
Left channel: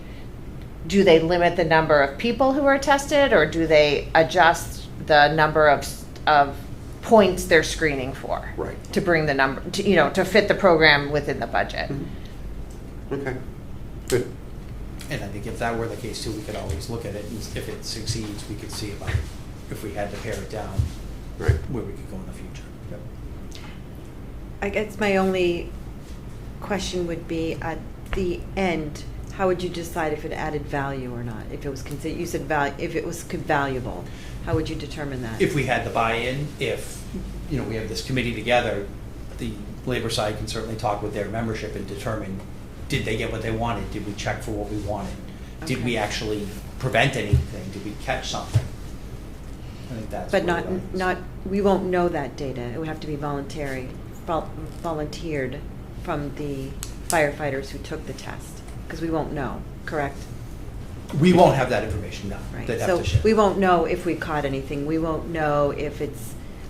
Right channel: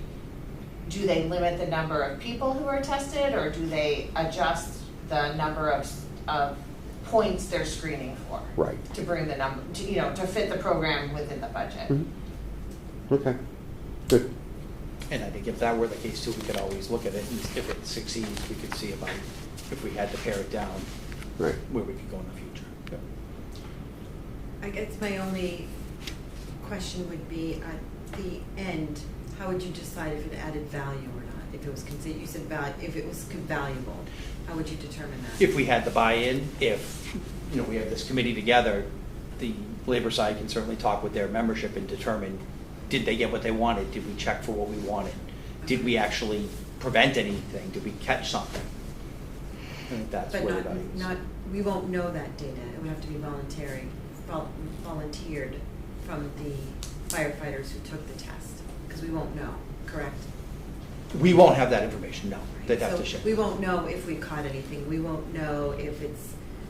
do they limit the number of people who are tested, or do they adjust the number of points they're screening for? Right. To bring the number, to fit the program within the budget. Mm-hmm. Okay, good. And I think if that were the case too, we could always look at it, and if it succeeds, we could see about if we had to pare it down, Right. where we could go in the future. Yep. I guess my only question would be, at the end, how would you decide if it added value or not? If it was considered, you said if it was valuable, how would you determine that? If we had the buy-in, if, we have this committee together, the labor side can certainly talk with their membership and determine, did they get what they wanted? Did we check for what we wanted? Did we actually prevent anything? Did we catch something? I think that's. But where the not, we won't know that data. It would have to be volunteered from the firefighters who took the test, because we won't know, correct? We won't have that information, no. Right. They'd have So to share. we won't know if we caught anything. We won't know if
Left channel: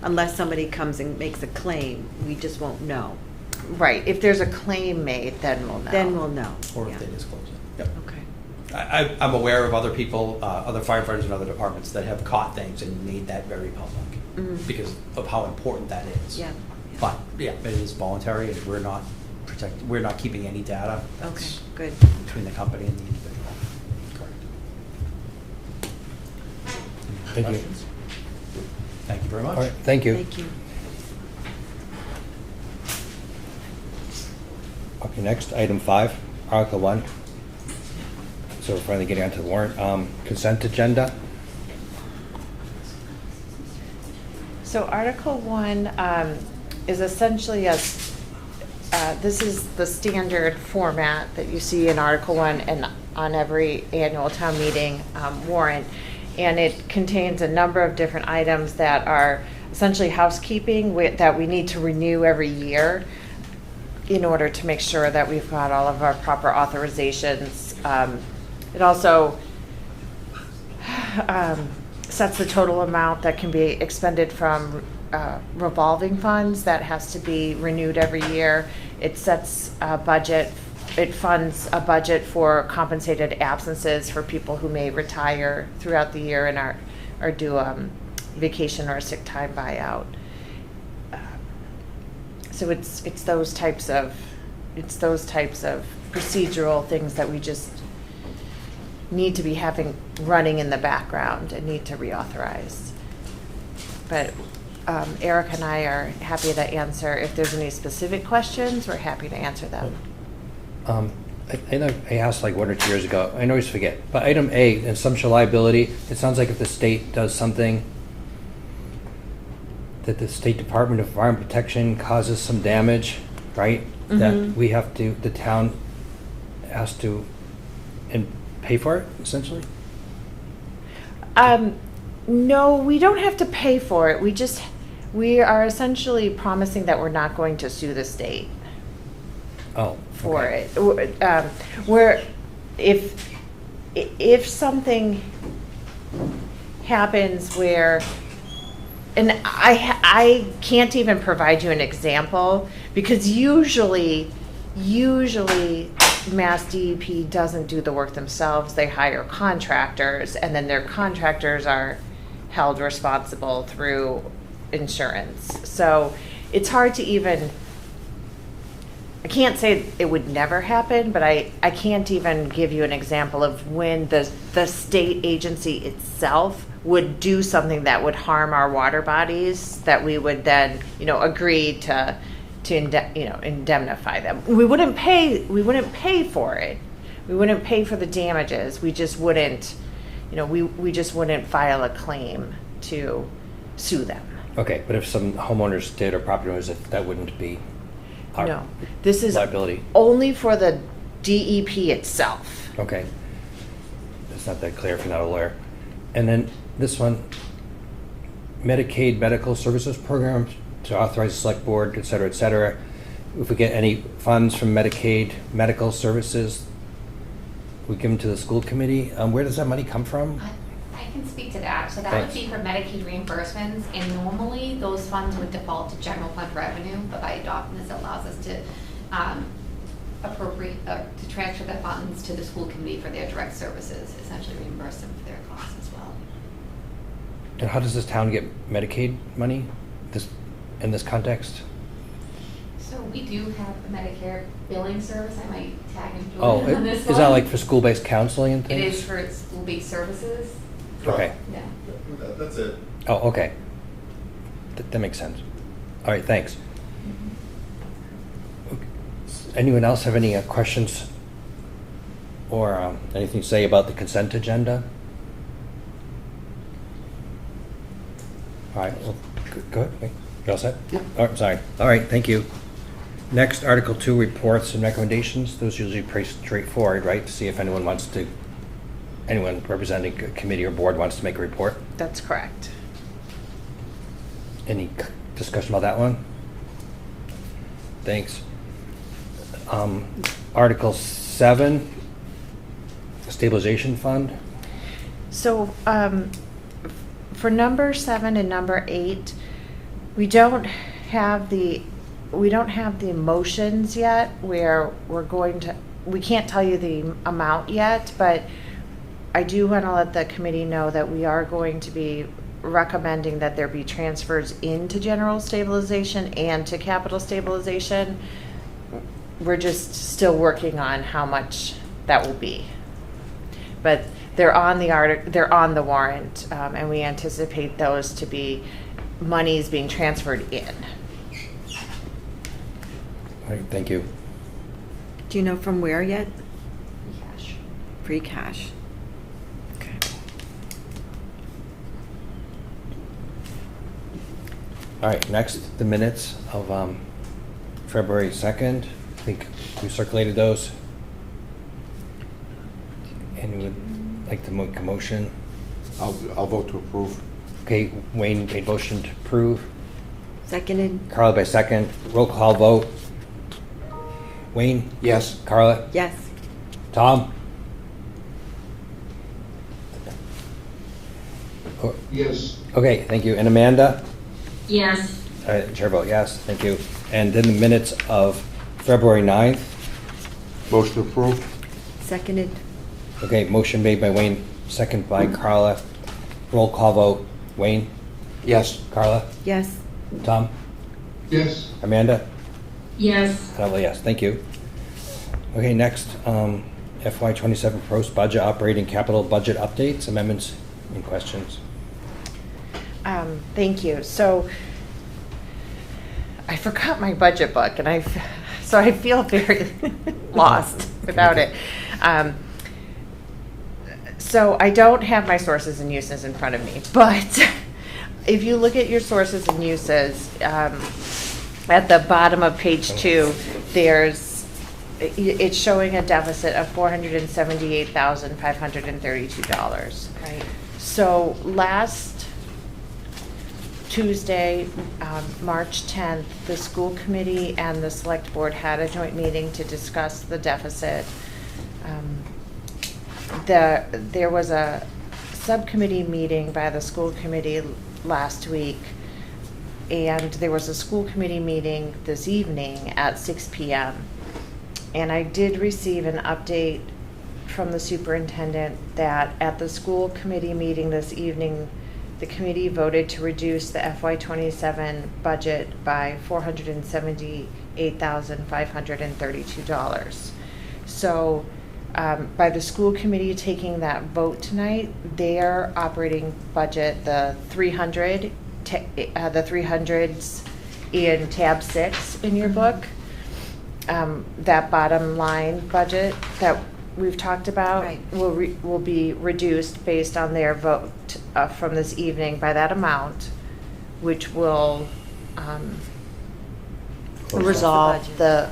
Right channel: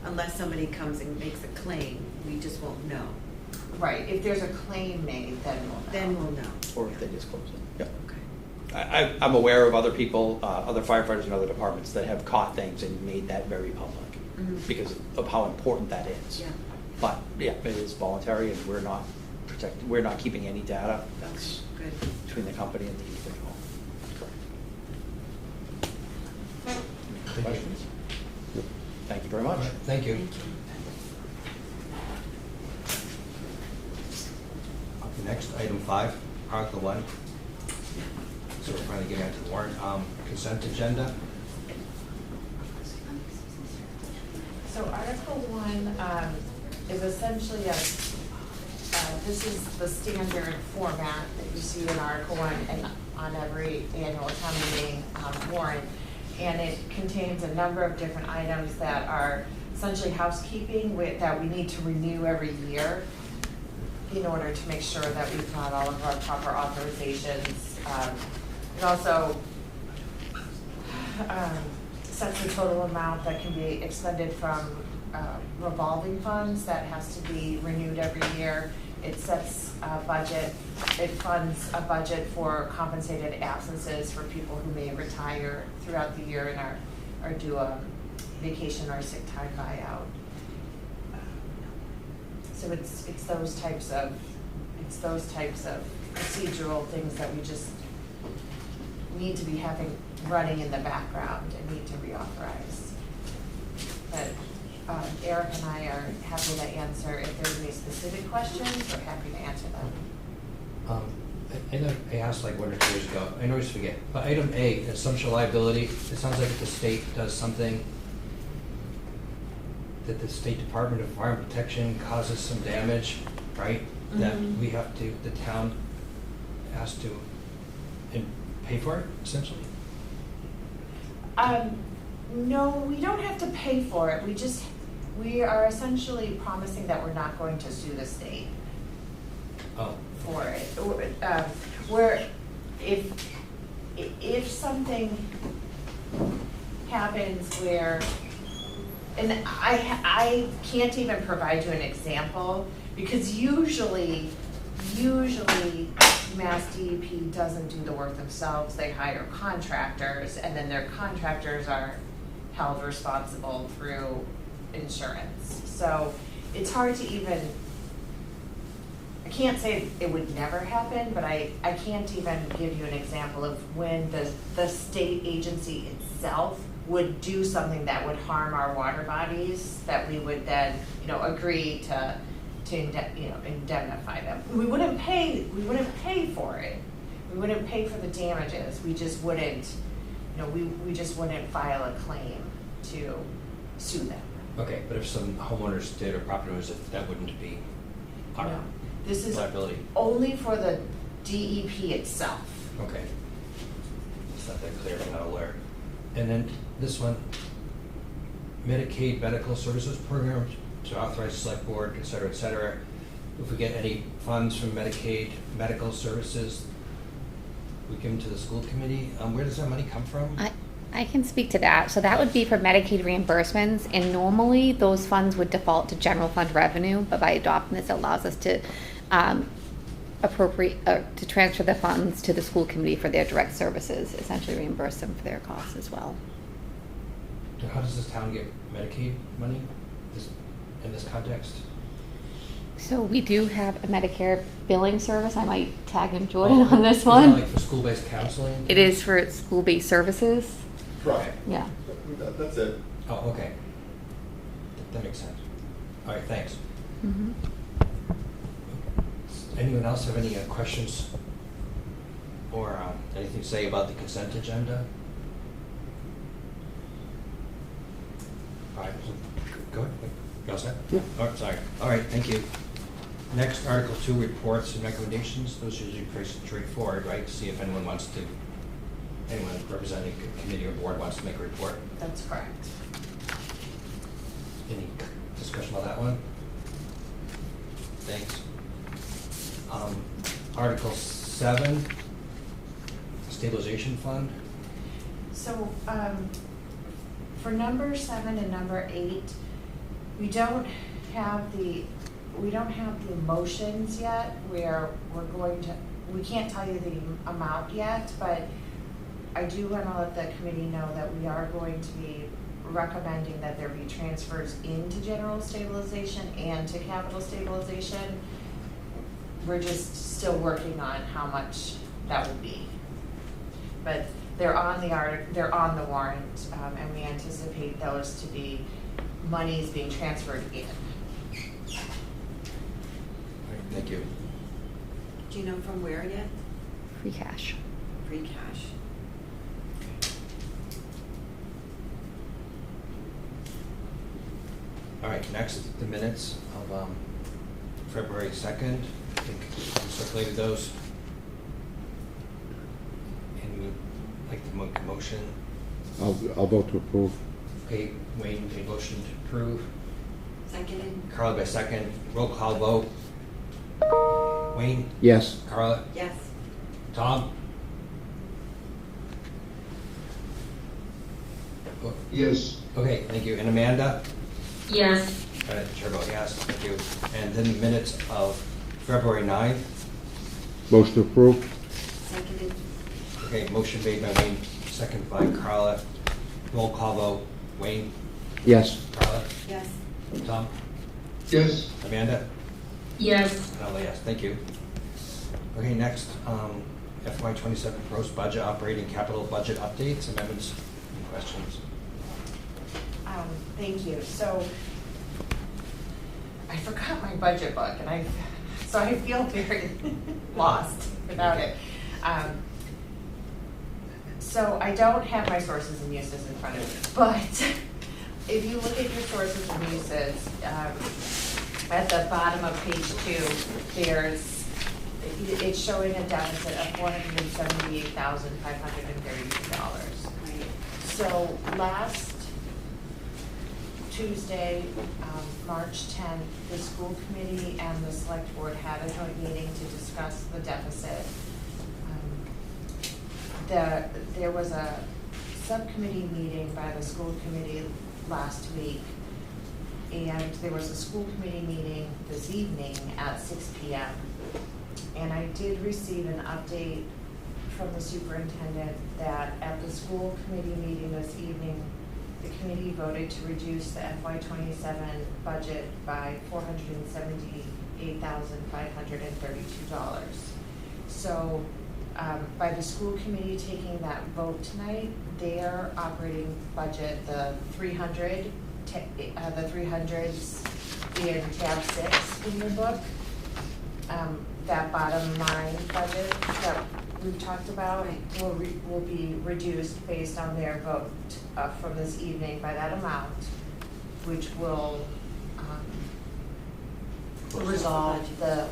unless somebody comes and makes a claim, we just won't know. Right, if there's a claim made, then we'll know. Then we'll know. Or if they disclose it. Yep. Okay. I'm aware of other people, other firefighters in other departments that have caught things and made that very public because of how important that is. Yeah. But, yeah, it is voluntary and we're not keeping any data. Okay, It's good. between the company and the individual. Correct. Any Thank you. questions? Thank you very much. All right, thank you. Thank you. Okay, next, item 5, Article 1. So we're finally getting onto the warrant. Consent agenda. So Article 1 is essentially this is the standard format that you see in Article 1 and on every annual town meeting warrant. And it contains a number of different items that are essentially housekeeping that we need to renew every year in order to make sure that we've got all of our proper authorizations. It also sets the total amount that can be expended from revolving funds that has to be renewed every year. It sets a budget. It funds a budget for compensated absences for people who may retire throughout the year and are due vacation or sick time buyout. So it's those types of procedural things that we just need to be running in the background and need to reauthorize. But Eric and I are happy to answer if there's any specific questions. We're happy to answer them. I know I asked like 1 or 2 years ago. I always forget. But item A, assumption liability. It sounds like if the state does something, that the State Department of Environmental Protection causes some damage, right? That Mhm. we have to, the town has to and pay for it, essentially? No, we don't have to pay for it. We are essentially promising that we're not going to sue the state Oh. for okay. it. Where if something happens where, and I can't even provide you an example, because usually Mass DEP doesn't do the work themselves. They hire contractors, and then their contractors are held responsible through insurance. So it's hard to even, I can't say it would never happen, but I can't even give you an example of when the state agency itself would do something that would harm our water bodies, that we would then, agree to indemnify them. We wouldn't pay for it. We wouldn't pay for the damages. We just wouldn't, we just wouldn't file a claim to sue them. Okay, but if some homeowners did or property owners, that wouldn't be our No, this is liability. only for the DEP itself. Okay. It's not that clear if you're not a lawyer. And then this one, Medicaid medical services programs to authorize the select board, et cetera, et cetera. If we get any funds from Medicaid medical services, we give them to the school committee. Where does that money come from? I can speak to that. So that would be for Medicaid reimbursements, and normally those funds would default to general fund revenue, but by adopting this, it allows us to to transfer the funds to the school committee for their direct services, essentially reimburse them for their costs as well. And how does this town get Medicaid money in this context? So we do have a Medicare billing service. I might tag in Jordan on this is one. that like for school-based counseling and It things? is for school-based services. Okay. Yeah. That's it. Oh, okay. That makes sense. All right, thanks. Anyone else have any questions or anything to say about the consent agenda? All right, well, go ahead. Wait, you all set? Yep. Oh, I'm sorry. All right, thank you. Next, Article 2, reports and recommendations. Those are usually pretty straightforward, right? To see if anyone representing a committee or board wants to make a report. That's correct. Any discussion about that one? Thanks. Article 7, stabilization fund. So, for number 7 and number 8, we don't have the motions yet where we can't tell you the amount yet, but I do want to let the committee know that we are going to be recommending that there be transfers into general stabilization and to capital stabilization. We're just still working on how much that will be. But they're on the warrant, and we anticipate those to be monies being transferred in. All right, thank you. Do you know from where yet? Free cash. Free cash. Okay. All right, next, the minutes of February 2nd. I think we circulated those. Anyone would like to make a motion? I'll vote to approve. Okay, Wayne made motion to approve. Seconded? Carla by second. Roll call vote. Wayne? Yes. Carla? Yes. Tom? Yes. Okay, thank you. And Amanda? Yes. Chair vote yes, thank you. And then the minutes of February 9th. Motion to approve. Seconded? Okay, motion made by Wayne, second by Carla. Roll call vote. Wayne? Yes. Carla? Yes. Tom? Yes. Amanda? Yes. Carla, yes, thank you. Okay, next, FY27 proposed budget operating capital budget updates, amendments, and questions. Thank you. So I forgot my budget book, and so I feel very lost without it. So I don't have my sources and uses in front of me, but if you look at your sources and uses, at the bottom of page 2, it's showing a deficit of $478,532. Right. So last Tuesday, March 10th, the school committee and the select board had a joint meeting to discuss the deficit. There was a subcommittee meeting by the school committee last week, and there was a school committee meeting this evening at 6 p.m. And I did receive an update from the superintendent that at the school committee meeting this evening, the committee voted to reduce the FY27 budget by $478,532. So by the school committee taking that vote tonight, their operating budget, the 300s in tab 6 in your book, that bottom line budget that we've talked about Right. will be reduced based on their vote from this evening by that amount, which will resolve the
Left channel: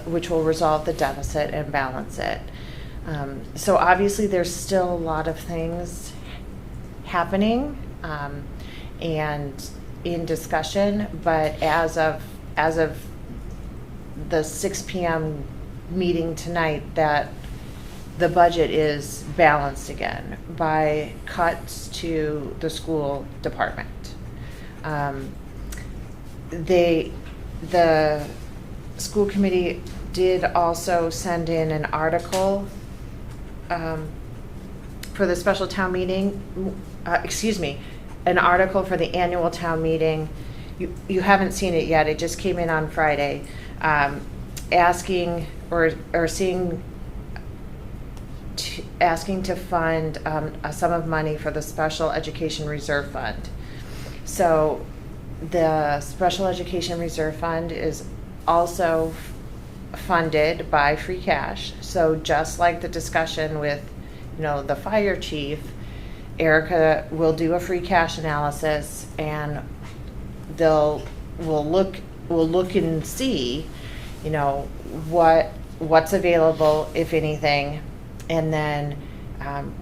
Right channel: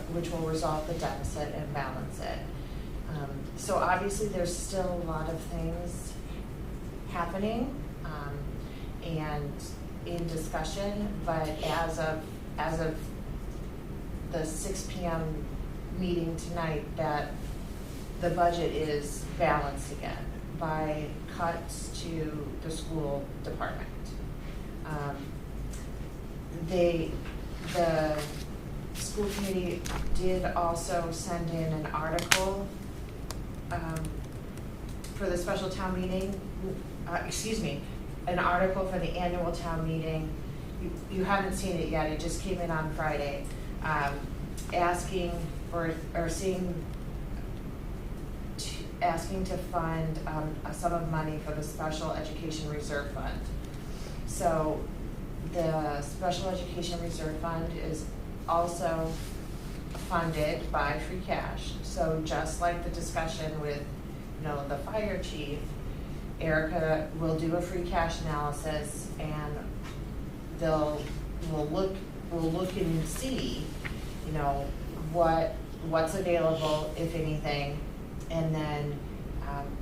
deficit and balance it. So obviously there's still a lot of things happening and in discussion, but as of the 6 p.m. meeting tonight, that the budget is balanced again by cuts to the school department. The school committee did also send in an article for the special town meeting, an article for the annual town meeting. You haven't seen it yet, it just came in on Friday, asking to fund a sum of money for the Special Education Reserve Fund. So the Special Education Reserve Fund is also funded by free cash. So just like the discussion with, the fire chief, Erica will do a free cash analysis, and we'll look and see, what's available, if anything, and then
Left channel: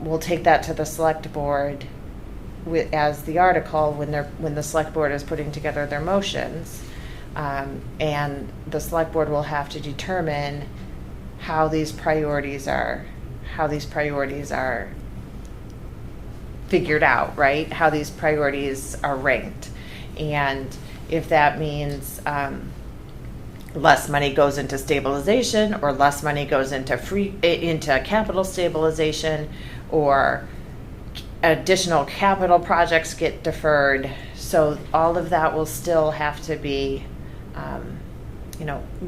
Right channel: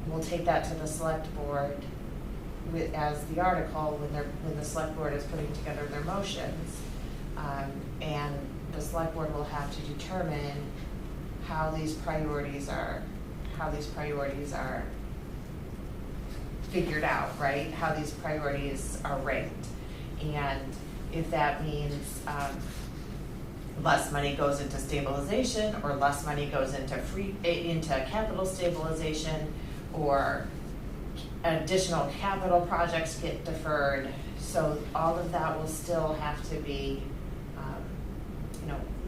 we'll take that to the select board as the article when the select board is putting together their motions, and the select board will have to determine how these priorities are figured out, right? How these priorities are ranked, and if that means less money goes into stabilization, or less money goes into capital stabilization, or additional capital projects get deferred. So all of that will still have to be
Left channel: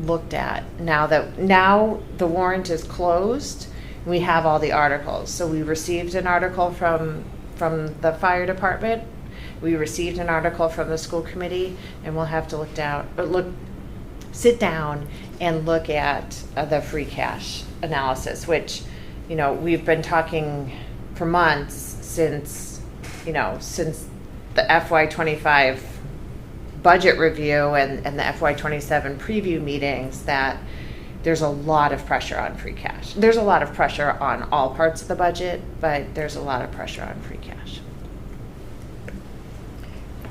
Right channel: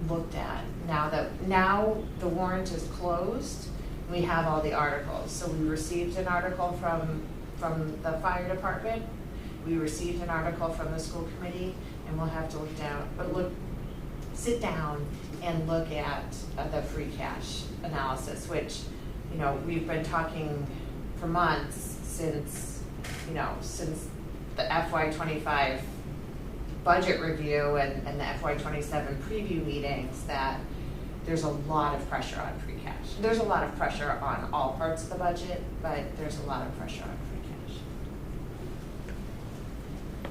looked at. Now the warrant is closed, we have all the articles. So we received an article from the fire department, we received an article from the school committee, and we'll have to sit down and look at the free cash analysis, which, we've been talking for months since the FY25 budget review and the FY27 preview meetings, that there's a lot of pressure on free cash. There's a lot of pressure on all parts of the budget, but there's a lot of pressure on free cash.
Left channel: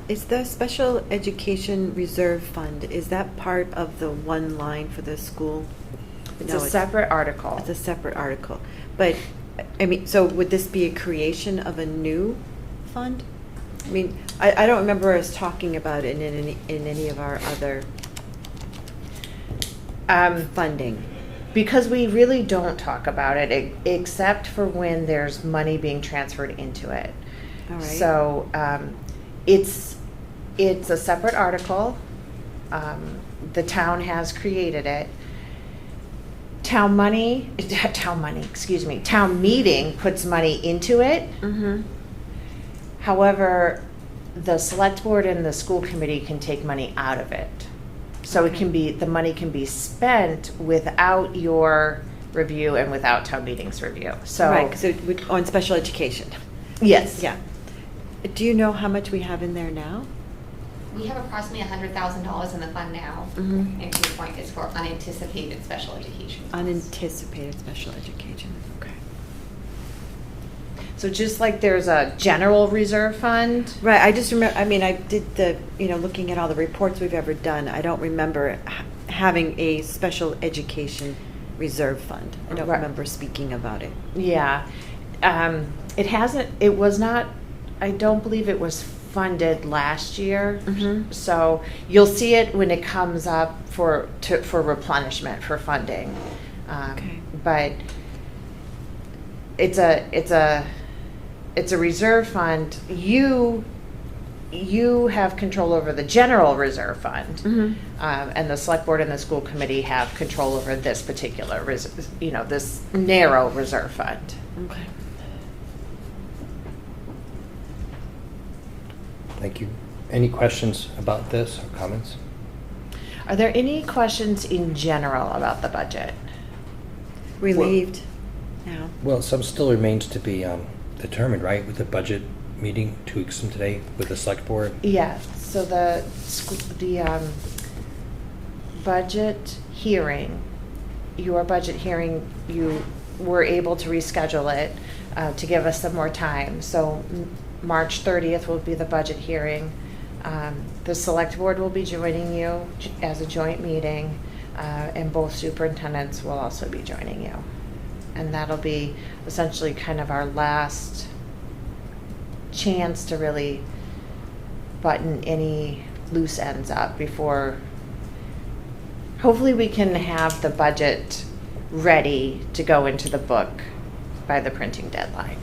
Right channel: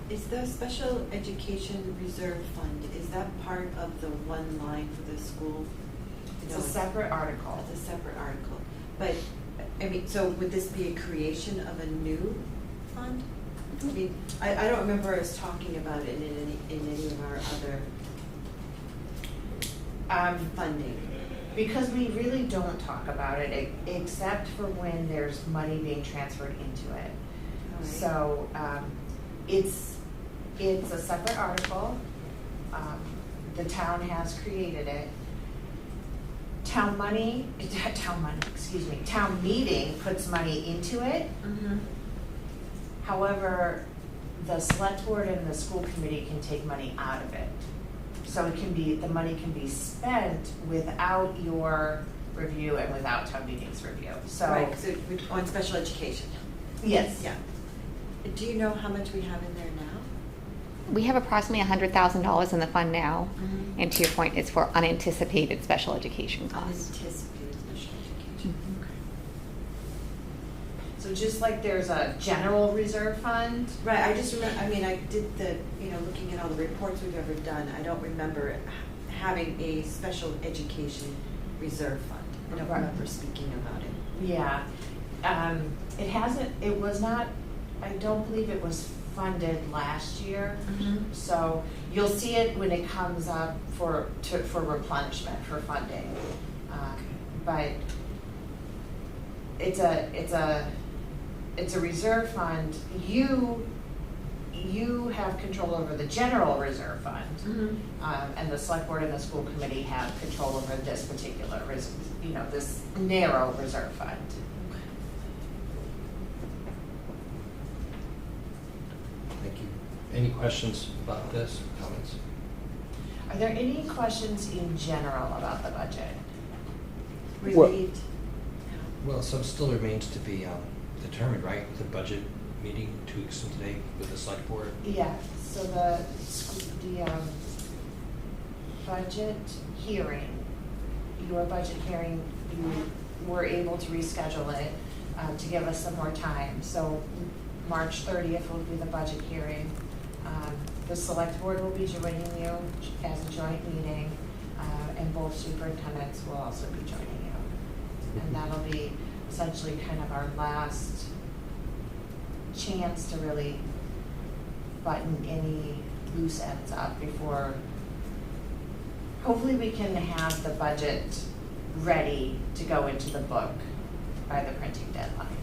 Is the Special Education Reserve Fund, is that part of the one line for the school? It's No, a separate article. It's a separate article. But, so would this be a creation of a new fund? I don't remember us talking about it in any of our other funding. Because we really don't talk about it except for when there's money being transferred into it. All right. So it's a separate article. The town has created it. Town meeting puts money into it. Mm-hmm. However, the select board and the school committee can take money out of it. So the money can be spent without your review and without town meeting's review. So Right, so on special education. yes. Yeah. Do you know how much we have in there now? we have approximately $100,000 in the fund now. Mhm. And to your point, it's for unanticipated special education costs. Unanticipated special education, okay. So just like there's a general reserve fund, Right, I just remember, I mean, I did the, looking at all the reports we've ever done, I don't remember having a special education reserve fund. I don't Right. remember speaking about it. yeah. It was not, I don't believe it was funded last year. Mhm. So you'll see it when it comes up for replenishment, for funding. Okay. But it's a reserve fund. You have control over the general reserve fund. Mhm. And the select board and the school committee have control over this particular, this narrow reserve fund. Okay. Thank you. Any questions about this or comments? Are there any questions in general about the budget? Relieved now. Well, some still remains to be determined, right, with the budget meeting 2 weeks from today with the select board? Yeah, so the budget hearing, your budget hearing, you were able to reschedule it to give us some more time. So March 30th will be the budget hearing. The select board will be joining you as a joint meeting, and both superintendents will also be joining you. And that'll be essentially kind of our last chance to really button any loose ends up before, hopefully we can have the budget ready to go into the book by the printing deadline.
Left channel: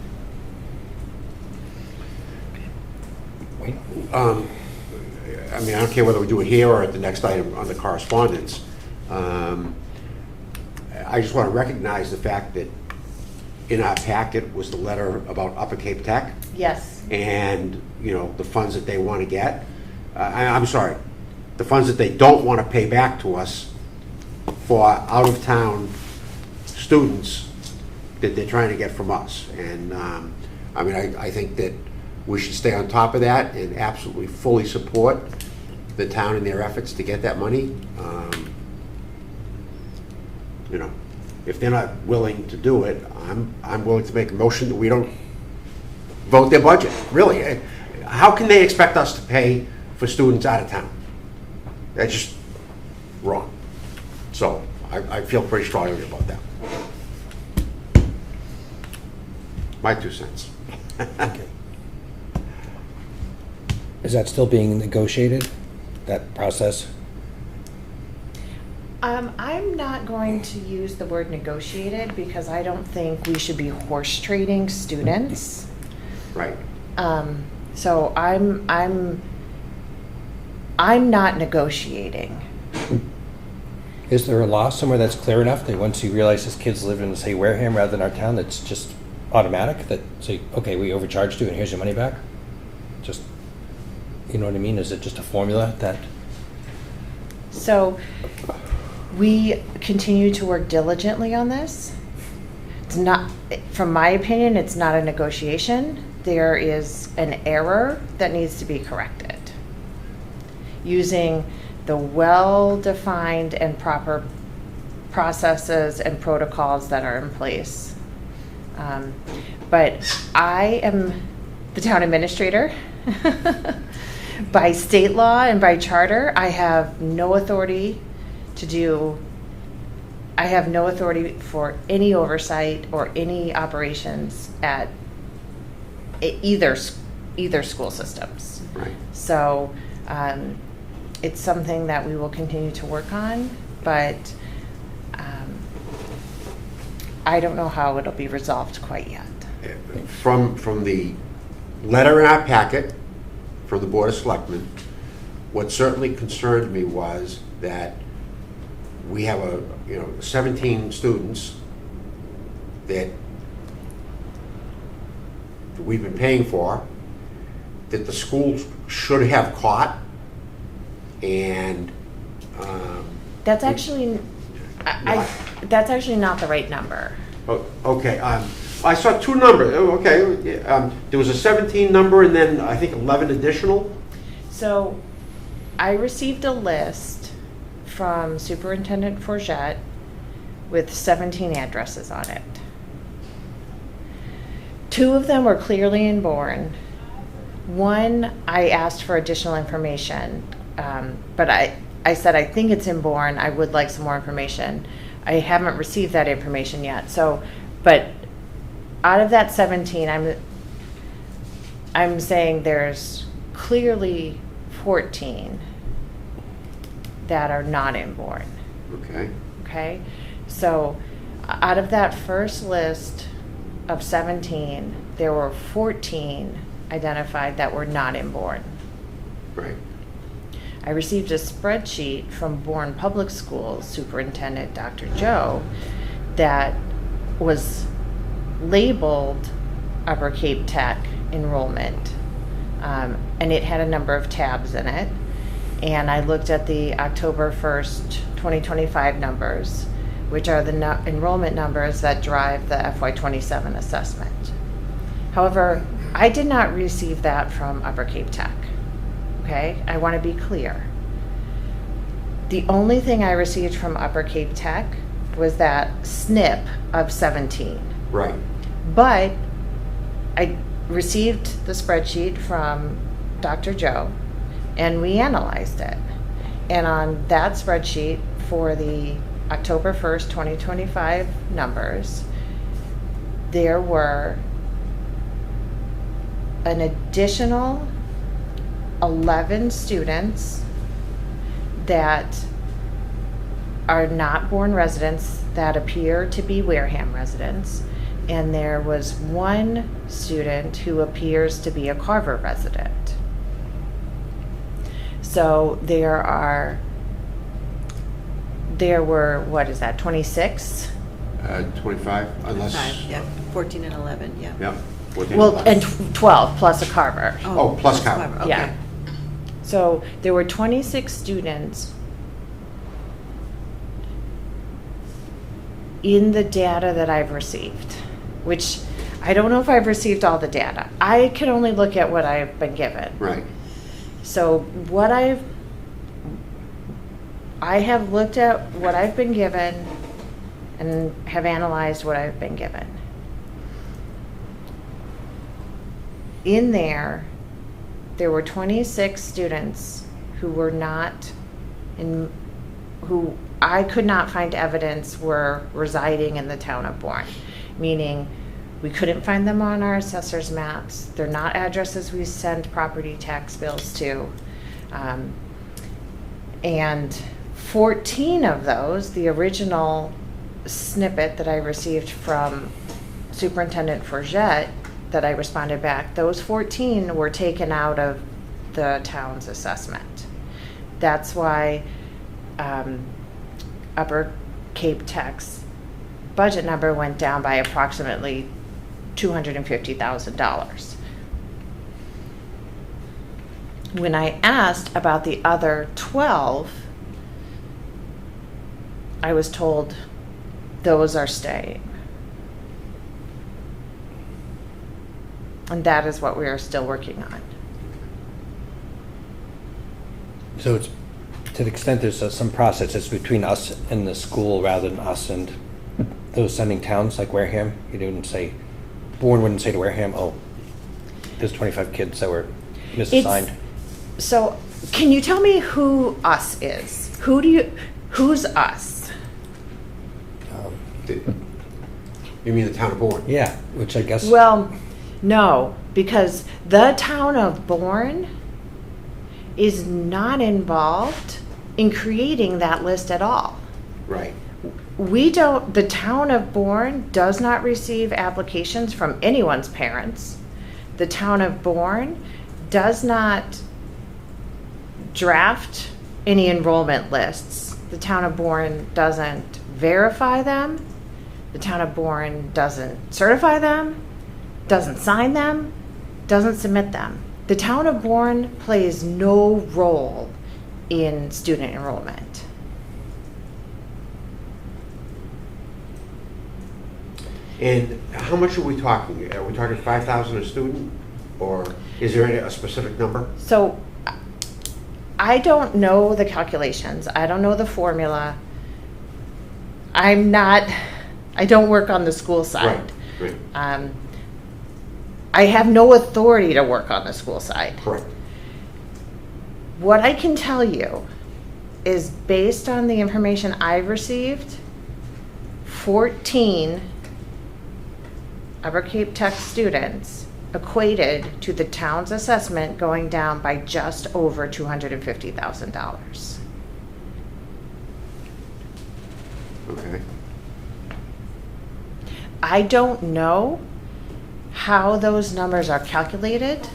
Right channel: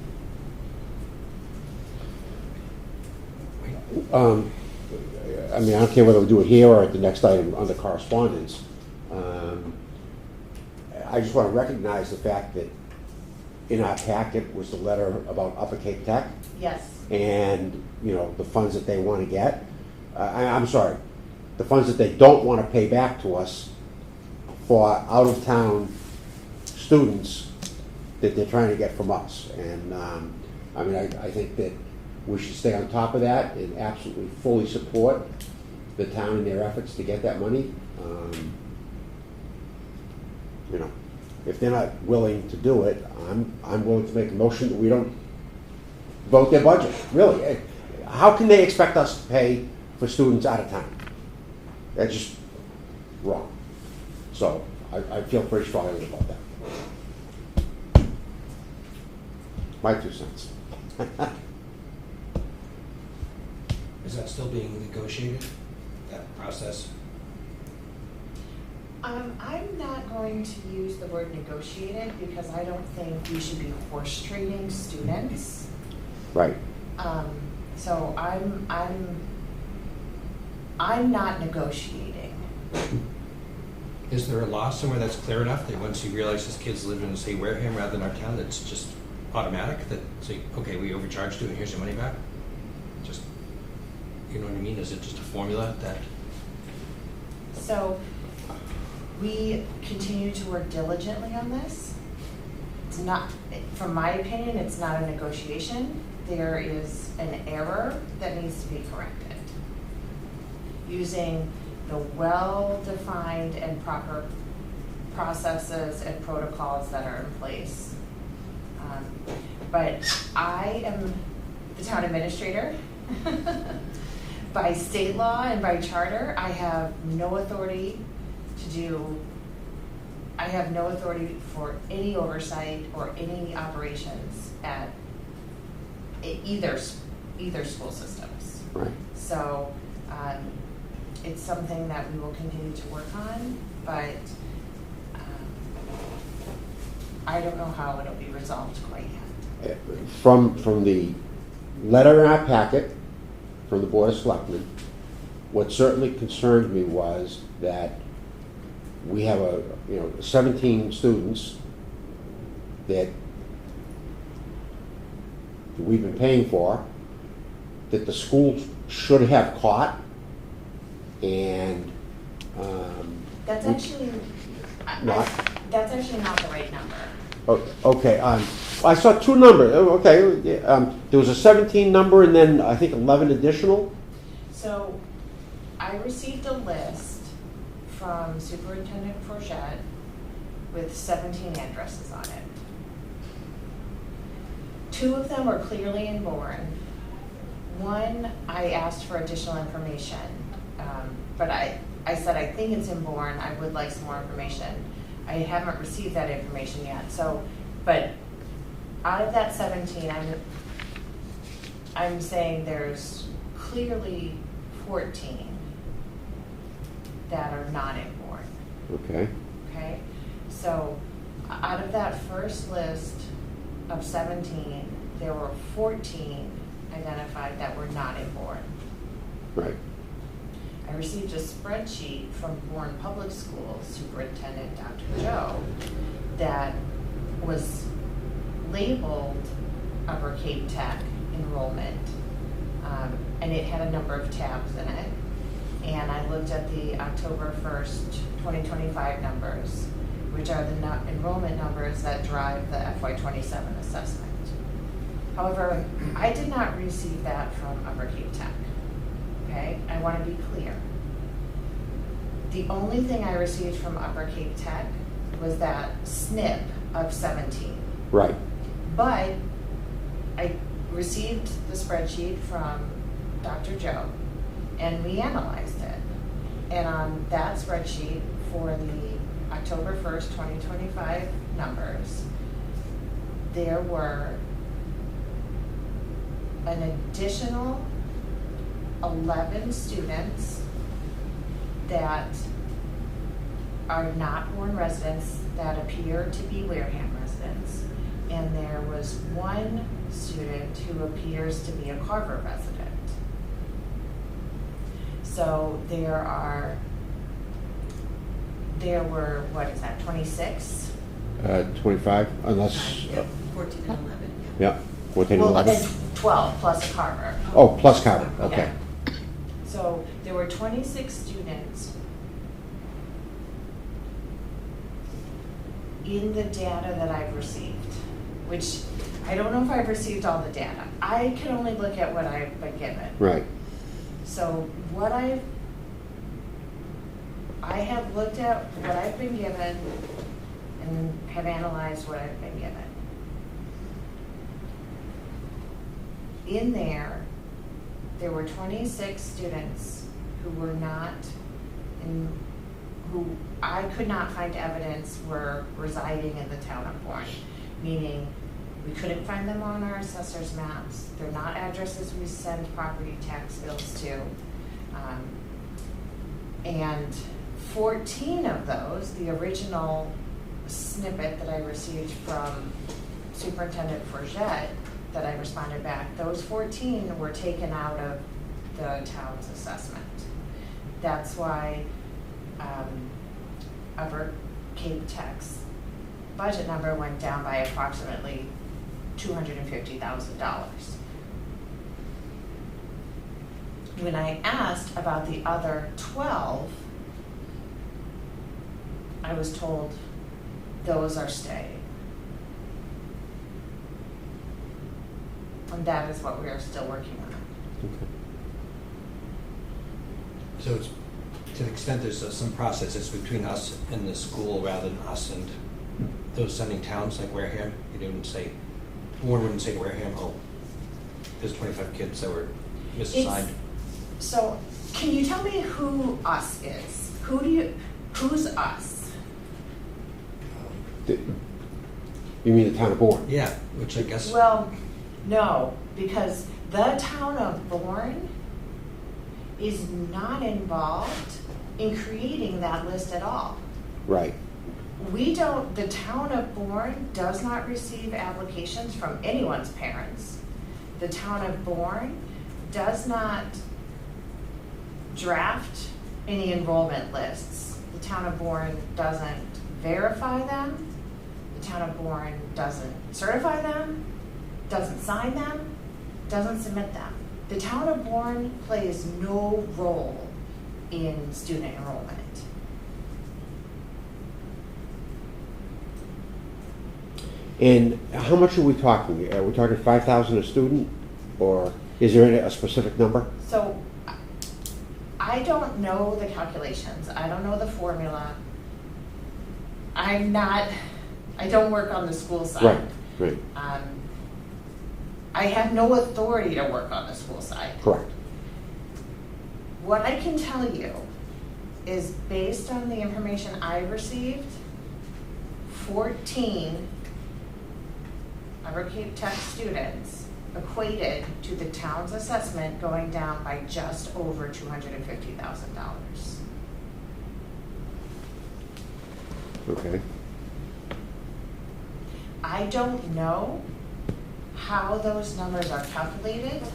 I mean, I don't care whether we do it here or at the next item on the correspondence. I just want to recognize the fact that in our packet was the letter about Upper Cape Tech Yes. and, the funds that they want to get. I'm sorry, the funds that they don't want to pay back to us for out-of-town students that they're trying to get from us. And, I think that we should stay on top of that and absolutely fully support the town in their efforts to get that money. If they're not willing to do it, I'm willing to make a motion that we don't vote their budget. Really, how can they expect us to pay for students out of town? That's just wrong. So I feel pretty strongly about that. My 2 cents. Is that still being negotiated, that process? I'm not going to use the word negotiated because I don't think we should be horse trading students. Right. So I'm not negotiating. Is there a law somewhere that's clear enough that once you realize this kid's living in, say, Wareham rather than our town, that's just automatic, that say, okay, we overcharged you and here's your money back? Just, you know what I mean? Is it just a formula that? So we continue to work diligently on this. It's not, from my opinion, it's not a negotiation. There is an error that needs to be corrected using the well-defined and proper processes and protocols that are in place. But I am the town administrator. By state law and by charter, I have no authority for any oversight or any operations at either school systems. Right. So it's something that we will continue to work on, but I don't know how it'll be resolved quite yet. From the letter in our packet from the Board of Selectmen, what certainly concerned me was that we have 17 students that we've been paying for, that the school should have caught, and That's actually that's actually not the right number. okay. I saw 2 numbers. Oh, okay. There was a 17 number and then I think 11 additional. So I received a list from Superintendent Forget with 17 addresses on it. 2 of them were clearly in Bourne. 1, I asked for additional information, but I said, I think it's in Bourne, I would like some more information. I haven't received that information yet, so, but out of that 17, I'm saying there's clearly 14 that are not in Bourne. Okay. Okay, so out of that first list of 17, there were 14 identified that were not in Bourne. Right. I received a spreadsheet from Bourne Public Schools Superintendent Dr. Joe that was labeled Upper Cape Tech enrollment, and it had a number of tabs in it. And I looked at the October 1st, 2025 numbers, which are the enrollment numbers that drive the FY27 assessment. However, I did not receive that from Upper Cape Tech. Okay, I want to be clear. The only thing I received from Upper Cape Tech was that snip of 17. Right. But I received the spreadsheet from Dr. Joe, and we analyzed it. And on that spreadsheet for the October 1st, 2025 numbers, there were an additional 11 students that are not Bourne residents that appear to be Wareham residents, and there was 1 student who appears to be a Carver resident. So there were, what is that, 26? 25, unless. 5, yeah, 14 and 11, yeah. Yeah. 14, Well, 11. and 12 plus a Carver. Oh, plus Carver, okay. Yeah. So there were 26 students in the data that I've received, which I don't know if I've received all the data. I can only look at what I've been given. Right. So what I have looked at what I've been given and have analyzed what I've been given. In there were 26 students who were not in, who I could not find evidence were residing in the town of Bourne, meaning we couldn't find them on our assessor's maps. They're not addresses we send property tax bills to. And 14 of those, the original snippet that I received from Superintendent Forget that I responded back, those 14 were taken out of the town's assessment. That's why Upper Cape Tech's budget number went down by approximately $250,000. When I asked about the other 12, I was told those are staying. And that is what we are still working on. So it's, to the extent there's some process, it's between us and the school rather than us and those sending towns like Wareham. You didn't say, Bourne wouldn't say to Wareham, oh, there's 25 kids that were misassigned. So can you tell me who us is? Who's us? You mean the town of Bourne? Yeah, which I guess. Well, no, because the town of Bourne is not involved in creating that list at all. Right. The town of Bourne does not receive applications from anyone's parents. The town of Bourne does not draft any enrollment lists. The town of Bourne doesn't verify them. The town of Bourne doesn't certify them, doesn't sign them, doesn't submit them. The town of Bourne plays no role in student enrollment. And how much are we talking? Are we talking 5,000 a student, or is there a specific number? So I don't know the calculations. I don't know the formula. I don't work on the school side. Right. I have no authority to work on the school side. Correct. What I can tell you is based on the information I've received, 14 Upper Cape Tech students equated to the town's assessment going down by just over $250,000. Okay. I don't know how those numbers are calculated.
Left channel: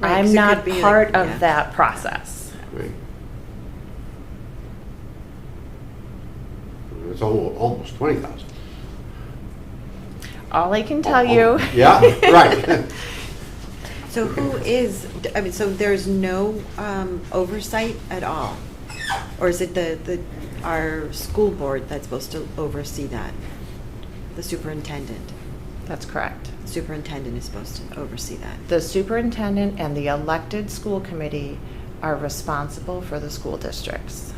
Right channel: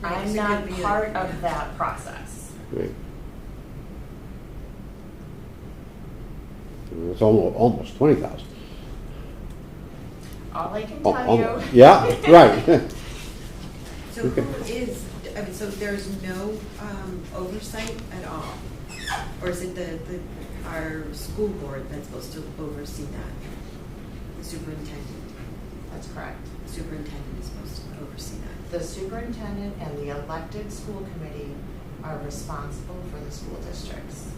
Right, 'cause I'm it not could be part like- of yeah. that process. Right. It's almost 20,000. All I can tell you. Yeah, right. So who is, I mean, so there's no oversight at all? Or is it our school board that's supposed to oversee that? The superintendent? That's correct. Superintendent is supposed to oversee that. The superintendent and the elected school committee are responsible for the school districts.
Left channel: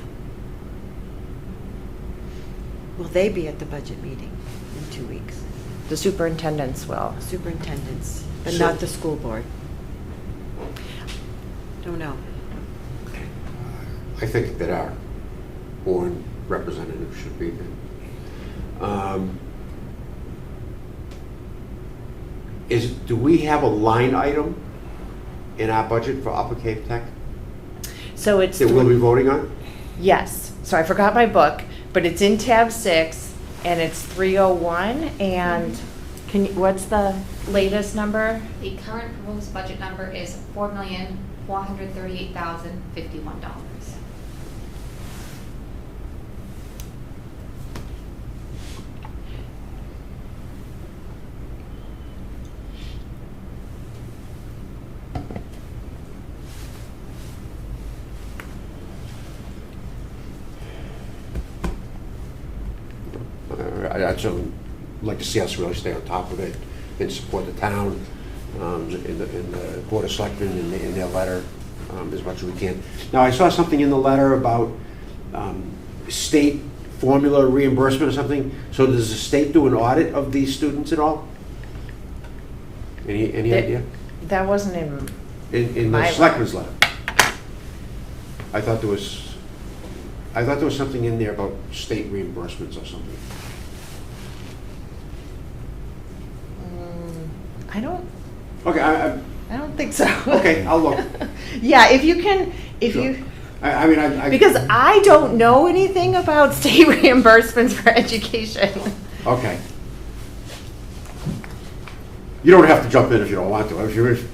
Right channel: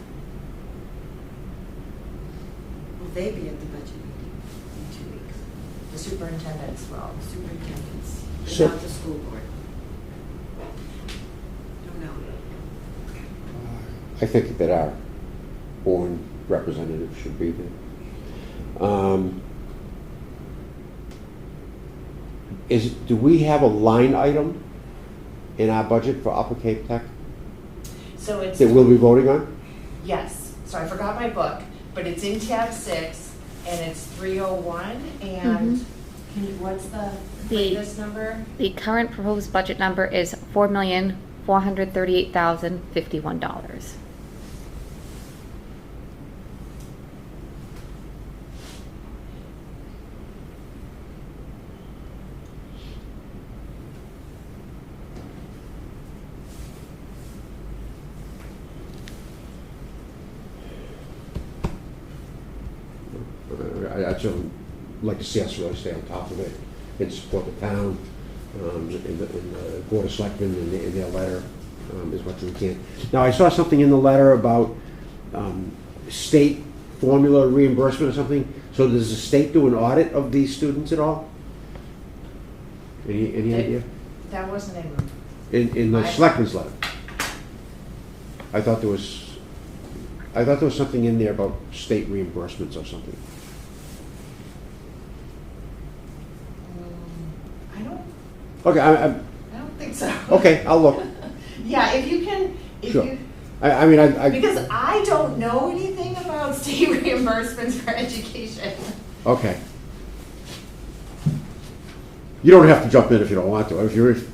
Will they be at the budget meeting in 2 weeks? The superintendents will. Superintendents, but So- not the school board? Don't know. I think that our Bourne representative should be there. Do we have a line item in our budget for Upper Cape Tech So it's, that we'll be voting on? yes, so I forgot my book, but it's in tab 6 and it's 301 and can you, what's the latest number? The current proposed budget number is $4,438,051. I'd certainly like to see us really stay on top of it and support the town in the Board of Selectmen in their letter as much as we can. Now, I saw something in the letter about state formula reimbursement or something. So does the state do an audit of these students at all? Any idea? That wasn't In the my Selectmen's letter. I thought there was something in there about state reimbursements or something. I don't, Okay, I don't think so. okay, I'll look. Yeah, if you can, if Sure. you, I mean, I because I don't know anything about state reimbursements for education. Okay. You don't have to jump in if you don't want to.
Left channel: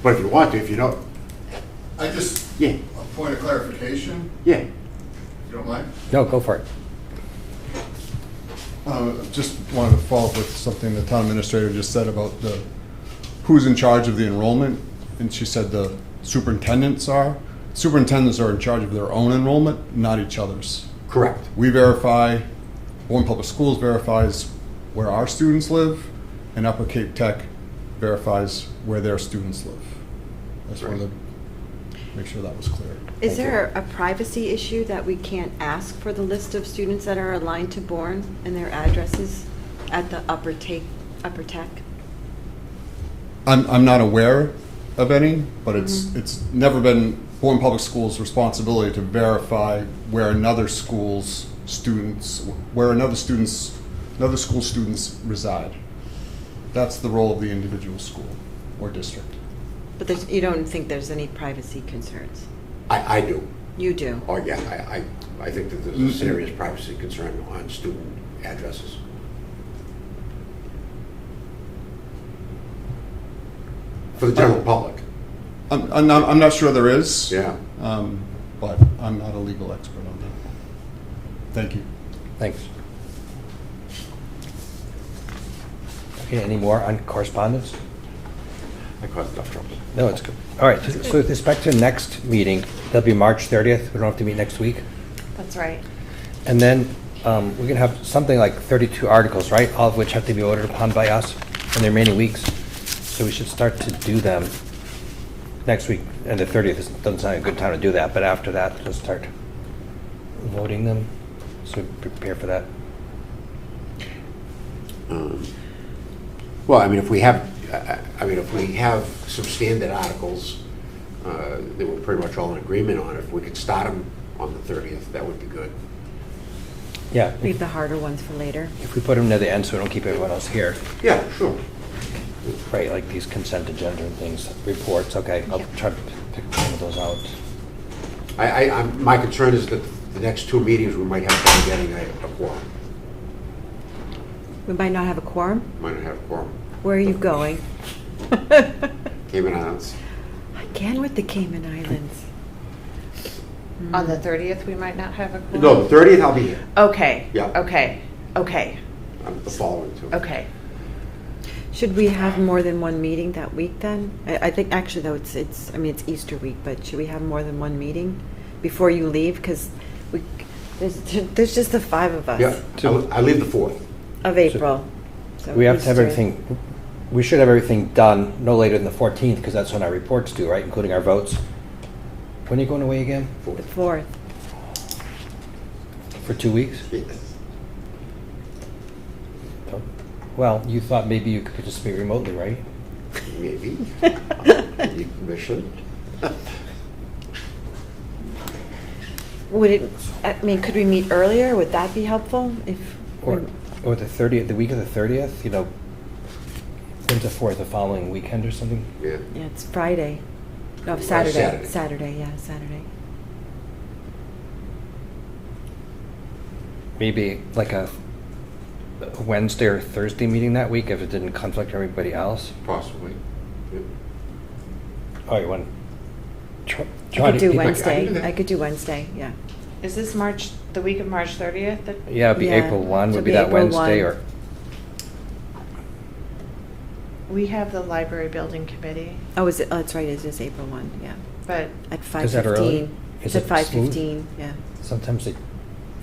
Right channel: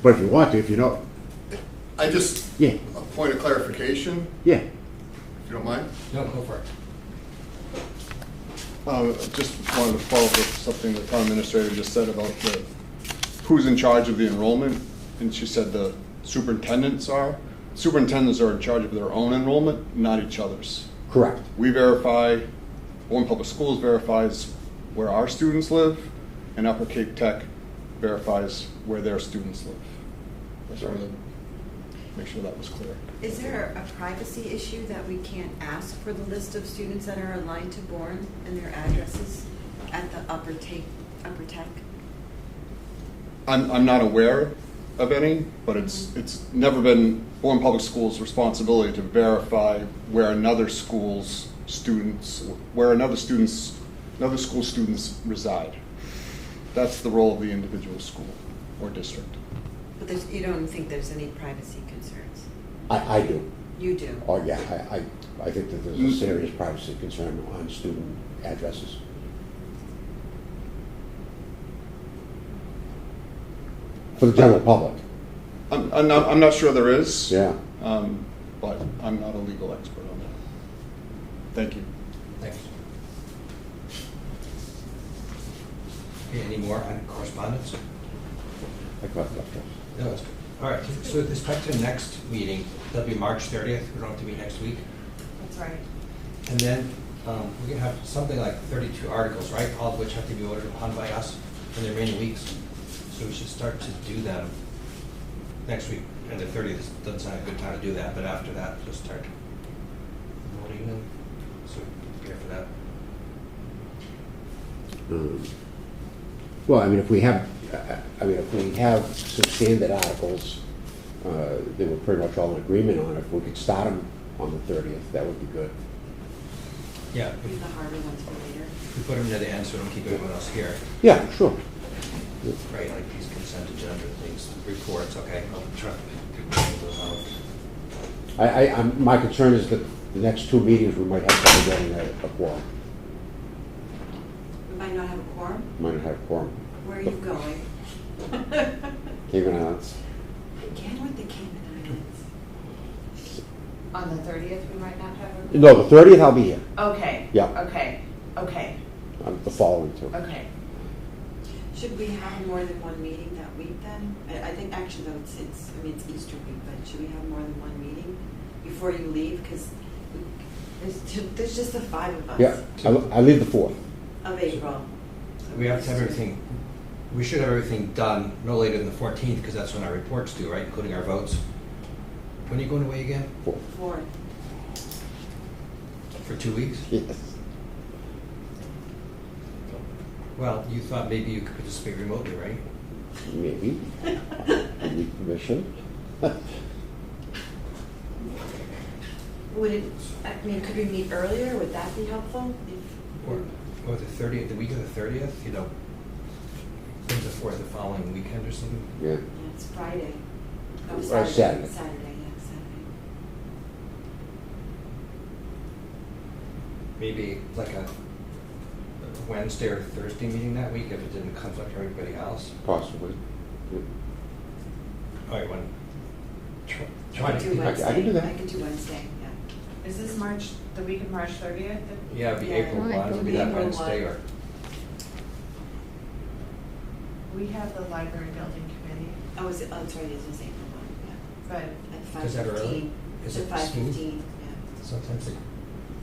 But if you want to, if you know. I just, Yeah. a point of clarification, Yeah. if you don't mind. No, go for it. Just wanted to follow up with something the town administrator just said about who's in charge of the enrollment, and she said the superintendents are. Superintendents are in charge of their own enrollment, not each other's. Correct. We verify, Bourne Public Schools verifies where our students live, and Upper Cape Tech verifies where their students live. That's why they make sure that was clear. Is there a privacy issue that we can't ask for the list of students that are aligned to Bourne and their addresses at the Upper Tech? I'm not aware of any, but it's never been Bourne Public Schools' responsibility to verify where another school students reside. That's the role of the individual school or district. But you don't think there's any privacy concerns? I do. You do? Oh, yeah. I think that there's a serious privacy concern on student addresses. For the general public. I'm not sure there is. Yeah. But I'm not a legal expert on that. Thank you. Thanks. Okay, any more on correspondence? I caught enough. No, it's good. All right, so with respect to next meeting, that'll be March 30th. We don't have to meet next week. That's right. And then we're going to have something like 32 articles, right? All of which have to be voted upon by us in the remaining weeks. So we should start to do them next week, and the 30th doesn't sound like a good time to do that, but after that, we'll start voting them, so prepare for that. Well, I mean, if we have some standard articles that we're pretty much all in agreement on, if we could start them on the 30th, that would be good. Yeah, Leave the harder ones for later. if we put them near the end so we don't keep everyone else here, Yeah, sure. right, like these consent agenda and things, reports, okay, I'll try to pick one of those out. My concern is that the next two meetings, we might have trouble getting a quorum. We might not have a quorum. Might not have a quorum. Where are you going? Cayman Islands. Again with the Cayman Islands. On the 30th, we might not have a. No, the 30th I'll be here. Okay. Yeah. Okay. Okay. The following two. Okay. Should we have more than one meeting that week then? I think actually though it's it's Easter week, but should we have more than one meeting before you leave? Because there's just the 5 of us. Yeah, I leave the 4th. Of April. So We have to have Easter. everything, we should have everything done no later than the 14th, because that's when our reports due, right, including our votes. When are you going away again? The 4th. For 2 weeks? Yes. Well, you thought maybe you could participate remotely, right? Maybe. I need permission. Would it? I mean, could we meet earlier? Would that be helpful? Or the 30th, the week of the 30th, you know, into 4th, the following weekend or something? Yeah. Yeah, it's Friday. No, Or Saturday. Saturday. Saturday, yeah, Saturday. Maybe like a Wednesday or Thursday meeting that week, if it didn't conflict everybody else? Possibly. Yeah. Oh, you want? I could do I Wednesday. can do that. I could do Wednesday, yeah. Is this the week of March 30th? Yeah, it'd be Yeah, April 1, would it'd be be that April Wednesday, 1. or, We have the library building committee, Oh, is it? Oh, that's right. It is April 1, yeah. but At 5:15. Is that early? It's Is at it smooth? 5:15, yeah. sometimes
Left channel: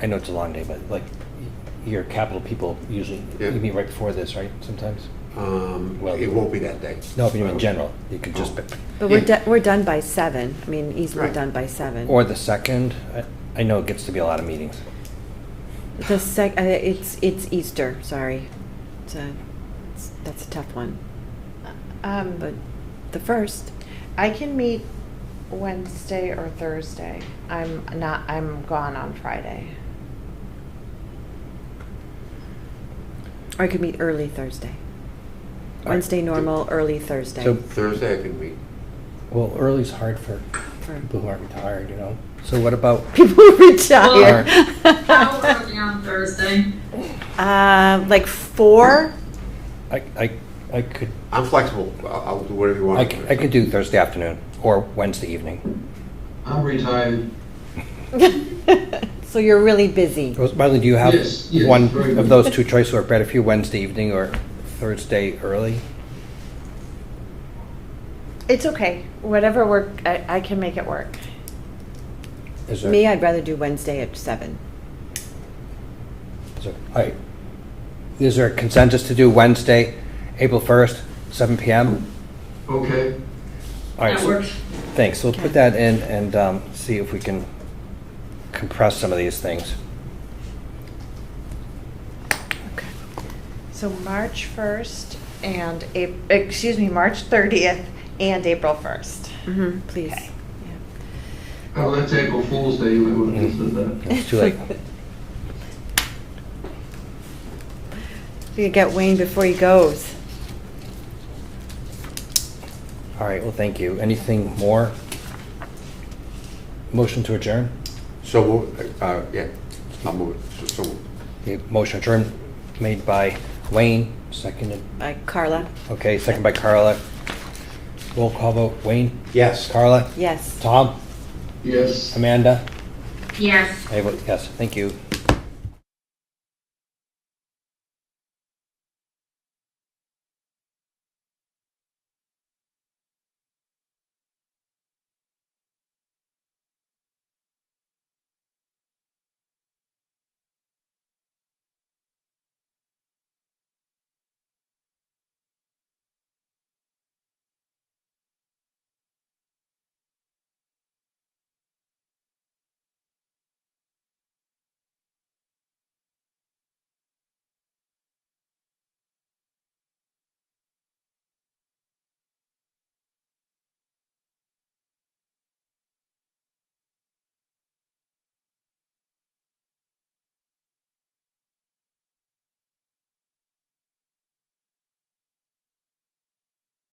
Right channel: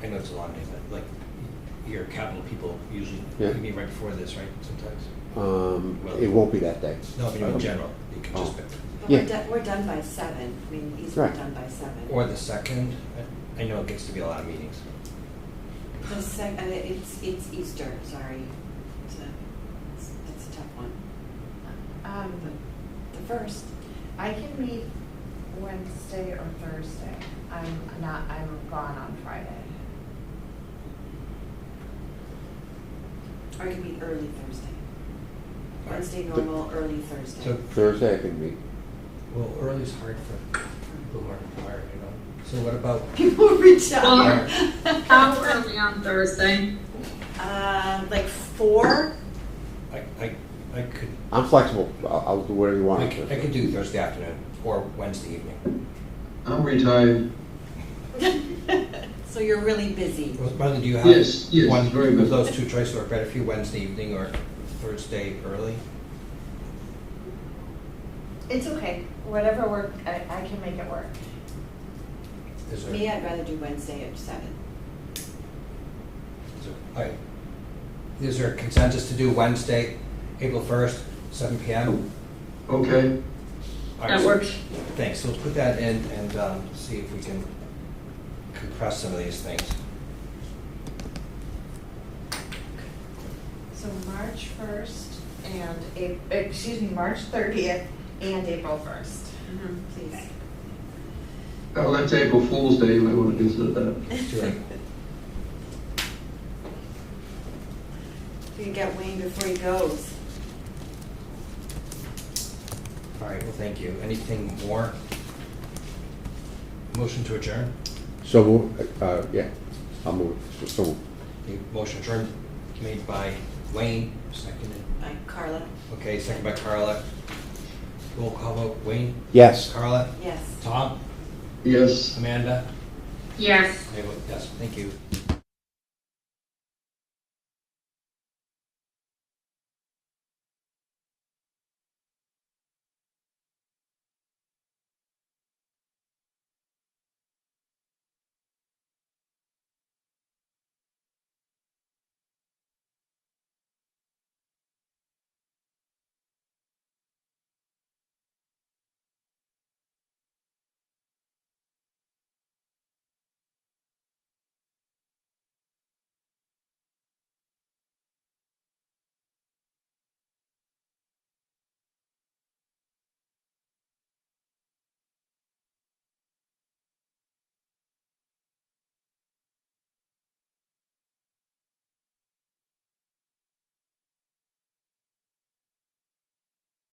I know it's a long day, but like, your capital people usually, Yeah. you meet right before this, right, sometimes? Well- It won't be that day. No, but in general, you can just, Oh. But Yeah. we're done by 7. I mean, easily Right. done by 7. or the 2nd, I know it gets to be a lot of meetings. The it's Easter, sorry. That's a tough one. But the 1st. I can meet Wednesday or Thursday. I'm gone on Friday. Or I could meet early Thursday. All right. Wednesday normal, early Thursday. So- Thursday I can meet. Well, early's hard for people who aren't retired, you know? So what about, People retire. How early on Thursday? Like 4? I could, I'm flexible. I'll do whatever you want. I could do Thursday afternoon or Wednesday evening. I'm retired. So you're really busy. Marlene, do you have Yes, yes, one very of good. those two choices, or better for you, Wednesday evening or Thursday early? It's okay. Whatever work, I can make it work. Is there- Me, I'd rather do Wednesday at 7. Is there a consensus to do Wednesday, April 1st, 7 PM? Okay. All right, That so- works. Thanks, so we'll put that in and see if we can compress some of these things. So March 1st and March 30th and April 1st. Mm-hmm, please. Okay. Oh, that's April Fool's Day. We would have considered that. It's too late. You get Wayne before he goes. All right, well, thank you. Anything more? Motion to adjourn? So, yeah, I'll move it. So, The motion adjourned, made by Wayne, seconded, By Carla. okay, second by Carla. Roll call vote, Wayne? yes. Carla? Yes. Tom? Yes. Amanda? Yes. I vote yes, thank you.